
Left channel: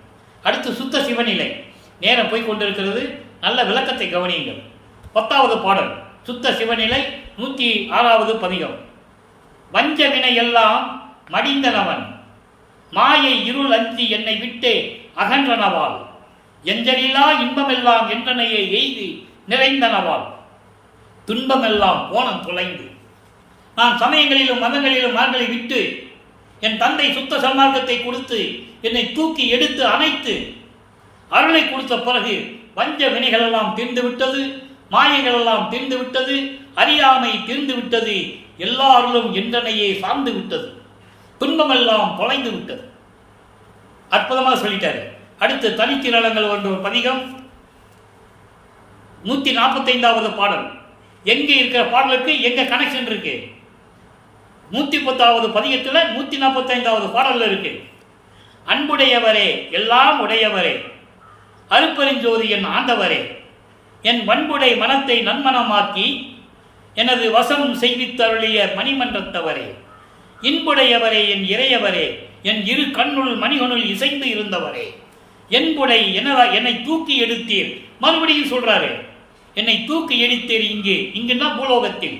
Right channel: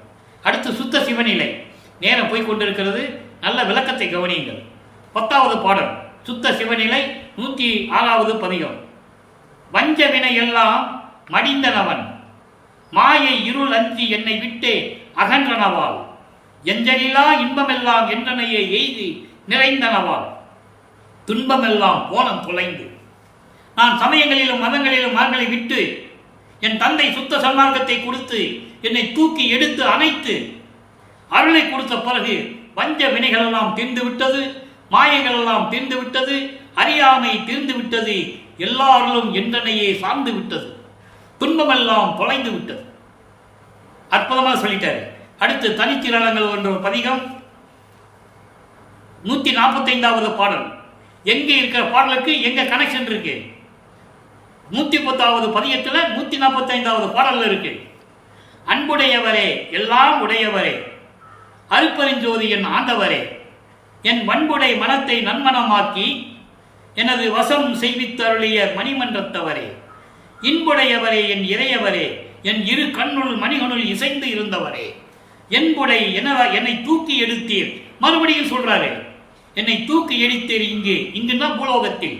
அடுத்து சுத்த சிவநிலை. நேரம் போய்கொண்டிருக்கிறது, நல்ல விளக்கத்தை கவனியுங்கள். 10வது பாடல் சுத்த சிவநிலை 106வது பதிகம். வஞ்ச வினை எல்லாம் மடிந்தனவன், மாயை இருள் அஞ்சி என்னை விட்டே அகன்றனவால், எஞ்சலிலா இன்பமெல்லாம் என்றனையே எய்தி நிறைந்தனவால், துன்பமெல்லாம் போனம் தொலைந்து, நான் சமயங்களிலும் மதங்களிலும் மார்களை விட்டு என் தந்தை சுத்த சன்மார்க்கத்தை கொடுத்து என்னை தூக்கி எடுத்து அணைத்து அருளை கொடுத்த பிறகு வஞ்ச வினைகளெல்லாம் தீர்ந்து விட்டது, மாயைகளெல்லாம் தீர்ந்து விட்டது, அறியாமை தீர்ந்து விட்டது, எல்லா அருளும் என்றனையே சார்ந்து விட்டது, துன்பமெல்லாம் தொலைந்து விட்டது. அற்புதமாக சொல்லிட்டாரு. அடுத்து தனித்திரளங்கள் என்ற ஒரு பதிகம் 145வது பாடல். எங்கே இருக்கிற பாடலுக்கு எங்க கனெக்ஷன் இருக்கு? 110வது பதிகத்தில் 145வது பாடல்ல இருக்கு. அன்புடையவரே, எல்லாம் உடையவரே, அருட்பெருஞ்சோதி என் ஆண்டவரே, என் வன்புடை மனத்தை நன்மனமாக்கி எனது வசம் செய்வித்தருளிய மணிமன்றத்தவரே, இன்புடையவரே, என் இறையவரே, என் இரு கண்ணுள் மணிகனுள் இசைந்து இருந்தவரே, என்புடை என்னை தூக்கி எடுத்தீர். மறுபடியும் சொல்றாரு, என்னை தூக்கி எடுத்தீர் இங்குன்னா பூலோகத்தில்.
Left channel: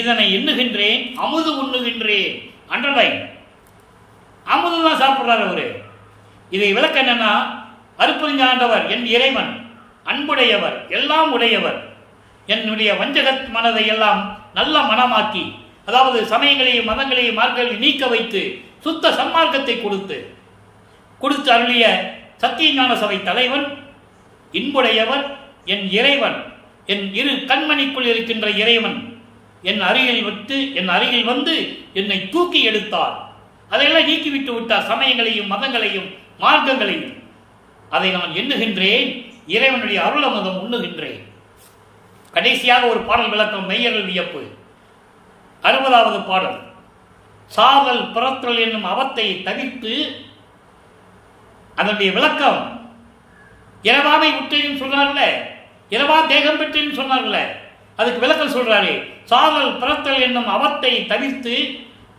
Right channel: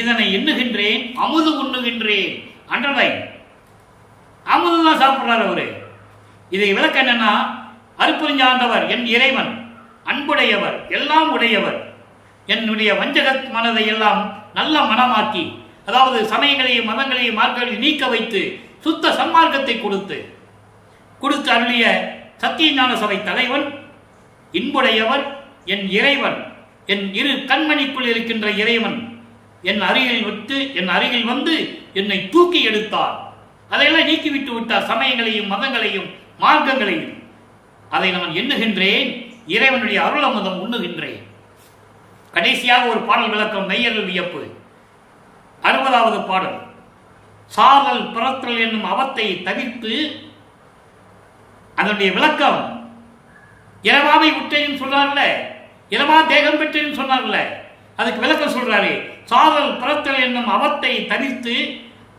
இதனை எண்ணுகின்றேன், அமுது உண்ணுகின்றேன். அண்டர்லைன், அமுதுதான் சாப்பிட்றாரு அவரு. இதை விளக்க என்னன்னா, அருட்பெருஞ்சாண்டவர் என் இறைவன், அன்புடையவர், எல்லாம் உடையவர், என்னுடைய வஞ்சக மனதை எல்லாம் நல்ல மனமாக்கி, அதாவது சமயங்களையும் மதங்களையும் மார்க்கங்களையும் நீக்க வைத்து சுத்த சன்மார்க்கத்தை கொடுத்து அருளிய சத்தியஞான சபை தலைவன், இன்புடையவர், என் இறைவன், என் இரு கண்மணிக்குள் இருக்கின்ற இறைவன் என் அருகில் வந்து என்னை தூக்கி எடுத்தார். அதையெல்லாம் நீக்கிவிட்டு விட்டார். சமயங்களையும் மதங்களையும் மார்க்கங்களையும். அதை நான் எண்ணுகின்றேன், இறைவனுடைய அருளமுதம் உண்ணுகின்றேன். கடைசியாக ஒரு பாடல் விளக்கம், மெய்யறல் வியப்பு. 60வது பாடல். சாதல் பிறத்தல் என்னும் அவத்தை தவிர்த்து, அதனுடைய விளக்கம், இரவாமை உற்றேன்னு சொன்னார்ல, இரவா தேகம் பெற்றேன்னு சொன்னார்ல, அதுக்கு விளக்கம் சொல்றாரு. சாதல் பிறத்தல் என்னும் அவத்தை தவிர்த்து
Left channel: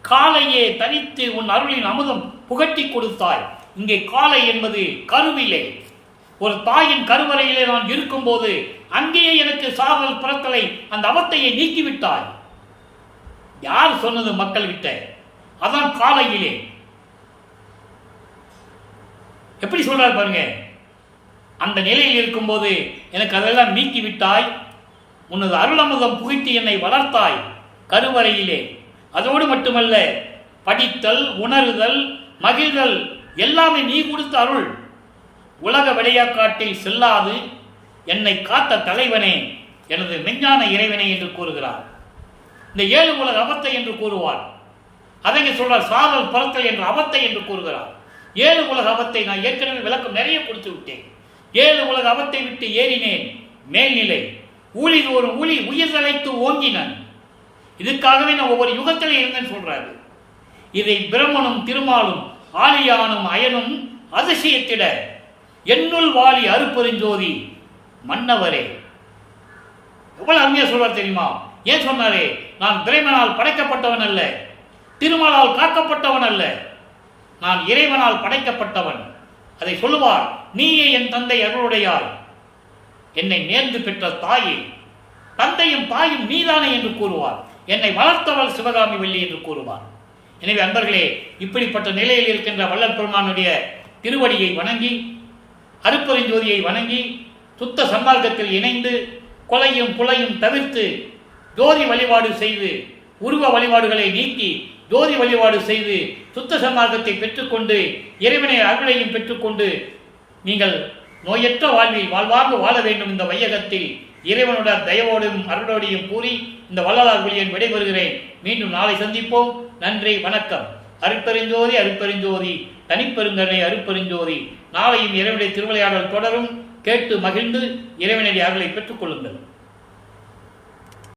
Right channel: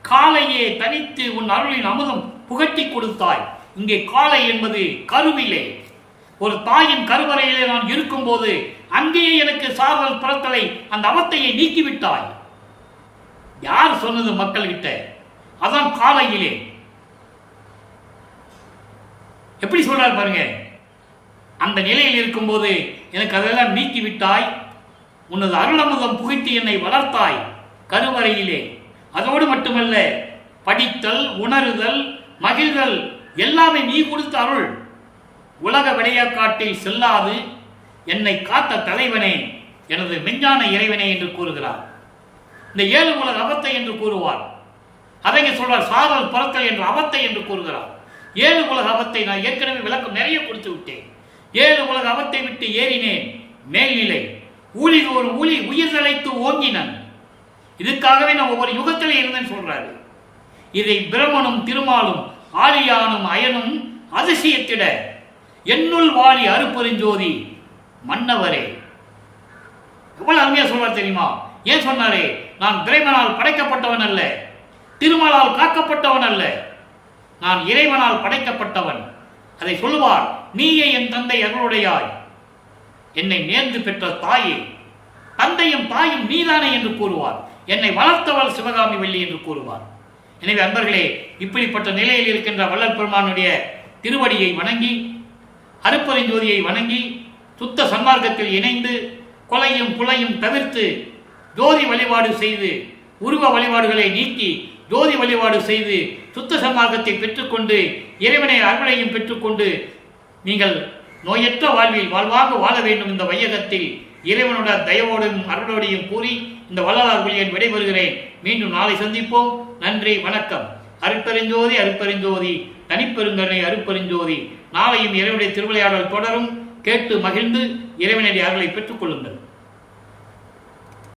காலையே தனித்து உன் அருளின் அமுதம் புகட்டி கொடுத்தாய். இங்கே காலை என்பது கருவிலே, ஒரு தாயின் கருவறையிலே நான் இருக்கும்போது அங்கேயே எனக்கு சாதல் பிறத்தலை, அந்த அவத்தையை நீக்கிவிட்டாய். யார் சொன்னது மக்கள்கிட்ட? அதான் காலையிலே. எப்படி சொல்றாரு பாருங்க. அந்த நிலையில் இருக்கும்போது எனக்கு அதெல்லாம் நீக்கிவிட்டாய், உனது அருளமுதம் புகிட்டு என்னை வளர்த்தாய் கருவறையிலே. அதோடு மட்டுமல்ல, படித்தல், உணருதல், மகிழ்தல் எல்லாமே நீ கொடுத்த அருள். உலக விளையாக்காட்டில் செல்லாது என்னை காத்த தலைவனே, எனது மெஞ்ஞான இறைவனே என்று கூறுகிறார். இந்த 7 உலக அவத்தை என்று கூறுவார். அதை சொல்றார், சாதல் பிறத்தல் என்ற அவத்தை என்று கூறுகிறார். 7 உலக அவத்தை நான் ஏற்கனவே விளக்கம் நிறைய கொடுத்து விட்டேன். 7 உலக அவத்தை விட்டு ஏறினேன் மேல்நிலை, ஊழிதோறும் ஊழி உயிர்தலைத்து ஓங்கினன். இதுக்காகவே நான் ஒவ்வொரு யுகத்திலே இருந்தேன்னு சொல்றாரு. இதை பிரமனும் திருமாலும் ஆலியானும் அயனும் அதிசயத்திட என்னுள் வாழி அருப்பெருஞ்சோதி மன்னவரே. எவ்வளவு அருமையா சொல்வார் தெரியுமா? ஏன் சொன்னாரே? நான் பிரமனால் படைக்கப்பட்டவன் அல்ல, திருமாலால் காக்கப்பட்டவன் அல்ல, நான் இறைவனால் படைக்கப்பட்டவன். அதை சொல்லுவார். நீயே என் தந்தை அருளுடையாய், என்னை நேர்ந்து பெற்ற தாயே, தந்தையும் தாயும் நீதானே என்று கூறுவார். என்னை வளர்த்தவள் சிவகாமி வள்ளி என்று கூறுவார். எனவே அன்பர்களே, இப்படிப்பட்ட நிலையில் இருக்கின்ற வள்ளல் பெருமானுடைய திருவடியை வணங்கி, அருப்பெருஞ்சோதியை வணங்கி, சுத்த சன்மார்க்கத்தில் இணைந்து, கொலையும் புலையும் தவிர்த்து ஜோதி வழிபாடு செய்து, உருவ வழிபாடுகளை நீக்கி ஜோதி வழிபாடு செய்து சுத்த சன்மார்க்கத்தை பெற்றுக்கொண்டு இறைவனை அருளையும் பெற்றுக்கொண்டு நீங்கள் நோயற்ற வாழ்வில் வாழ்வாங்க வாழ வேண்டும். இந்த வையகத்தில் இறைவனோட தயவோடும் அருளோடையும் கூறி இந்த வள்ளலார் ஒளியன் விடைபெறுகிறேன். மீண்டும் நாளை சந்திப்போம். நன்றி, வணக்கம். அருட்பெருஞ்சோதி அருட்பெருஞ்சோதி தனிப்பெருங்கருணை அருட்பெருஞ்சோதி. நாளையும் இறைவனுடைய திருவிளையாடல் தொடரும். கேட்டு மகிழ்ந்து இறைவனுடைய அருளை பெற்றுக் கொள்ளுங்கள்.